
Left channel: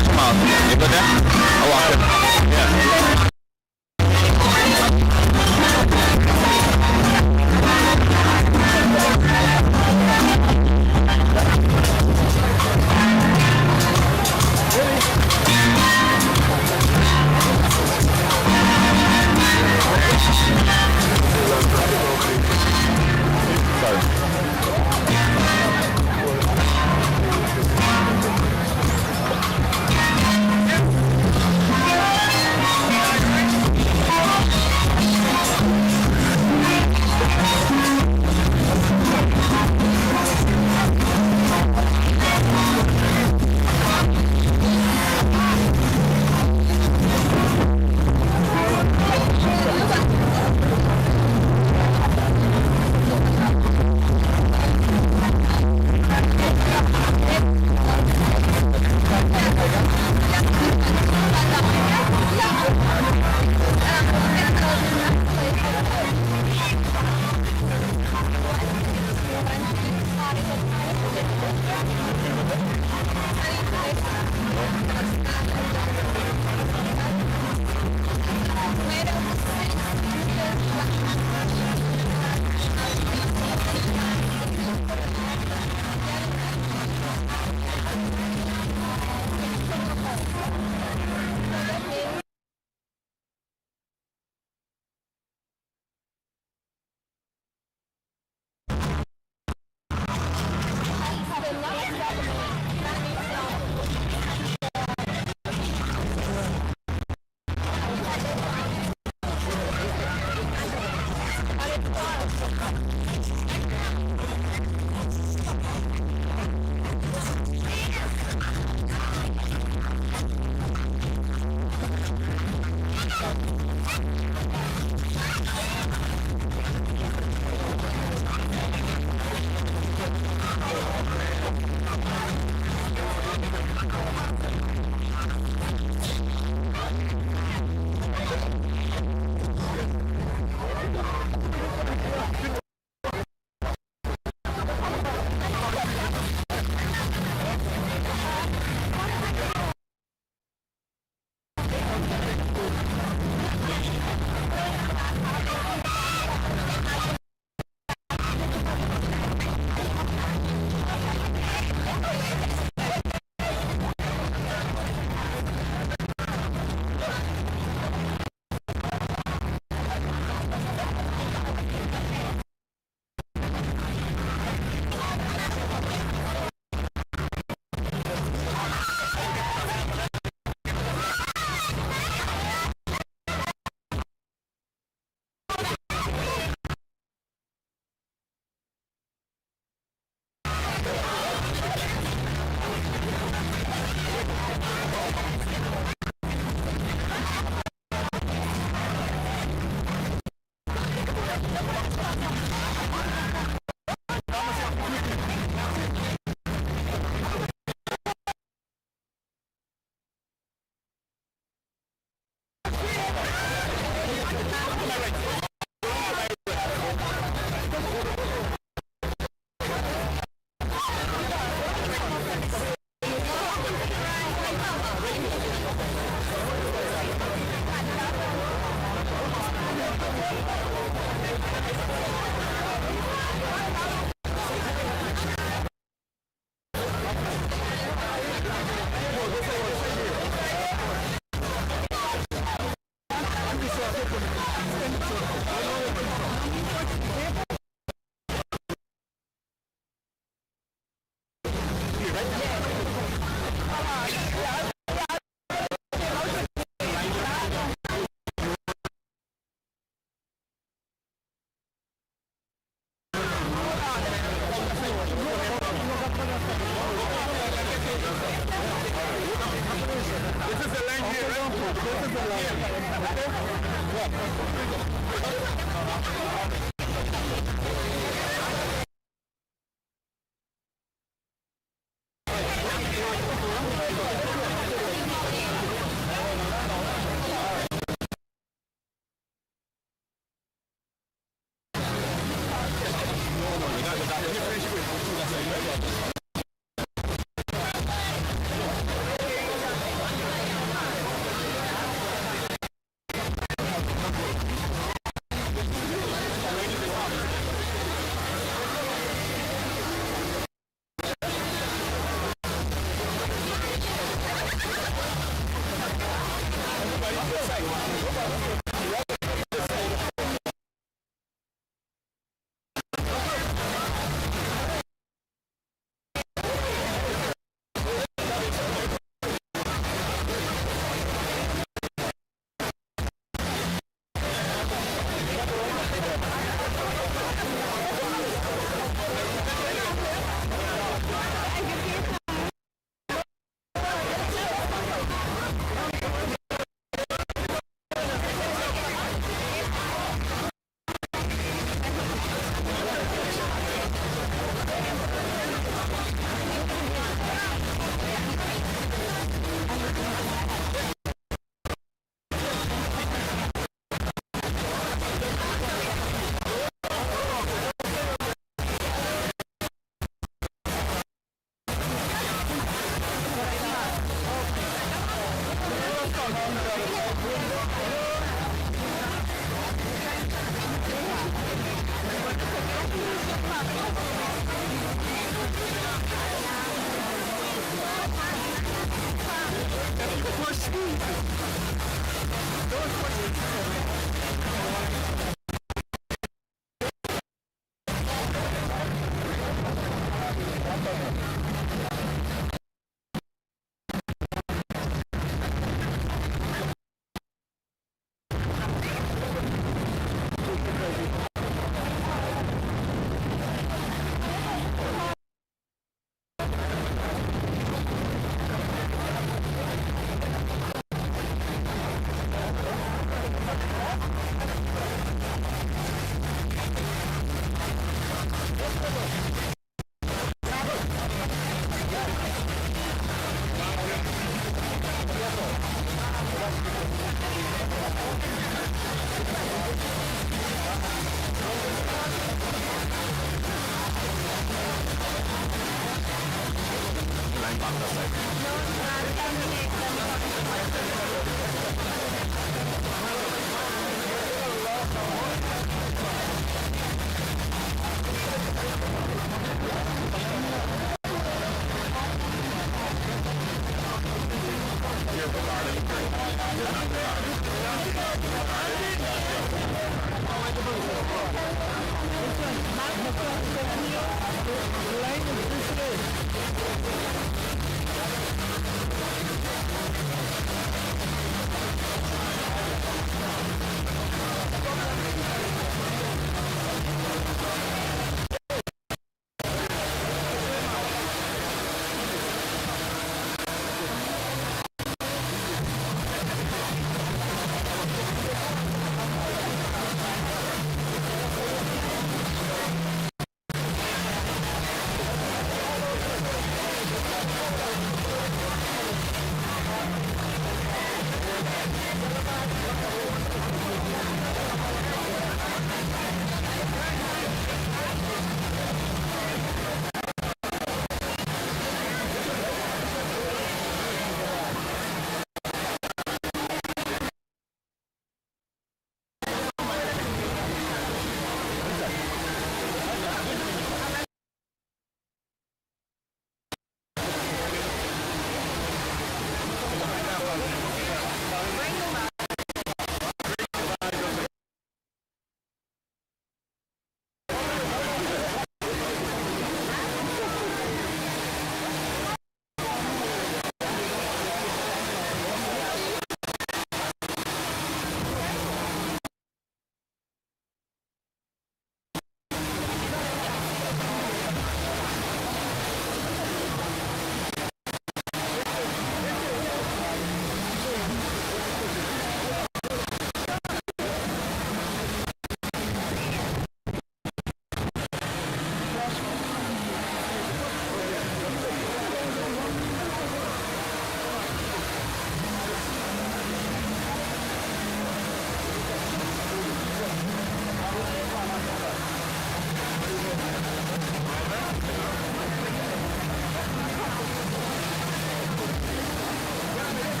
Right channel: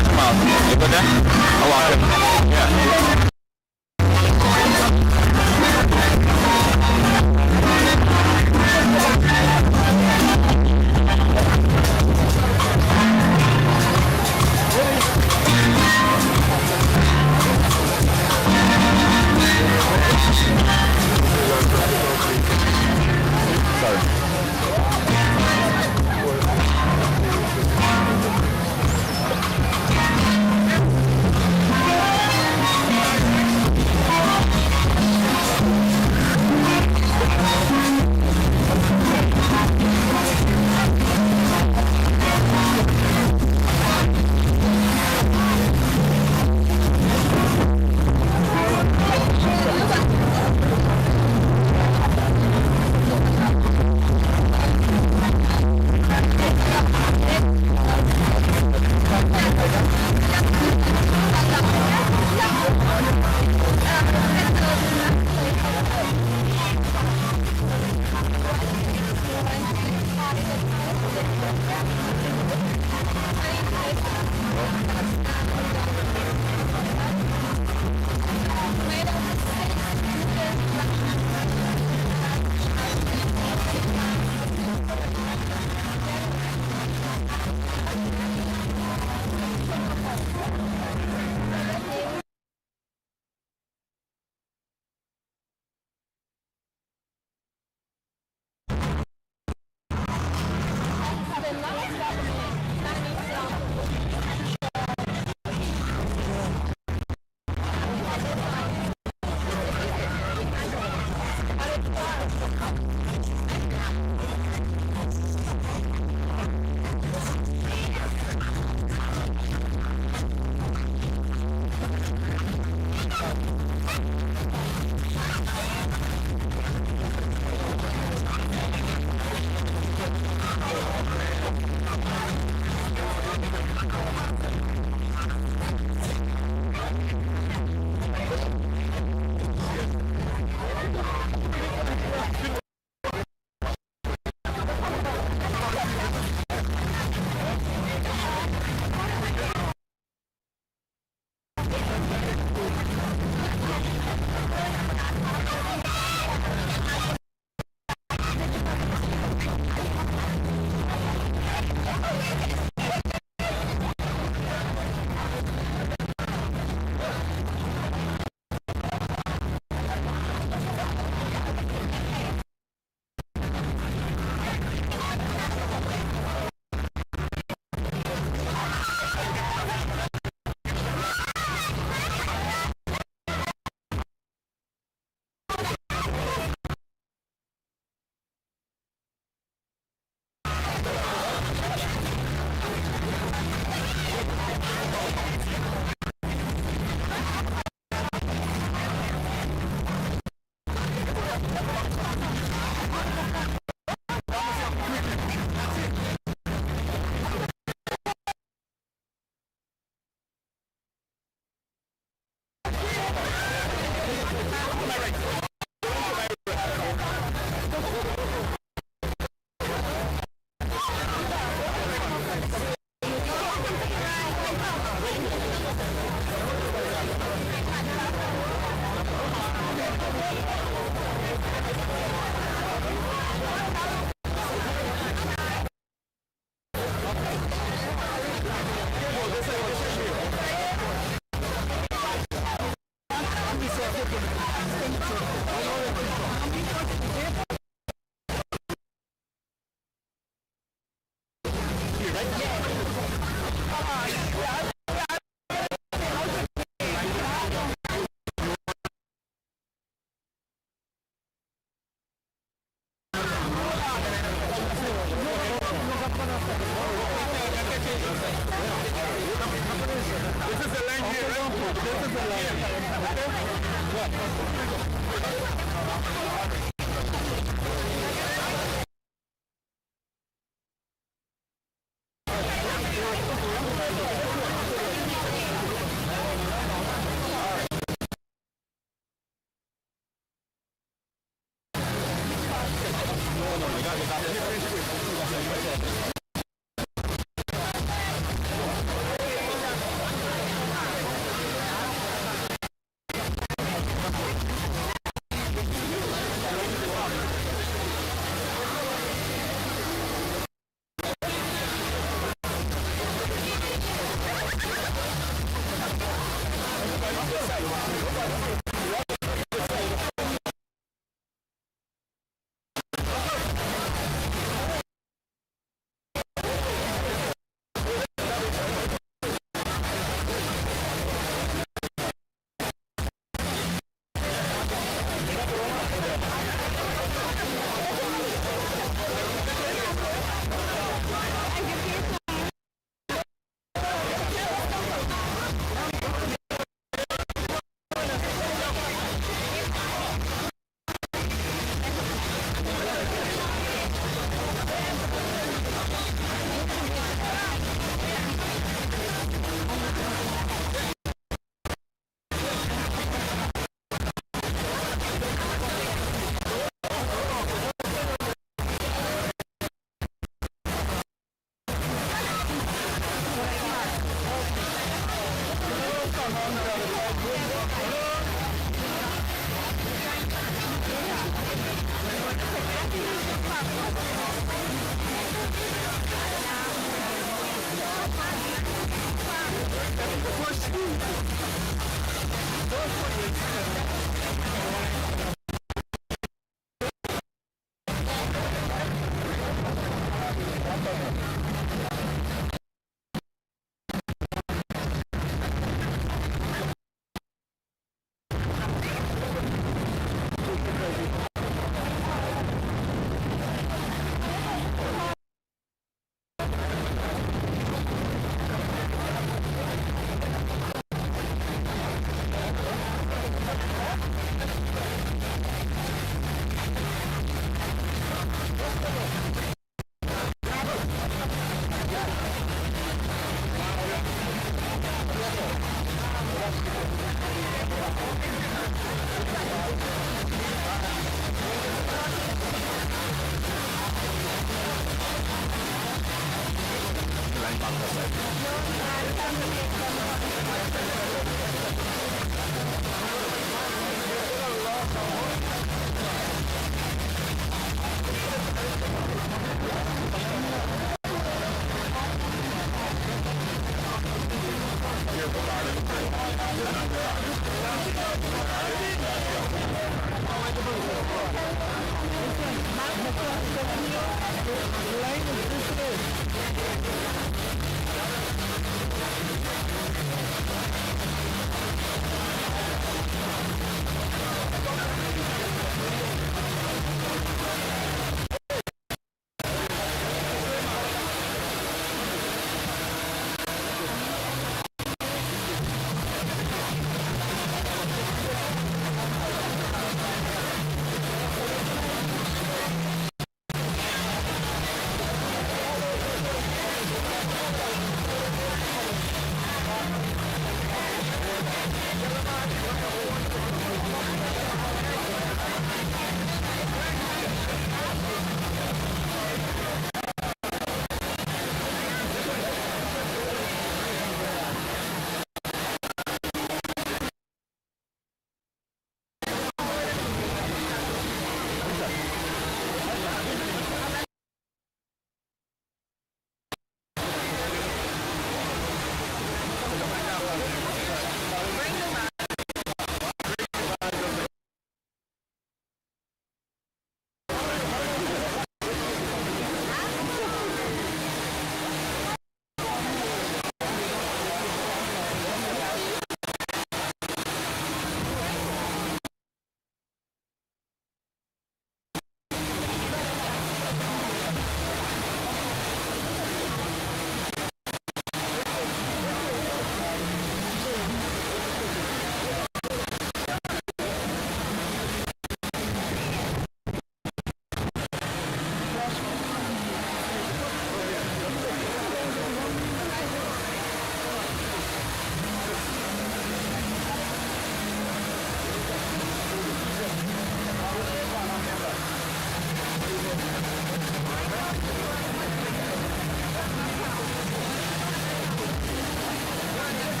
Hi, Jamal. You good there? I walk in. Yeah.